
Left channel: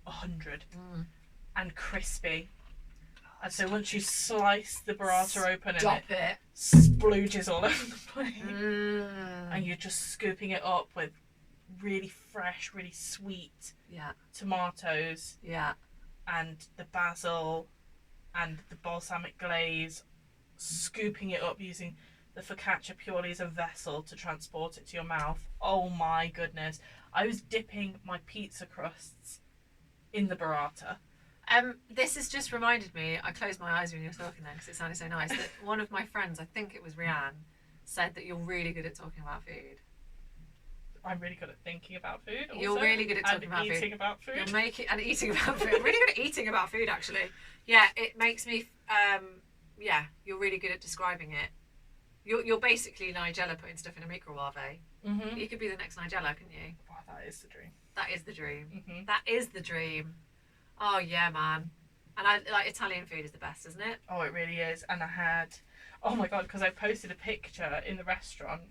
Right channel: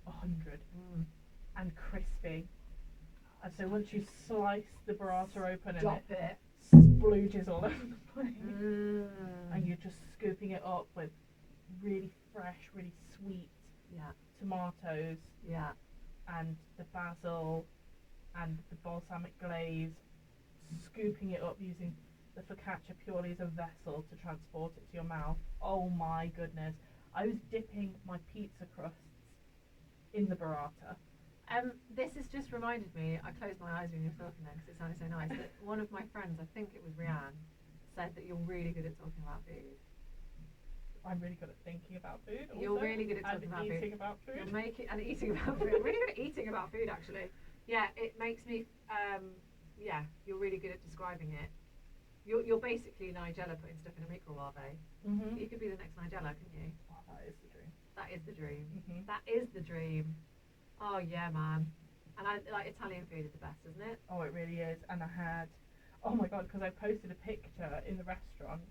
100, and crispy. And so once you slice the burrata open, and it splooges all over the plate, and you're just scooping it up with really fresh, really sweet tomatoes, and the basil and the balsamic glaze, scooping it up using the focaccia purely as a vessel to transport it to your mouth. Oh my goodness. I was dipping my pizza crusts in the burrata. This has just reminded me, I closed my eyes when you were talking then because it sounded so nice, that one of my friends, I think it was Rianne, said that you're really good at talking about food. I'm really good at thinking about food. Also, you're really good at talking about eating about food. You're and eating about food. I'm really good at eating about food, actually. Yeah, it makes me. You're really good at describing it. You're basically Nigella putting stuff in a microwave. You could be the next Nigella, couldn't you? Wow, that is the dream. That is the dream. That is the dream. Oh yeah, man. And I like Italian food is the best, isn't it? Oh, it really is. And I had, oh my god, because I posted a picture in the restaurant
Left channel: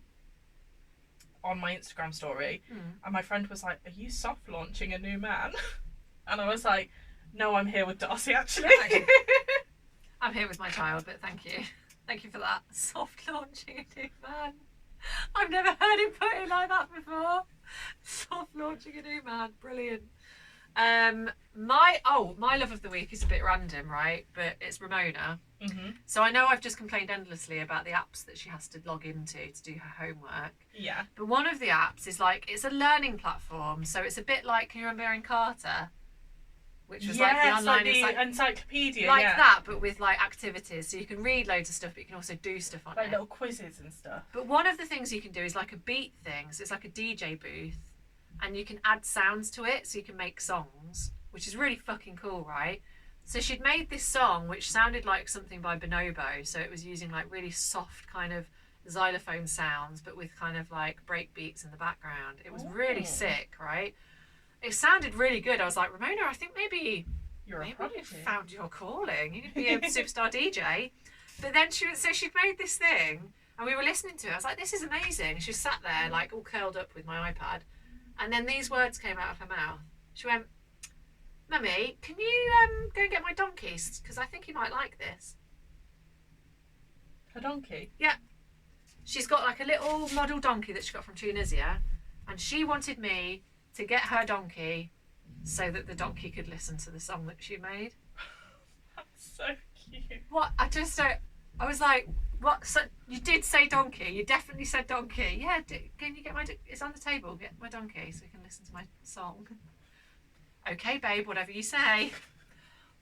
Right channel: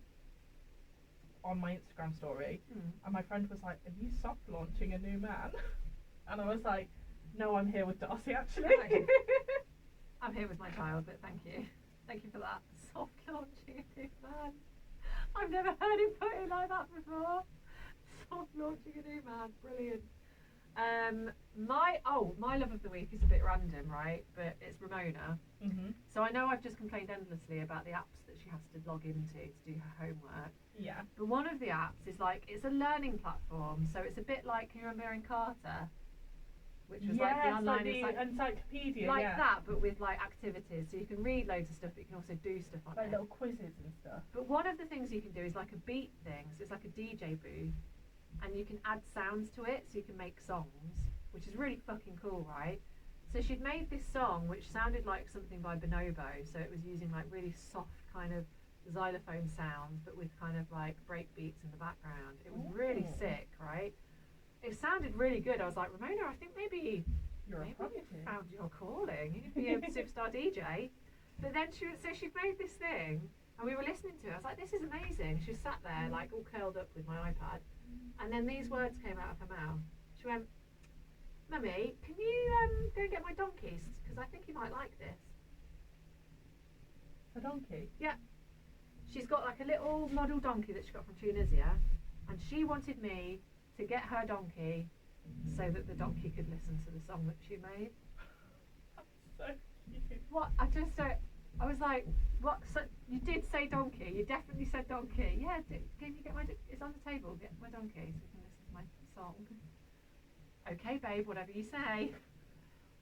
on my Instagram story, and my friend was like, "Are you soft launching a new man?" And I was like, "No, I'm here with Darcy actually." I'm here with my child, but thank you for that. Soft launching a new man. I've never heard him put it like that before. Soft launching a new man, brilliant. My love of the week is a bit random, right? But it's Ramona. So I know I've just complained endlessly about the apps that she has to log into to do her homework. Yeah. But one of the apps is like, it's a learning platform, so it's a bit like, can you remember Encarta? Which was like the online encyclopedia. Like that, but with like activities. So you can read loads of stuff, but you can also do stuff on it. Like little quizzes and stuff. But one of the things you can do is like a beat thing. So it's like a DJ booth. And you can add sounds to it, so you can make songs, which is really fucking cool, right? So she'd made this song which sounded like something by Bonobo, so it was using like really soft kind of xylophone sounds, but with kind of like break beats in the background. It was really sick, right? It sounded really good. I was like, Ramona, I think maybe you found your calling. You could be a superstar DJ. But then she'd made this thing, and we were listening to it. I was like, this is amazing. She sat there like all curled up with my iPad. And then these words came out of her mouth. She went, "Mummy, can you go and get my donkeys? Because I think you might like this." A donkey? Yeah. She's got like a little model donkey that she got from Tunisia. And she wanted me to get her donkey so that the donkey could listen to the song that she made. That's so cute. What? I was like, what? So you did say donkey? You definitely said donkey. Yeah, can you get it's on the table. Get my donkey so we can listen to my song. Okay, babe, whatever you say.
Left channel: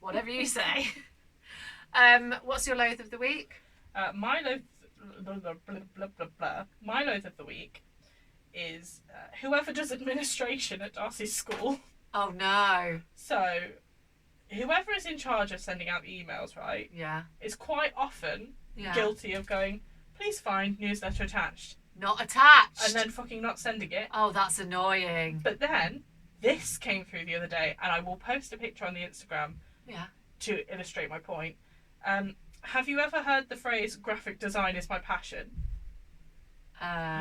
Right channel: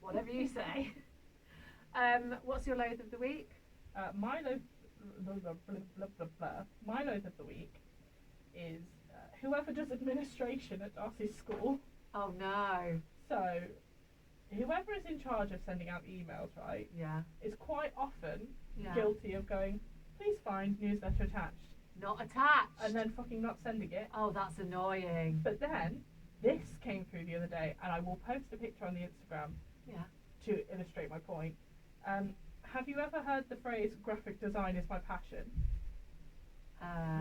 Whatever you say. What's your loathe of the week? My blah, blah, blah, blah, blah, blah. My loath of the week is whoever does administration at Darcy's school. Oh no. So, whoever is in charge of sending out the emails, right? Yeah. Is quite often Yeah. guilty of going, please find newsletter attached. Not attached. And then fucking not sending it. Oh, that's annoying. But then, this came through the other day, and I will post a picture on the Instagram to illustrate my point. Have you ever heard the phrase, graphic design is my passion?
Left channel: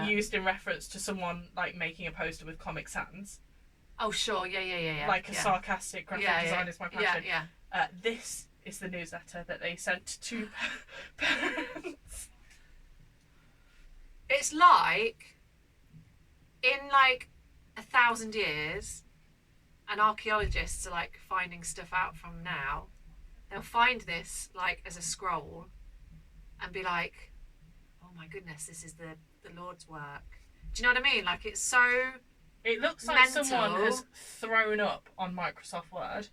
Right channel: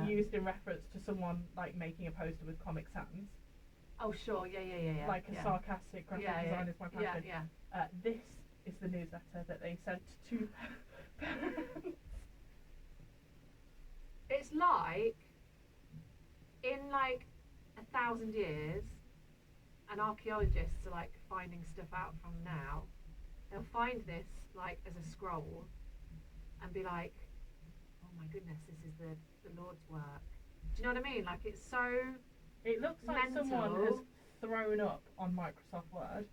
Used in reference to someone, like, making a poster with Comic Sans. Oh, sure. Yeah. Like a sarcastic graphic design is my passion. Yeah. This is the newsletter that they sent to parents. It's like, in like 1,000 years, and archaeologists are like finding stuff out from now, they'll find this like as a scroll and be like, oh my goodness, this is the Lord's work. Do you know what I mean? Like, it's so It looks like mental. someone has thrown up on Microsoft Word.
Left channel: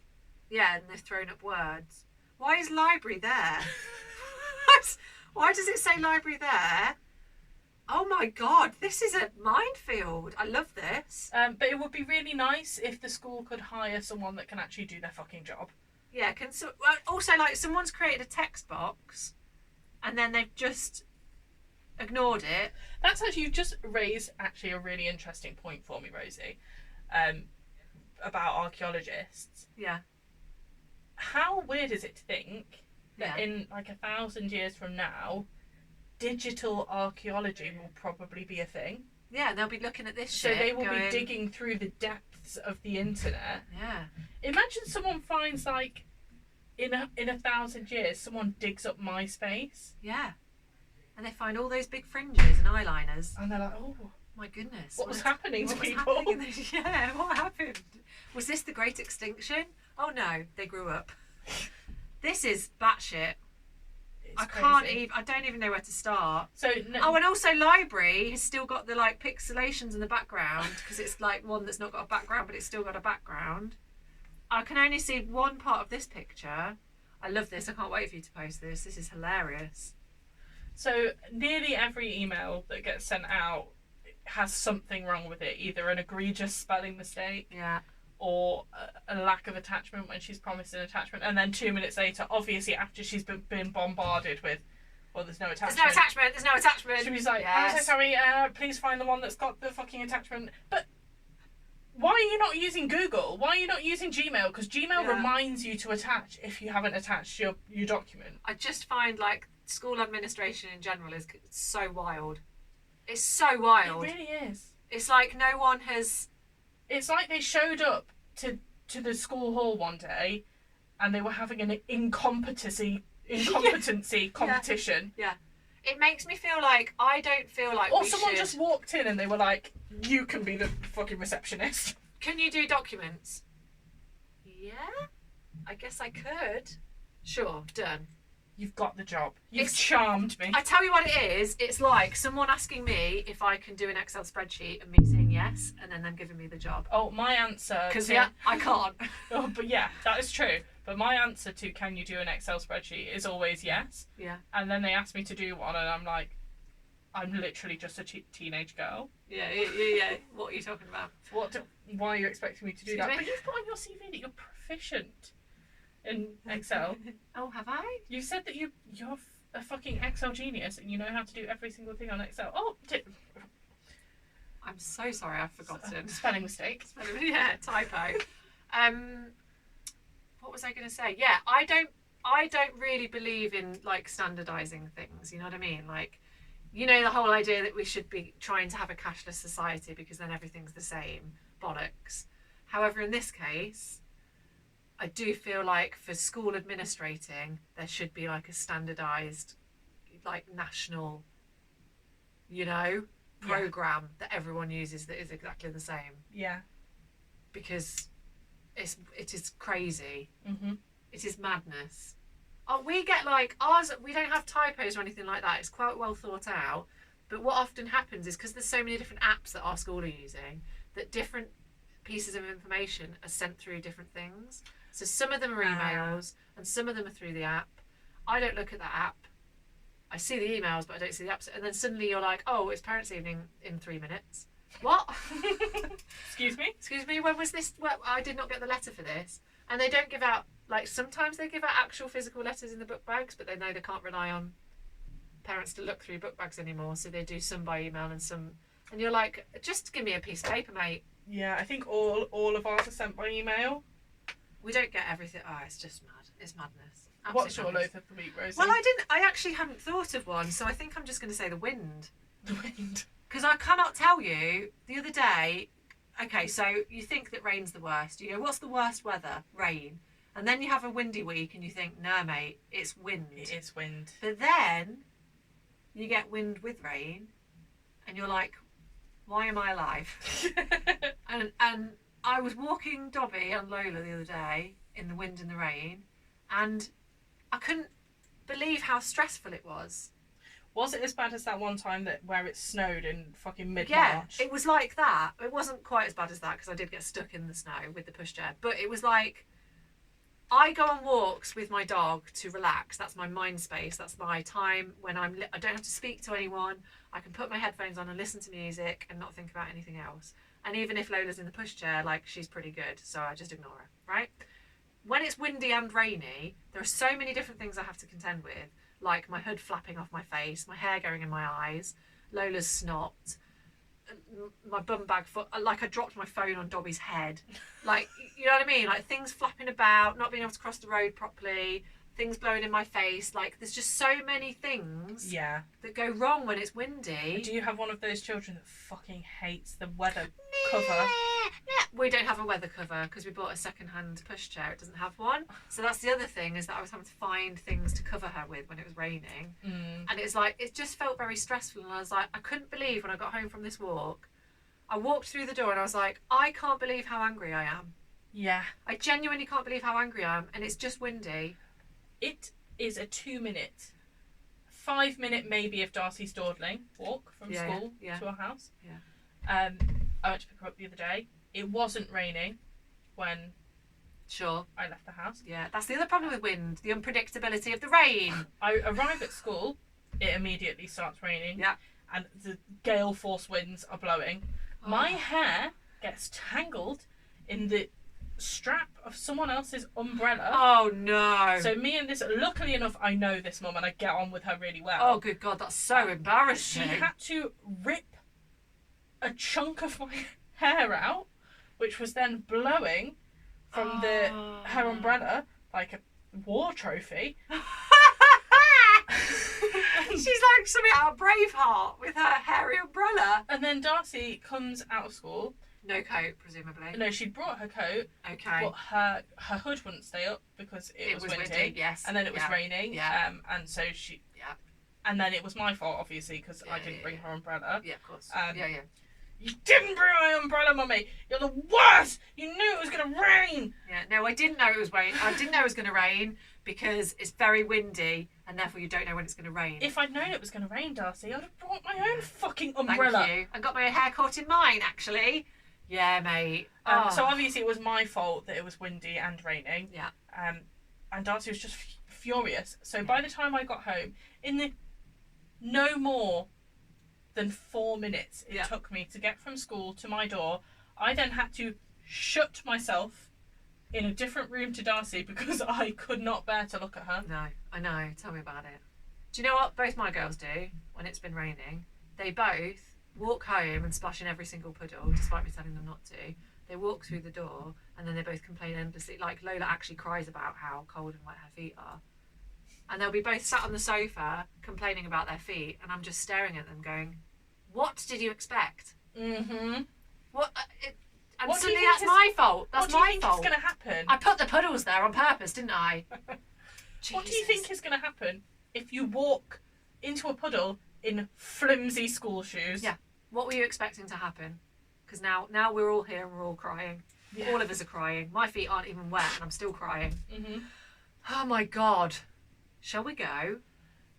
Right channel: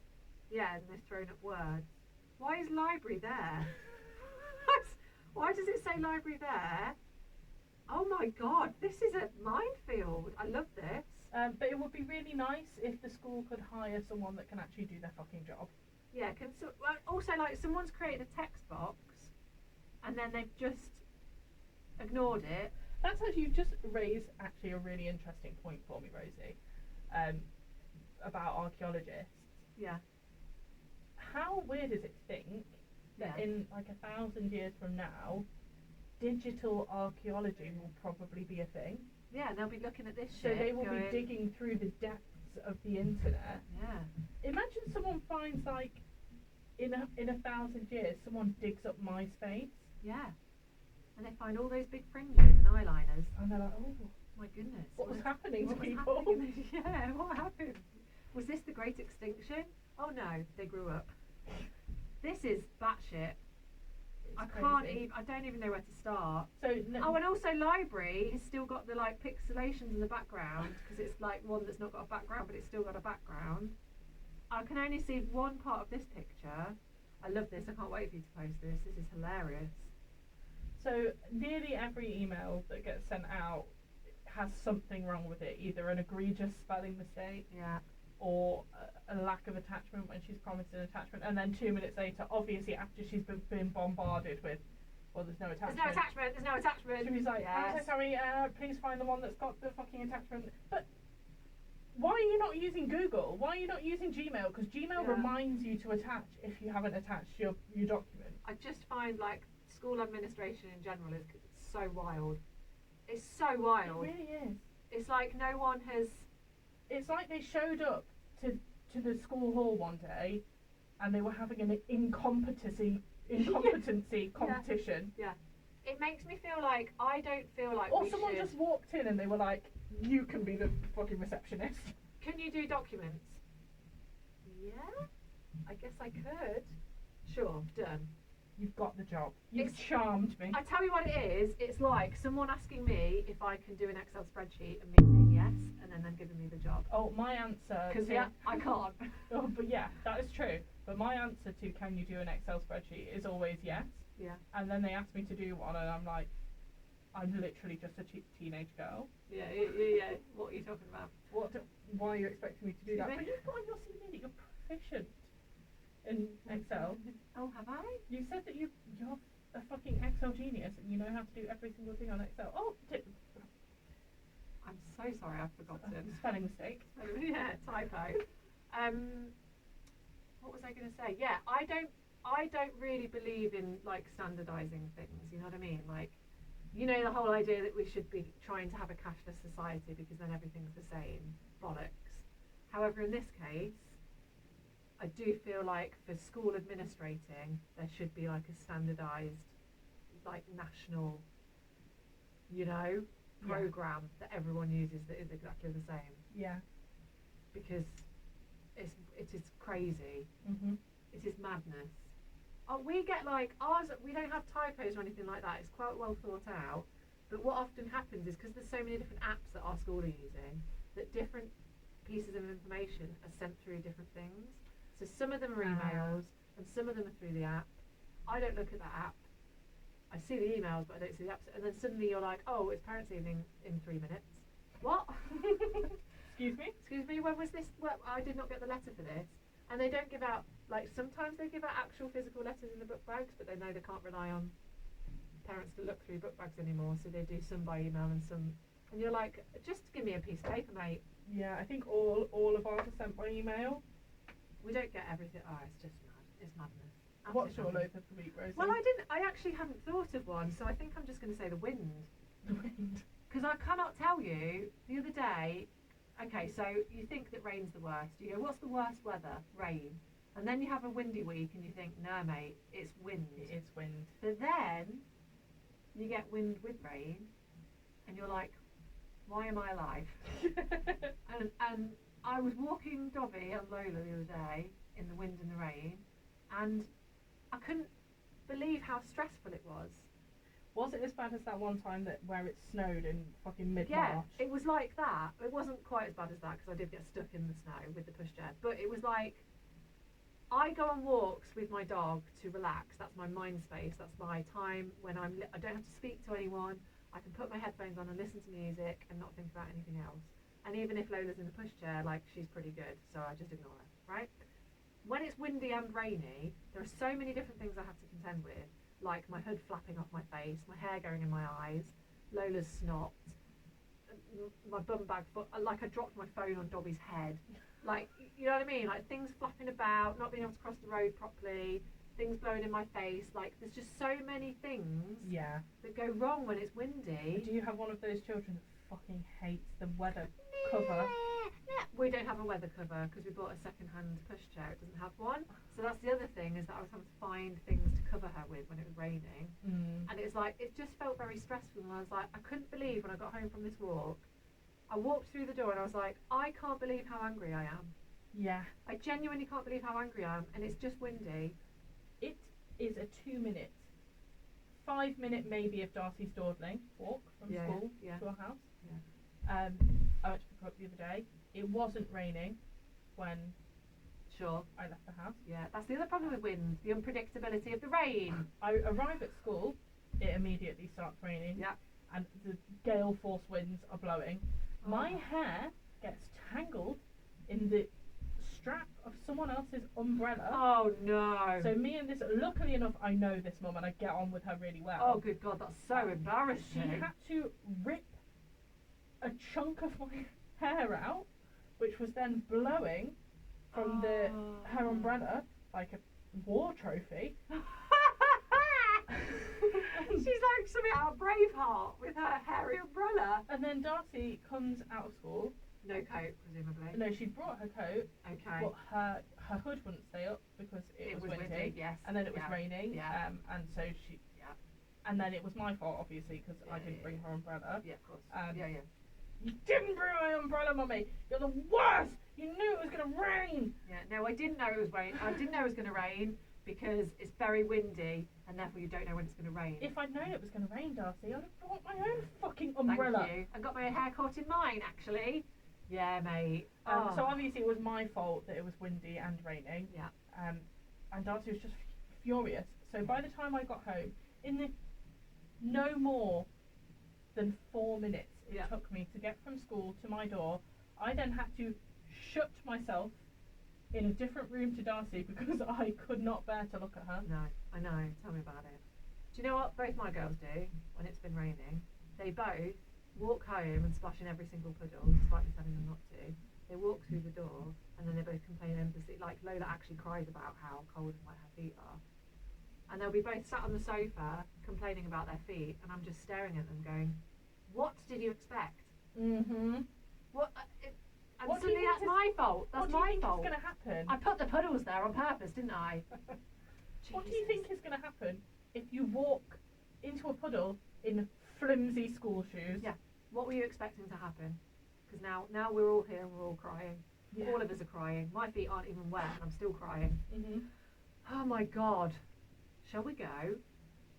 Yeah, and they've thrown up words. Why is library there? Why does it say library there? Oh my god, this is a minefield. I love this. But it would be really nice if the school could hire someone that can actually do their fucking job. Yeah, also, like, someone's created a text box and then they've just ignored it. That's actually, you've just raised actually a really interesting point for me, Rosie, about archaeologists. Yeah. How weird is it to think that Yeah. in like 1,000 years from now, digital archaeology will probably be a thing? Yeah, they'll be looking at this So shit. they will going, be digging through the depths of the internet. Yeah. Imagine someone finds, like, in 1,000 years, someone digs up MySpace. Yeah. And they find all those big fringes and eyeliners. And they're like, oh, My goodness. what was happening to what was people? happening? Yeah, what happened? Was this the Great Extinction? Oh no, they grew up. This is batshit. It's I don't even know where to start. So Oh, and also library has still got the like pixelations in the background because it's like one that's not got a background, but it's still got a background. I can only see one part of this picture. I love this. I can't wait for you to post this. This is hilarious. So nearly every email that gets sent out has something wrong with it, either an egregious spelling mistake Yeah. or a lack of attachment when she's promised an attachment, and then 2 minutes later, obviously after she's been bombarded with, well, there's no attachment. There's no attachment. There's no attachment. She was like, Yes. I'm so sorry, please find the one that's got the fucking attachment. But why are you not using Google? Why are you not using Gmail? Because Gmail Yeah. reminds you to attach if you haven't attached your document. I just find like school administration in general is so wild. It's so wild. It really is. It's like no one has. It's like they showed up to the school hall one day and they were having an incompetency competition. It makes me feel like I don't feel like. Or someone just walked in and they were like, you can be the fucking receptionist. Can you do documents? Yeah, I guess I could. Sure, done. You've got the job. You've It's- charmed me. I tell you what it is. It's like someone asking me if I can do an Excel spreadsheet and me saying yes, and then them giving me the job. Oh, my answer. Because to- yeah, I can't. Oh, but yeah, that is true. But my answer to can you do an Excel spreadsheet is always yes. Yeah. And then they ask me to do one, and I'm like, I'm literally just a teenage girl. Yeah. What are you talking about? Why are you expecting me to do Excuse that? me? But you've put on your CV that you're proficient in Excel. Oh, have I? You said that you're a fucking Excel genius and you know how to do every single thing on Excel. Oh, I'm so sorry, I've forgotten. spelling mistake. Yeah, typo. What was I going to say? Yeah, I don't really believe in like standardizing things. You know what I mean? Like, you know, the whole idea that we should be trying to have a cashless society because then everything's the same. Bollocks. However, in this case, I do feel like for school administrating, there should be like a standardized, like national, you know, program that everyone uses that is exactly the same. Yeah. Because it is crazy. Mm-hmm. It is madness. Oh, we get like ours. We don't have typos or anything like that. It's quite well thought out. But what often happens is because there's so many different apps that our school are using, that different pieces of information are sent through different things. So some of them are emails and some of them are through the app. I don't look at that app. I see the emails, but I don't see the episode. And then suddenly you're like, oh, it's parents' evening in 3 minutes. What? Excuse me? Excuse me, when was this? Well, I did not get the letter for this. And they don't give out, like, sometimes they give out actual physical letters in the book bags, but they know they can't rely on parents to look through book bags anymore, so they do some by email and some. And you're like, just give me a piece of paper, mate. Yeah, I think all of ours are sent by email. We don't get everything. Oh, it's just mad. It's madness. What's your Madness. loath of the week, Rosie? Well, I actually hadn't thought of one, so I think I'm just going to say the wind. The wind. Because I cannot tell you, the other day, okay, so you think that rain's the worst. You go, what's the worst weather? Rain. And then you have a windy week and you think, nah, mate, it's wind. It is wind. But then you get wind with rain and you're like, why am I alive? and I was walking Dobby and Lola the other day in the wind and the rain, and I couldn't believe how stressful it was. Was it as bad as that one time where it snowed in fucking mid-March? Yeah, it was like that. It wasn't quite as bad as that because I did get stuck in the snow with the pushchair. But it was like, I go on walks with my dog to relax. That's my mind space. That's my time when I don't have to speak to anyone. I can put my headphones on and listen to music and not think about anything else. And even if Lola's in the pushchair, like, she's pretty good, so I just ignore her, right? When it's windy and rainy, there are so many different things I have to contend with. Like my hood flapping off my face, my hair going in my eyes, Lola's snot, my bum bag foot, like I dropped my phone on Dobby's head. Like, you know what I mean? Like things flapping about, not being able to cross the road properly, things blowing in my face. Like there's just so many things that go wrong when it's windy. Do you have one of those children that fucking hates the weather cover? We don't have a weather cover because we bought a second-hand pushchair. It doesn't have one. So that's the other thing, is that I was having to find things to cover her with when it was raining. And it's like, it just felt very stressful. And I was like, I couldn't believe when I got home from this walk, I walked through the door and I was like, I can't believe how angry I am. Yeah. I genuinely can't believe how angry I am. And it's just windy. It is a 2-minute, 5-minute maybe if Darcy's dawdling walk from school to our house. Yeah. I went to pick her up the other day. It wasn't raining when I left the house. Yeah, that's the other problem with wind, the unpredictability of the rain. I arrive at school, it immediately starts raining. Yeah. And the gale force winds are blowing. Oh. My hair gets tangled in the strap of someone else's umbrella. Oh no. So me and this, luckily enough, I know this mum and I get on with her really well. Oh good God, that's so embarrassing. She had to rip a chunk of my hair out, which was then blowing from her umbrella like a war trophy. She's like something out of Braveheart with her hairy umbrella. And then Darcy comes out of school. No coat, presumably. No, she brought her coat. Okay. But her hood wouldn't stay up because it was windy. Yes. And then it was raining. Yeah. And so she. Yeah. And then it was my fault, obviously, because I didn't bring her umbrella. Yeah, of course. Yeah. You didn't bring my umbrella, Mummy! You're the worst! You knew it was going to rain! Yeah, no, I didn't know it was rain. I didn't know it was going to rain because it's very windy and therefore you don't know when it's going to rain. If I'd known it was going to rain, Darcy, I'd have brought my own fucking umbrella. Thank you. I got my hair caught in mine, actually. Yeah, mate. So obviously it was my fault that it was windy and raining. Yeah. And Darcy was just furious. So by the time I got home, in the no more than 4 minutes it took me to get from school to my door. I then had to shut myself in a different room to Darcy because I could not bear to look at her. No, I know. Tell me about it. Do you know what both my girls do when it's been raining? They both walk home and splash in every single puddle, despite me telling them not to. They walk through the door and then they both complain endlessly. Like Lola actually cries about how cold and wet her feet are. And they'll be both sat on the sofa complaining about their feet, and I'm just staring at them going, what did you expect? Mm-hmm. What? And what suddenly that's my fault. That's my fault. What do you think is going to happen? I put the puddles there on purpose, didn't I? What do you think is going to happen if you walk into a puddle in flimsy school shoes? Yeah. What were you expecting to happen? Because now we're all here and we're all crying. Yeah. All of us are crying. My feet aren't even wet and I'm still crying. Mm-hmm. Oh my God. Shall we go?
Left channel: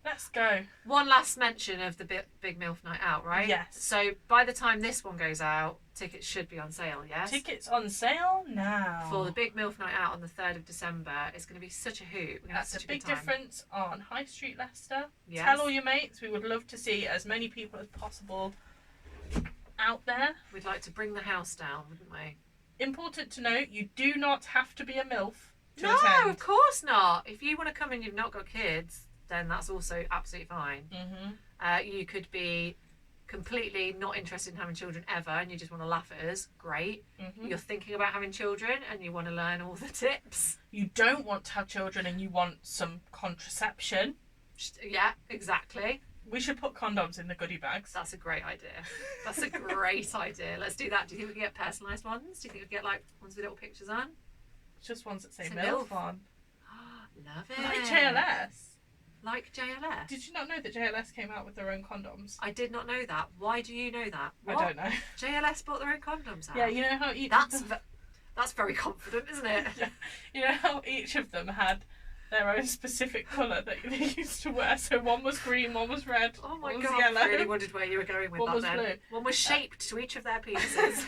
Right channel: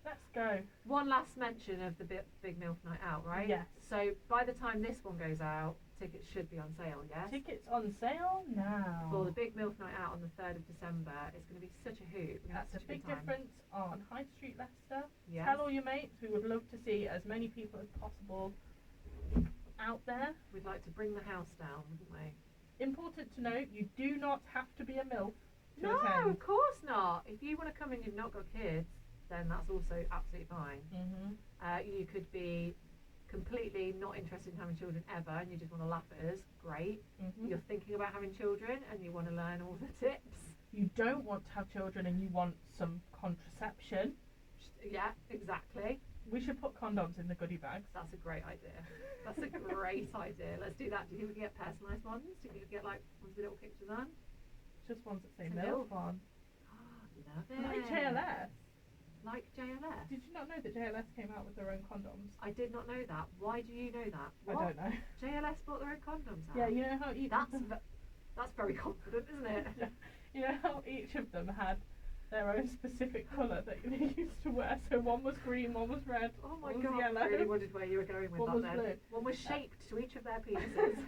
Let's go. One last mention of the Big MILF Night Out, right? Yes. So by the time this one goes out, tickets should be on sale, yes? Tickets on sale now. For the Big MILF Night Out on the 3rd of December. It's going to be such a hoot. We're going to have That's such a big good time. difference on High Street Leicester. Yes. Tell all your mates. We would love to see as many people as possible out there. We'd like to bring the house down, wouldn't we? Important to note, you do not have to be a MILF to No, attend. of course not. If you want to come and you've not got kids, then that's also absolutely fine. You could be completely not interested in having children ever and you just want to laugh at us. Great. You're thinking about having children and you want to learn all the tips. You don't want to have children and you want some contraception. Yeah, exactly. We should put condoms in the goodie bags. That's a great idea. That's a great idea. Let's do that. Do you think we can get personalised ones? Do you think we can get like ones with little pictures on? Just ones that say It's a MILF MILF. on. Love it. Like JLS. Like JLS? Did you not know that JLS came out with their own condoms? I did not know that. Why do you know that? I What? don't know. JLS bought their own condoms out? Yeah, you know how each That's very confident, isn't it? Yeah. You know how each of them had their own specific colour that they used to wear. So one was green, one was red, Oh my one god, was yellow. I really wondered where you were going with One that was then. blue. One was shaped to each of their penises.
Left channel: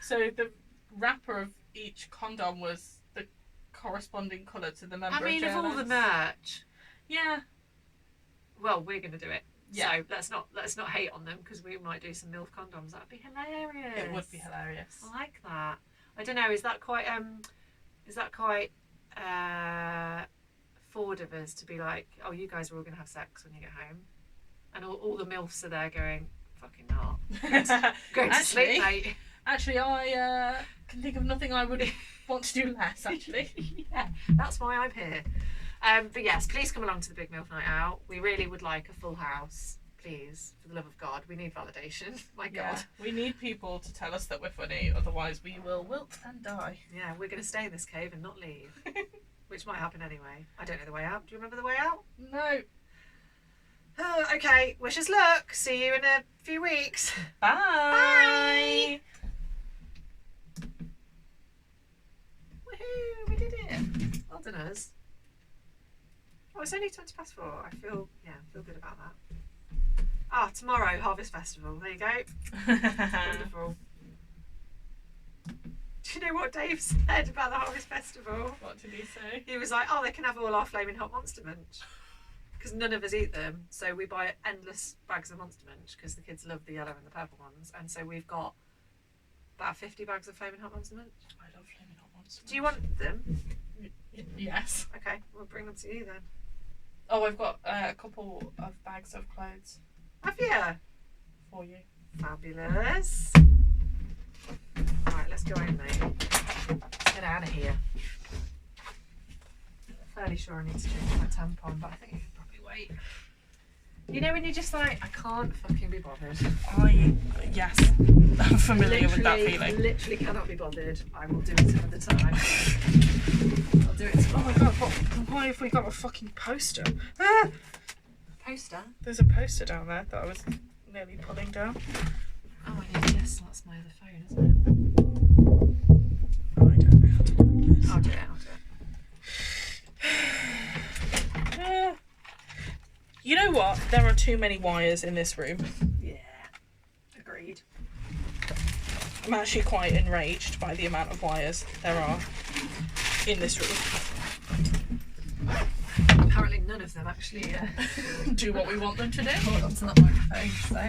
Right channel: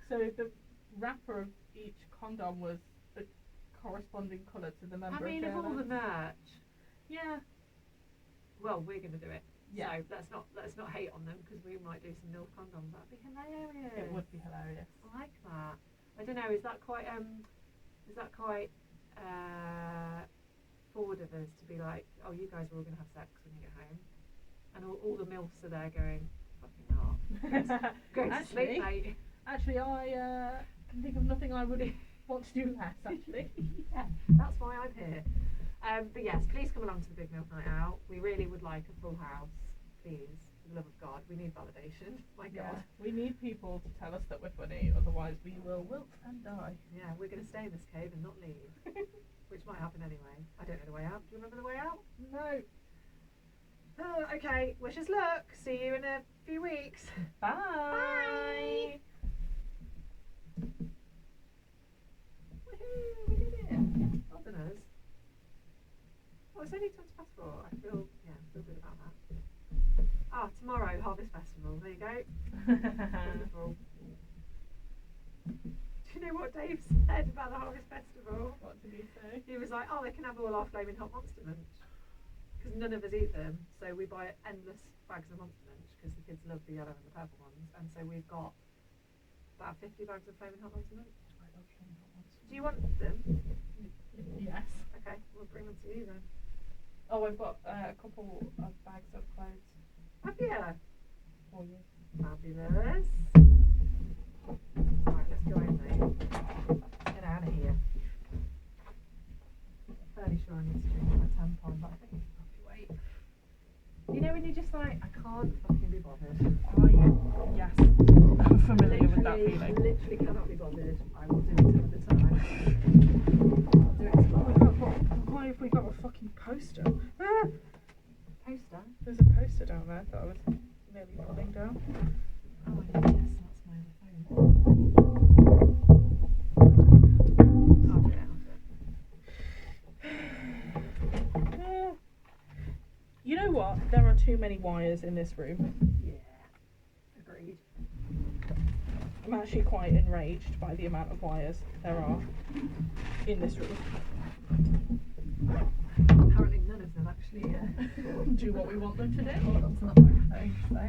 So the wrapper of each condom was the corresponding colour to the member I mean, of of all the JLS. merch, Yeah. well, we're going to do it. Yeah. So let's not hate on them because we might do some MILF condoms. That'd be hilarious. It would be hilarious. I like that. I don't know. Is that quite forward of us to be like, oh, you guys are all going to have sex when you get home, and all the MILFs are there going, fucking not. Going to sleep, mate. Actually, I can think of nothing I would want to do less, actually. Yeah, that's why I'm here. But yes, please come along to the Big MILF Night Out. We really would like a full house, please, for the love of God. We need validation. My God. We need people to tell us that we're funny, otherwise we will wilt and die. Yeah, we're going to stay in this cave and not leave, which might happen anyway. I don't know the way out. Do you remember the way out? No. Oh, okay. Wish us luck. See you in a few weeks. Bye. Woohoo! We did it. Well done us. Oh, it's only 20 past 4. I feel good about that. Ah, tomorrow, Harvest Festival. There you go. Wonderful. Do you know what Dave said about the Harvest Festival? What did he say? He was like, oh, they can have all our flaming hot Monster Munch. Because none of us eat them. So we buy endless bags of Monster Munch because the kids love the yellow and the purple ones. And so we've got about 50 bags of flaming hot Monster Munch. I love flaming hot monster. Do you want them? Yes. Okay, we'll bring them to you then. Oh, I've got a couple of bags of clothes Have you? for you. Fabulous. Right, let's go home, mate. Let's get out of here. I'm fairly sure I need to change my tampon, but I think you can probably wait. You know when you're just like, I can't fucking be bothered. Yes, I'm familiar with that feeling. Literally cannot be bothered. I will do it another time. I'll do it tomorrow. Oh my god, why have we got a fucking poster? Ah! Poster? There's a poster down there that I was nearly pulling down. Oh, I need this. That's my other phone, isn't Oh, I don't know how to do this. it? I'll do it. You know what? There are too many wires in this room. Yeah. Agreed. I'm actually quite enraged by the amount of wires there are in this room. Apparently none of them actually Do what we want them to do. hold on to that microphone, so